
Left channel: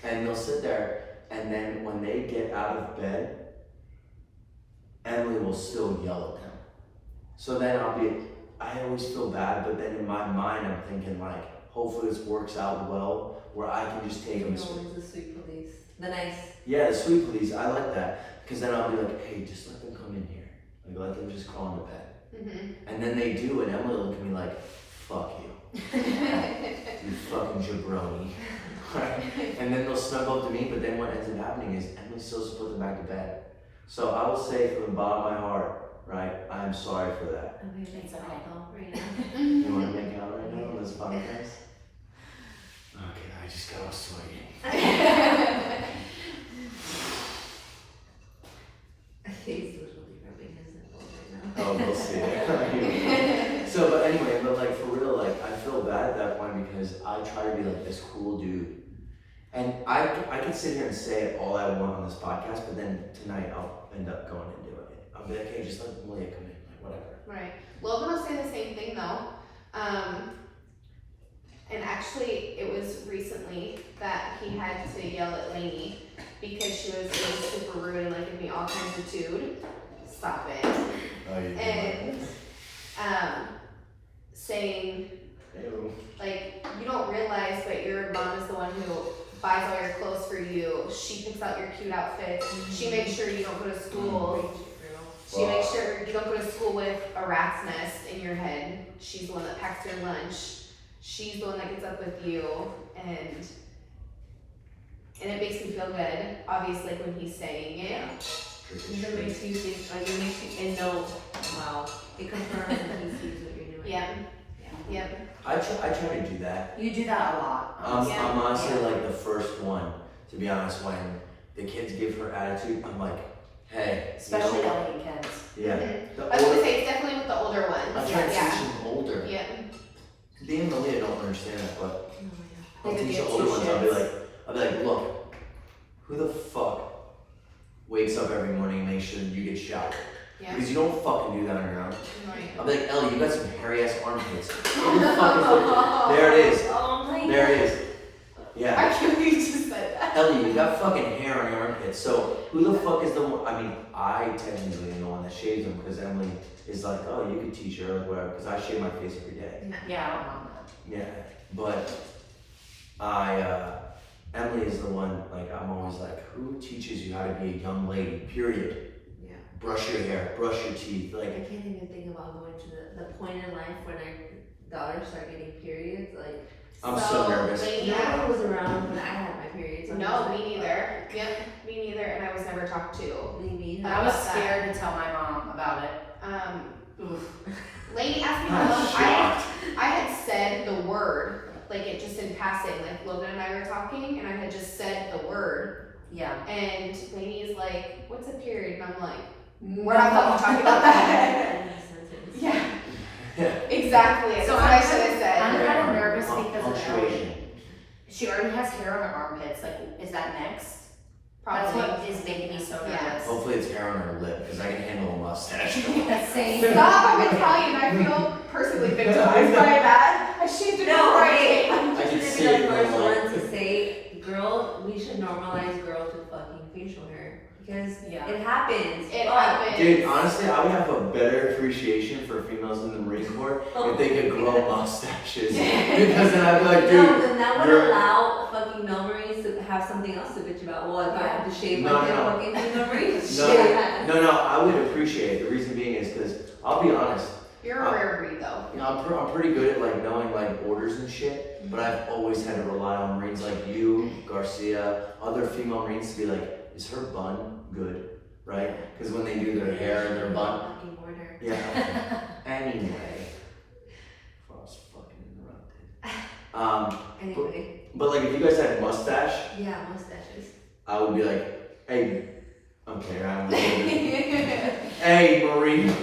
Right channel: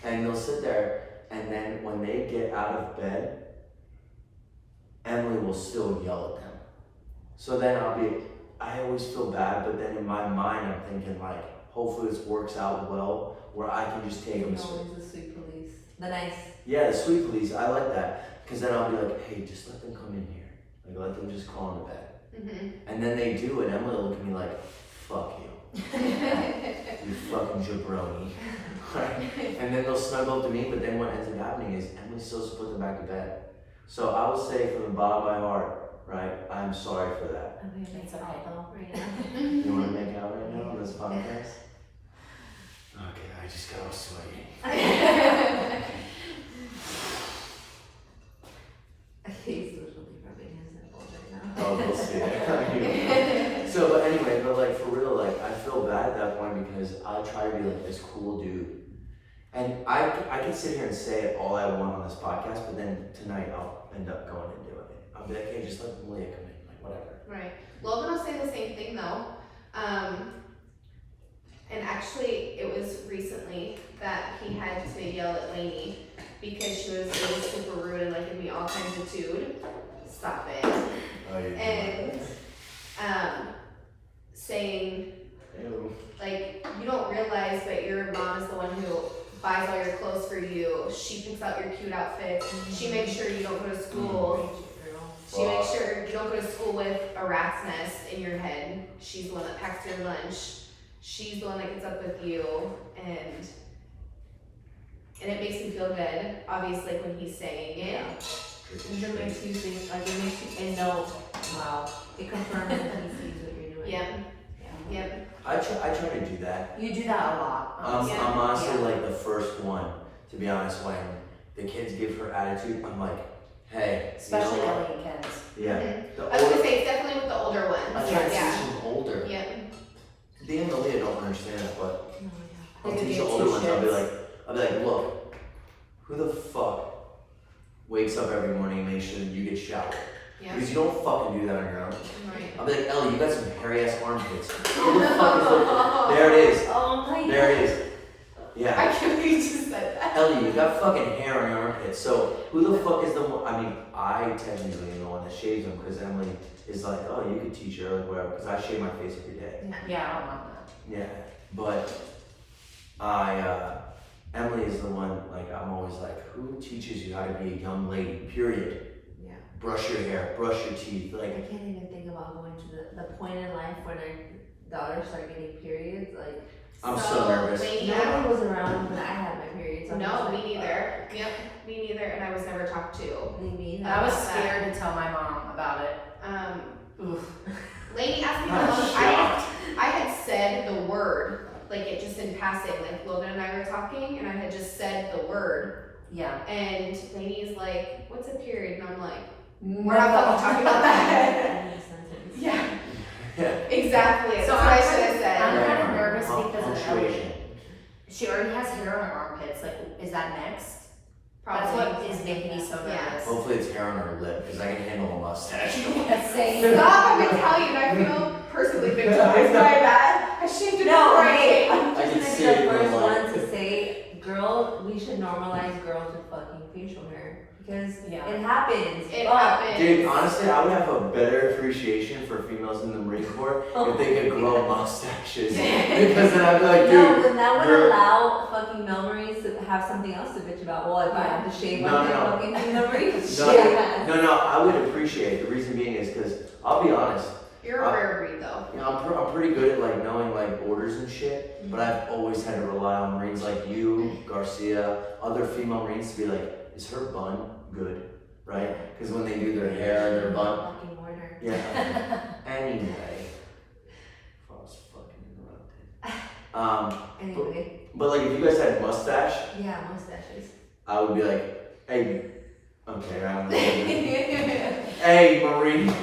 And they'll sit there, and then when they get out of bed, Emily will still yell at them. So then I always feel bad, but then in my mind I'm thinking like, hopefully this works out well, where I can just take them. Always the sweet police. The nice. Yeah, the sweet police, I like that. Because then I'll be like, hey, just let them come in here. Like, let them just crawl into bed. Mm-hmm. And then they do, and Emily will look at me like, fuck you. You fucking jabroni. Right? And then they'll snuggle up to me, but then what ends up happening is Emily's still supposed to put them back to bed. So I will say from the bottom of my heart, right, I'm sorry for that. Okay, It's okay. right now. You want to make out right now on this podcast? Okay, I just got all sweaty. He's literally rubbing his nipples right now. Oh, we'll see. So, but anyway, but like for real, like I feel bad at that point because I try to be like this cool dude. And I can sit here and say all I want on this podcast, but then tonight I'll end up going and doing it. I'll be like, hey, just let Malia come in, like whatever. Right. Logan will say the same thing though. And actually, it was recently that he had to yell at Lainey because she was being super rude and like me all kinds of tude. Stop it. Oh, you And saying, Ew. like, you don't realize, but your mom is the one who buys all your clothes for you. She picks out your cute outfits. She makes sure you don't go to school. She makes sure you don't go to school with a rat's nest in your head. She's the one that packs your lunch. She's the one that gets up with you, and it makes me feel good, obviously, when he's saying it. It makes you think, like, it makes you know, wow, it confirms that he sees what you're doing. Yep. Yep. I try to do that. You do that a lot. Yeah. I'm honestly Yeah. like the first one, to be honest, when the kids give her attitude, I'm like, hey, Especially you know what? elderly kids. Yeah. Mhm. The I was gonna older, say, it's definitely with the older ones. I try to Yeah. teach them older. Yep. They and Malia don't understand it, but I'll Maybe teach the it's older two ones. I'll be shits. like, look, who the fuck wakes up every morning and makes sure that you get showered? Yeah. Because you don't fucking do that on your own. Right. I'll be like, Ellie, you got some hairy ass armpits. Who the fuck is there? It is. Oh my There it is. Yeah. I can't believe you just said that. Ellie, you got fucking hair on your armpits. So who the fuck is the one? I mean, I technically am the one that shaves them because Emily is like, oh, you could teach her or whatever. Because I shave my face every day. Yeah, I don't mind that. Yeah. But Emily is the one. Like, I'm always like, who teaches you how to be a young lady? Period. Yeah. Brush your hair, brush your teeth. I Like, can't even think about going to the point in life when our daughters start getting periods. Like, I'm so nervous. Lady, nobody was around when I had my periods. I'm No, just me like, neither. Yep, me neither, and I was never talked to. Me I was About that. scared to tell my mom about it. Oof. Lady asked me I'm how long shocked. I had said the word, like it just in passing, like Logan and I were talking, and I had just said the word, Yeah. and Lady's like, what's a period? And I'm like, We're not fucking talking about that. yeah, yeah. exactly. That's So what I should have said. I'm kind of nervous Pun- because of punctuation. She already has hair on her armpits. Like, is that next? That's Probably. what is making me so nervous. Yeah. Hopefully it's hair on her lip because I can handle a mustache. Same. Stop, I'm Italian, I feel personally victimized by that. I shaved it before I came. I can Maybe see the it in first the one light. to say, girl, we should normalize girls with fucking facial hair. Because Yeah. it happens. It Fuck. happened. Dude, honestly, I would have a better appreciation for females in the Marine Corps if they could grow mustaches. Because then I'd be like, No, dude, then that would you're- allow fucking male Marines to have something else to bitch about. Well, if I had to shave No, my no. fucking female Marines, No, shit. no, I would appreciate it. The reason being is because I'll be honest, You're a rare breed though. you know, I'm pretty good at like knowing like orders and shit, but I've always had to rely on Marines like you, Garcia, other female Marines to be like, is her bun good? Right? Because when they do their hair and their bun, Fucking border. yeah. Anyway, I was fucking interrupted. Anyway, But like if you guys had mustache, yeah, mustaches. I would be like, hey, okay, I don't know. Hey, Marine,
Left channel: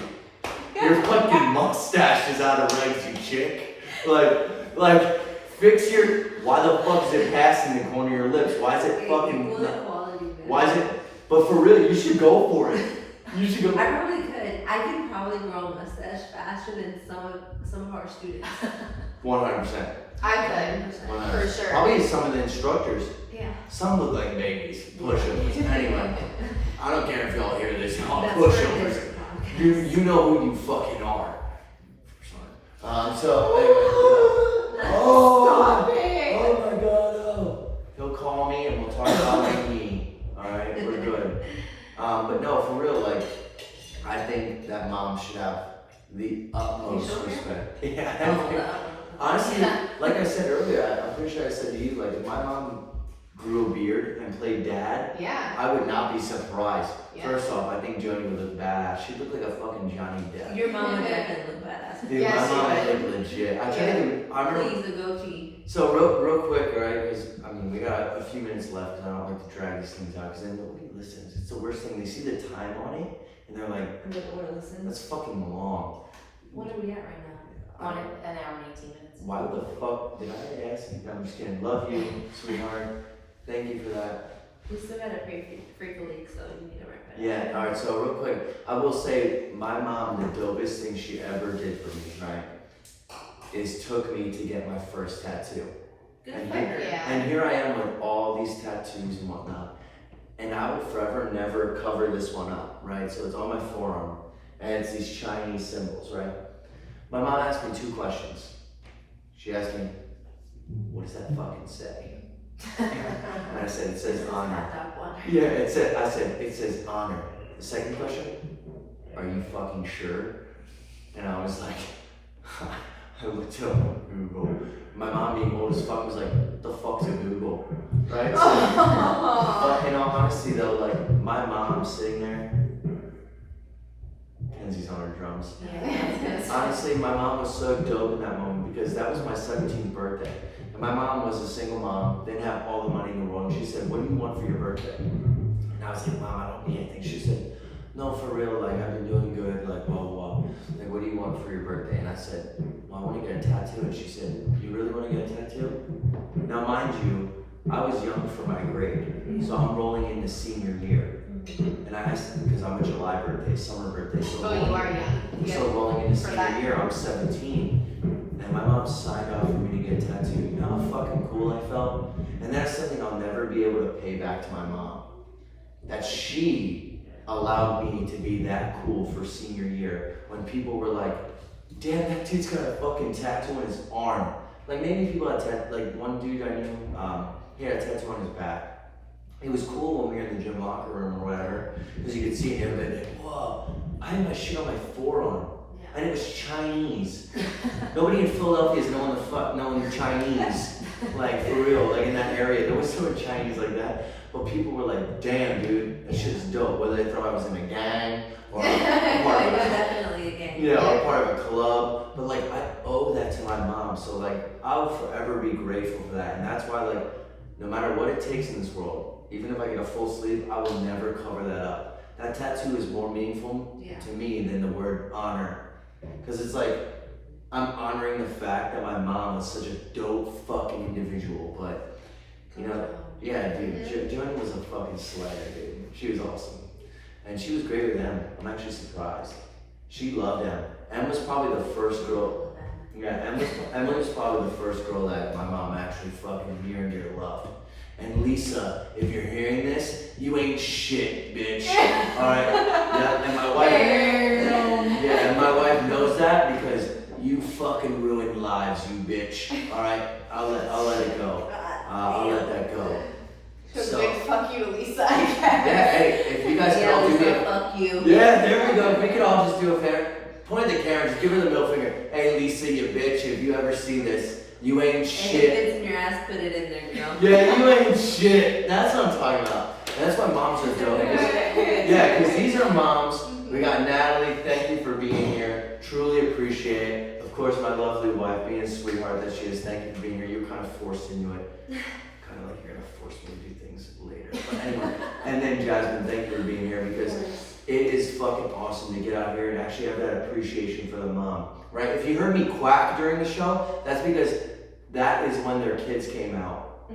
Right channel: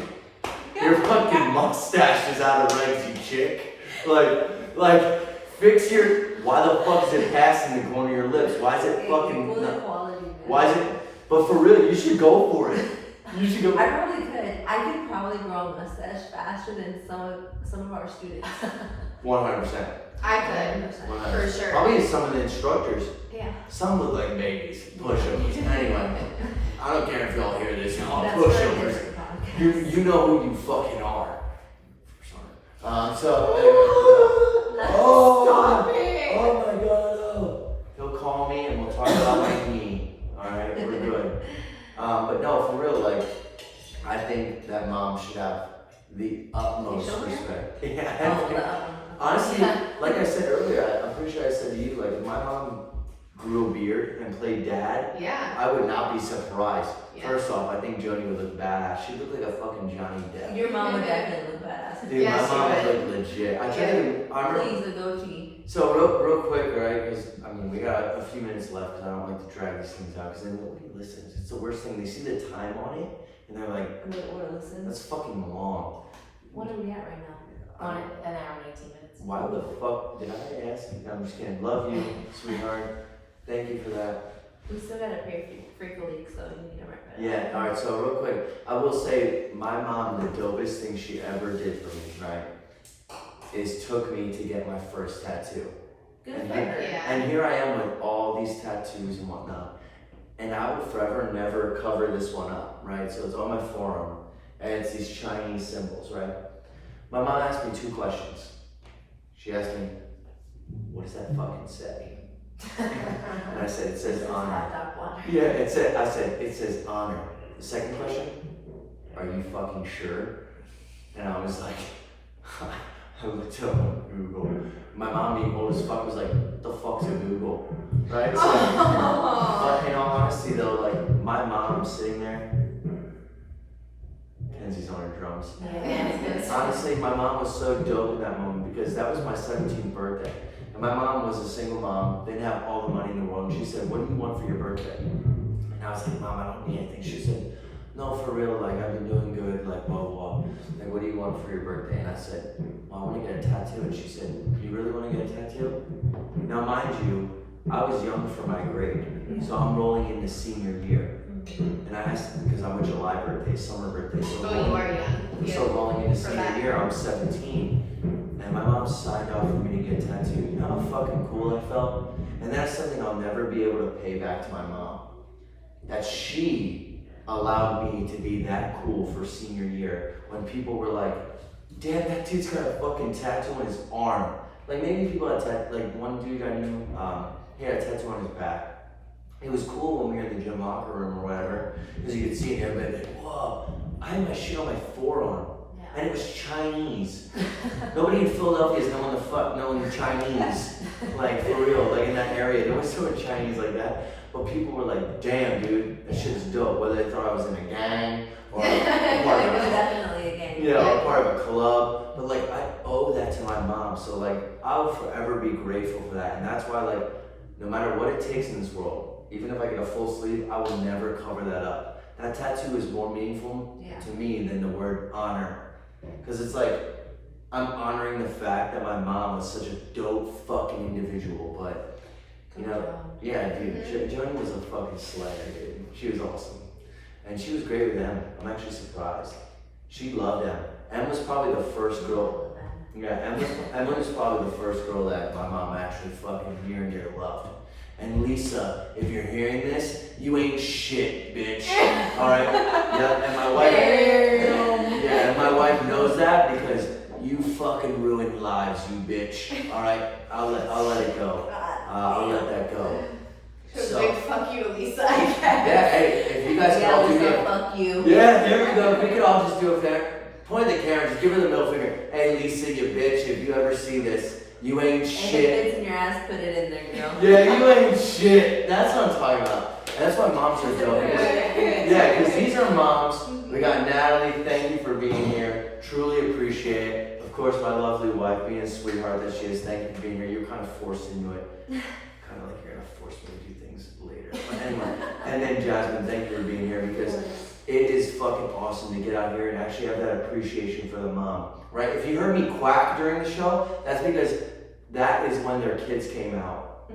your fucking mustache is out of legs, you chick. Like, fix your. Why the fuck is it passing the corner of your lips? Why is it fucking? Equal equality, man. Why is it? But for real, you should go for it. You should go. I probably could. I could probably grow a mustache faster than some of our students. 100%. I could, 100%. for sure. Probably some of the instructors. Yeah. Some look like babies. Pushovers. Anyway, I don't care if y'all hear this, y'all That's for a pushovers. different podcast. You know who you fucking are. So anyway, Stop it! oh my god, oh. He'll call me and we'll talk about my knee. Alright, we're good. But no, for real, like, I think that mom should have the utmost You sure? respect. Oh, Yeah. Honestly, like I said earlier, I'm pretty sure I said to you, like, if my mom grew a beard and played dad, Yeah. I would not be surprised. Yeah. First off, I think Joni would look badass. She'd look like a fucking Johnny Depp. Your mom and dad can look badass. Dude, Yeah, my she mom would. would look legit. I can't even, I remember. Please, the goatee. So real quick, alright, because I mean we got a few minutes left, because I don't like to drag these things out, because then nobody listens. It's the worst thing. They see the time on it, and they're like, I'm like, what, listen? "That's fucking long." What are we at right now? On an hour and 18 minutes. Why the fuck did I ask you? I'm just kidding. Love you, sweetheart. Thank you for that. We still gotta pray for leaks, so you need to write that. Yeah. All right. So real quick, I will say my mom, the dopest thing she ever did for me, right, is took me to get my first tattoo. Good And for her. Yeah. And here I am with all these tattoos and whatnot. And I would forever never cover this one up, right? So it's on my forearm, and it's these Chinese symbols, right? My mom asked me 2 questions. She asked me, what does that fucking say? And I said, it says honor. Yeah, I said, it says honor. The second question, are you fucking sure? And I was like, I looked up on Google. My mom, being old as fuck, was like, what the fuck's a Google? Right? So, but in all honesty though, like, my mom's sitting there. Kenzie's on her drums. Honestly, my mom was so dope in that moment because that was my 17th birthday. And my mom was a single mom, didn't have all the money in the world. And she said, what do you want for your birthday? And I was like, Mom, I don't need anything. She said, no, for real, like, I've been doing good, like, blah, blah, blah. Like, what do you want for your birthday? And I said, well, I want to get a tattoo. And she said, you really want to get a tattoo? Now, mind you, I was young for my grade. So I'm rolling into senior year. And I asked, because I'm a July birthday, summer birthday. So Oh, you are young. So rolling into For senior that. year, I'm 17. And my mom signed up for me to get a tattoo. You know how fucking cool I felt? And that's something I'll never be able to pay back to my mom. That she allowed me to be that cool for senior year when people were like, damn, that dude's got a fucking tattoo on his arm. Like maybe people had like one dude I knew, he had a tattoo on his back. It was cool when we were in the gym locker room or whatever, because you could see it and everybody like, whoa, I had my shit on my forearm. And it was Chinese. Nobody in Philadelphia is knowing Chinese, like for real, like in that area. There was so much Chinese like that. But people were like, damn, dude, that shit's dope. Whether they thought I was in a gang or part of Definitely a gang. or part of a club. But like, I owe that to my mom. So like, I'll forever be grateful for that. And that's why like, no matter what it takes in this world, even if I get a full sleeve, I will never cover that up. That tattoo is more meaningful to me than the word honor. Because it's like, I'm honoring the fact that my mom was such a dope fucking individual. But, you know, yeah, dude, Joni was a fucking slayer, dude. She was awesome. And she was great with them. I'm actually surprised. She loved them. Em was probably the first girl. Yeah, Emily was probably the first girl that my mom actually fucking near and dear loved. And Lisa, if you're hearing this, you ain't shit, bitch. All right. Yeah, and my wife. Yeah, and my wife knows that because you fucking ruined lives, you bitch. All right. I'll let it go. I'll let that go. So big fuck you to Lisa, I guess. Yeah. Hey, if you guys can all do me a fuck you. Yeah, there we go. We could all just do a fair. Point at the camera, just give her the middle finger. Hey, Lisa, you bitch, if you ever see this, you ain't shit. If it's in your ass, put it in there, you know? Yeah, you ain't shit. That's what I'm talking about. And that's why moms are dope. Yeah, because these are moms. We got Natalie, thank you for being here. Truly appreciate it. Of course, my lovely wife, being a sweetheart that she is, thank you for being here. You're kind of forced into it. Kind of like you're going to force me to do things later. But anyway, and then Jasmine, thank you for being here because it is fucking awesome to get out here and actually have that appreciation for the mom, right? If you heard me quack during the show, that's because that is when their kids came out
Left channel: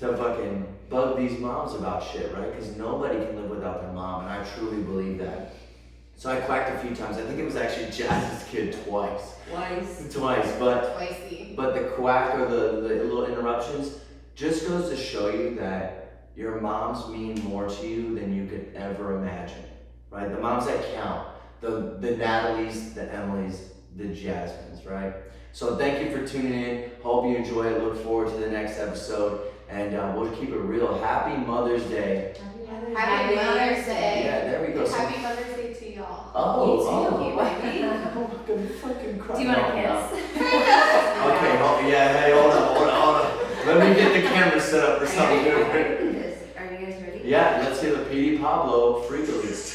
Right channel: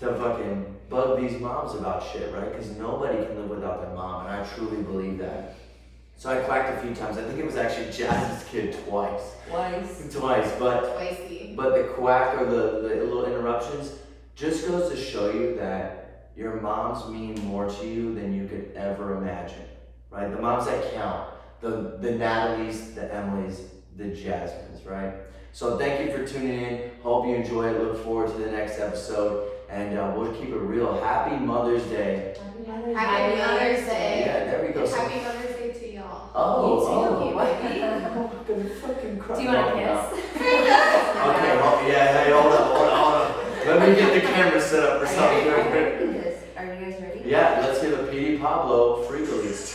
to fucking bug these moms about shit, right? Because nobody can live without their mom, and I truly believe that. So I quacked a few times. I think it was actually Jazz's kid twice, but Twice-y. but the quack or the little interruptions just goes to show you that your moms mean more to you than you could ever imagine. Right? The moms that count, the Natalies, the Emilys, the Jasmines, right? So thank you for tuning in. Hope you enjoy it. Look forward to the next episode. And we'll keep it real. Happy Mother's Day. Happy Mother's Day. Yeah, there we go. And happy Mother's Day to y'all. baby. I'm gonna fucking cry. Do you want a kiss? Okay, hey, hold on. Let me get the camera set up for something different. Are you guys ready? Yeah, let's hear the P.D. Pablo Freakily.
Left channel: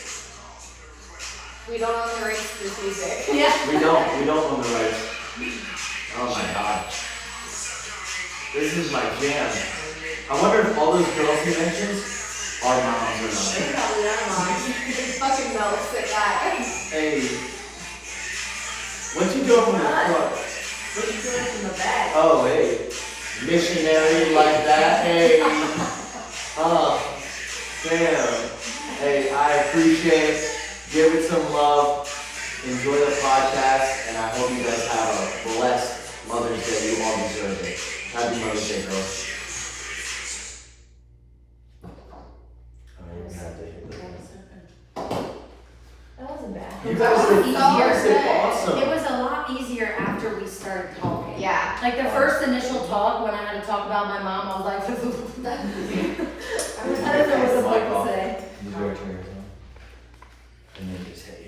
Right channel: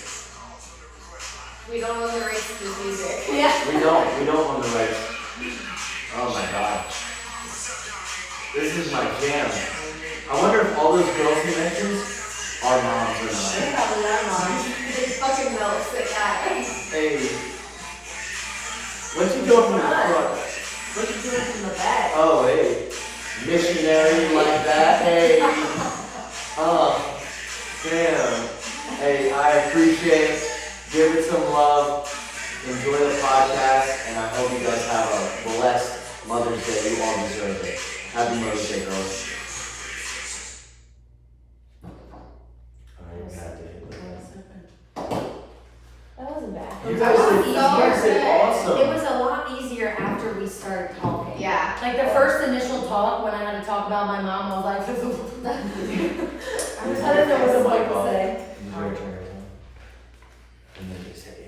We don't own the rights to this music. Yeah. We don't own the rights. Oh my god. This is my jam. I wonder if all those girls he mentions are moms or not. They're probably our moms. They fucking melts at that. Hey. What you doing from the front? What are you doing in the back? Oh, hey. Missionary like that. Hey. Damn. Hey, I appreciate it. Give it some love. Enjoy the podcast. And I hope you guys have a blessed Mother's Day. You all deserve it. Happy Mother's Day, girls. Like the first initial talk, when I had to talk about my mom, I was like, I didn't know what to say. Did you ever turn yours on? And then just hit you.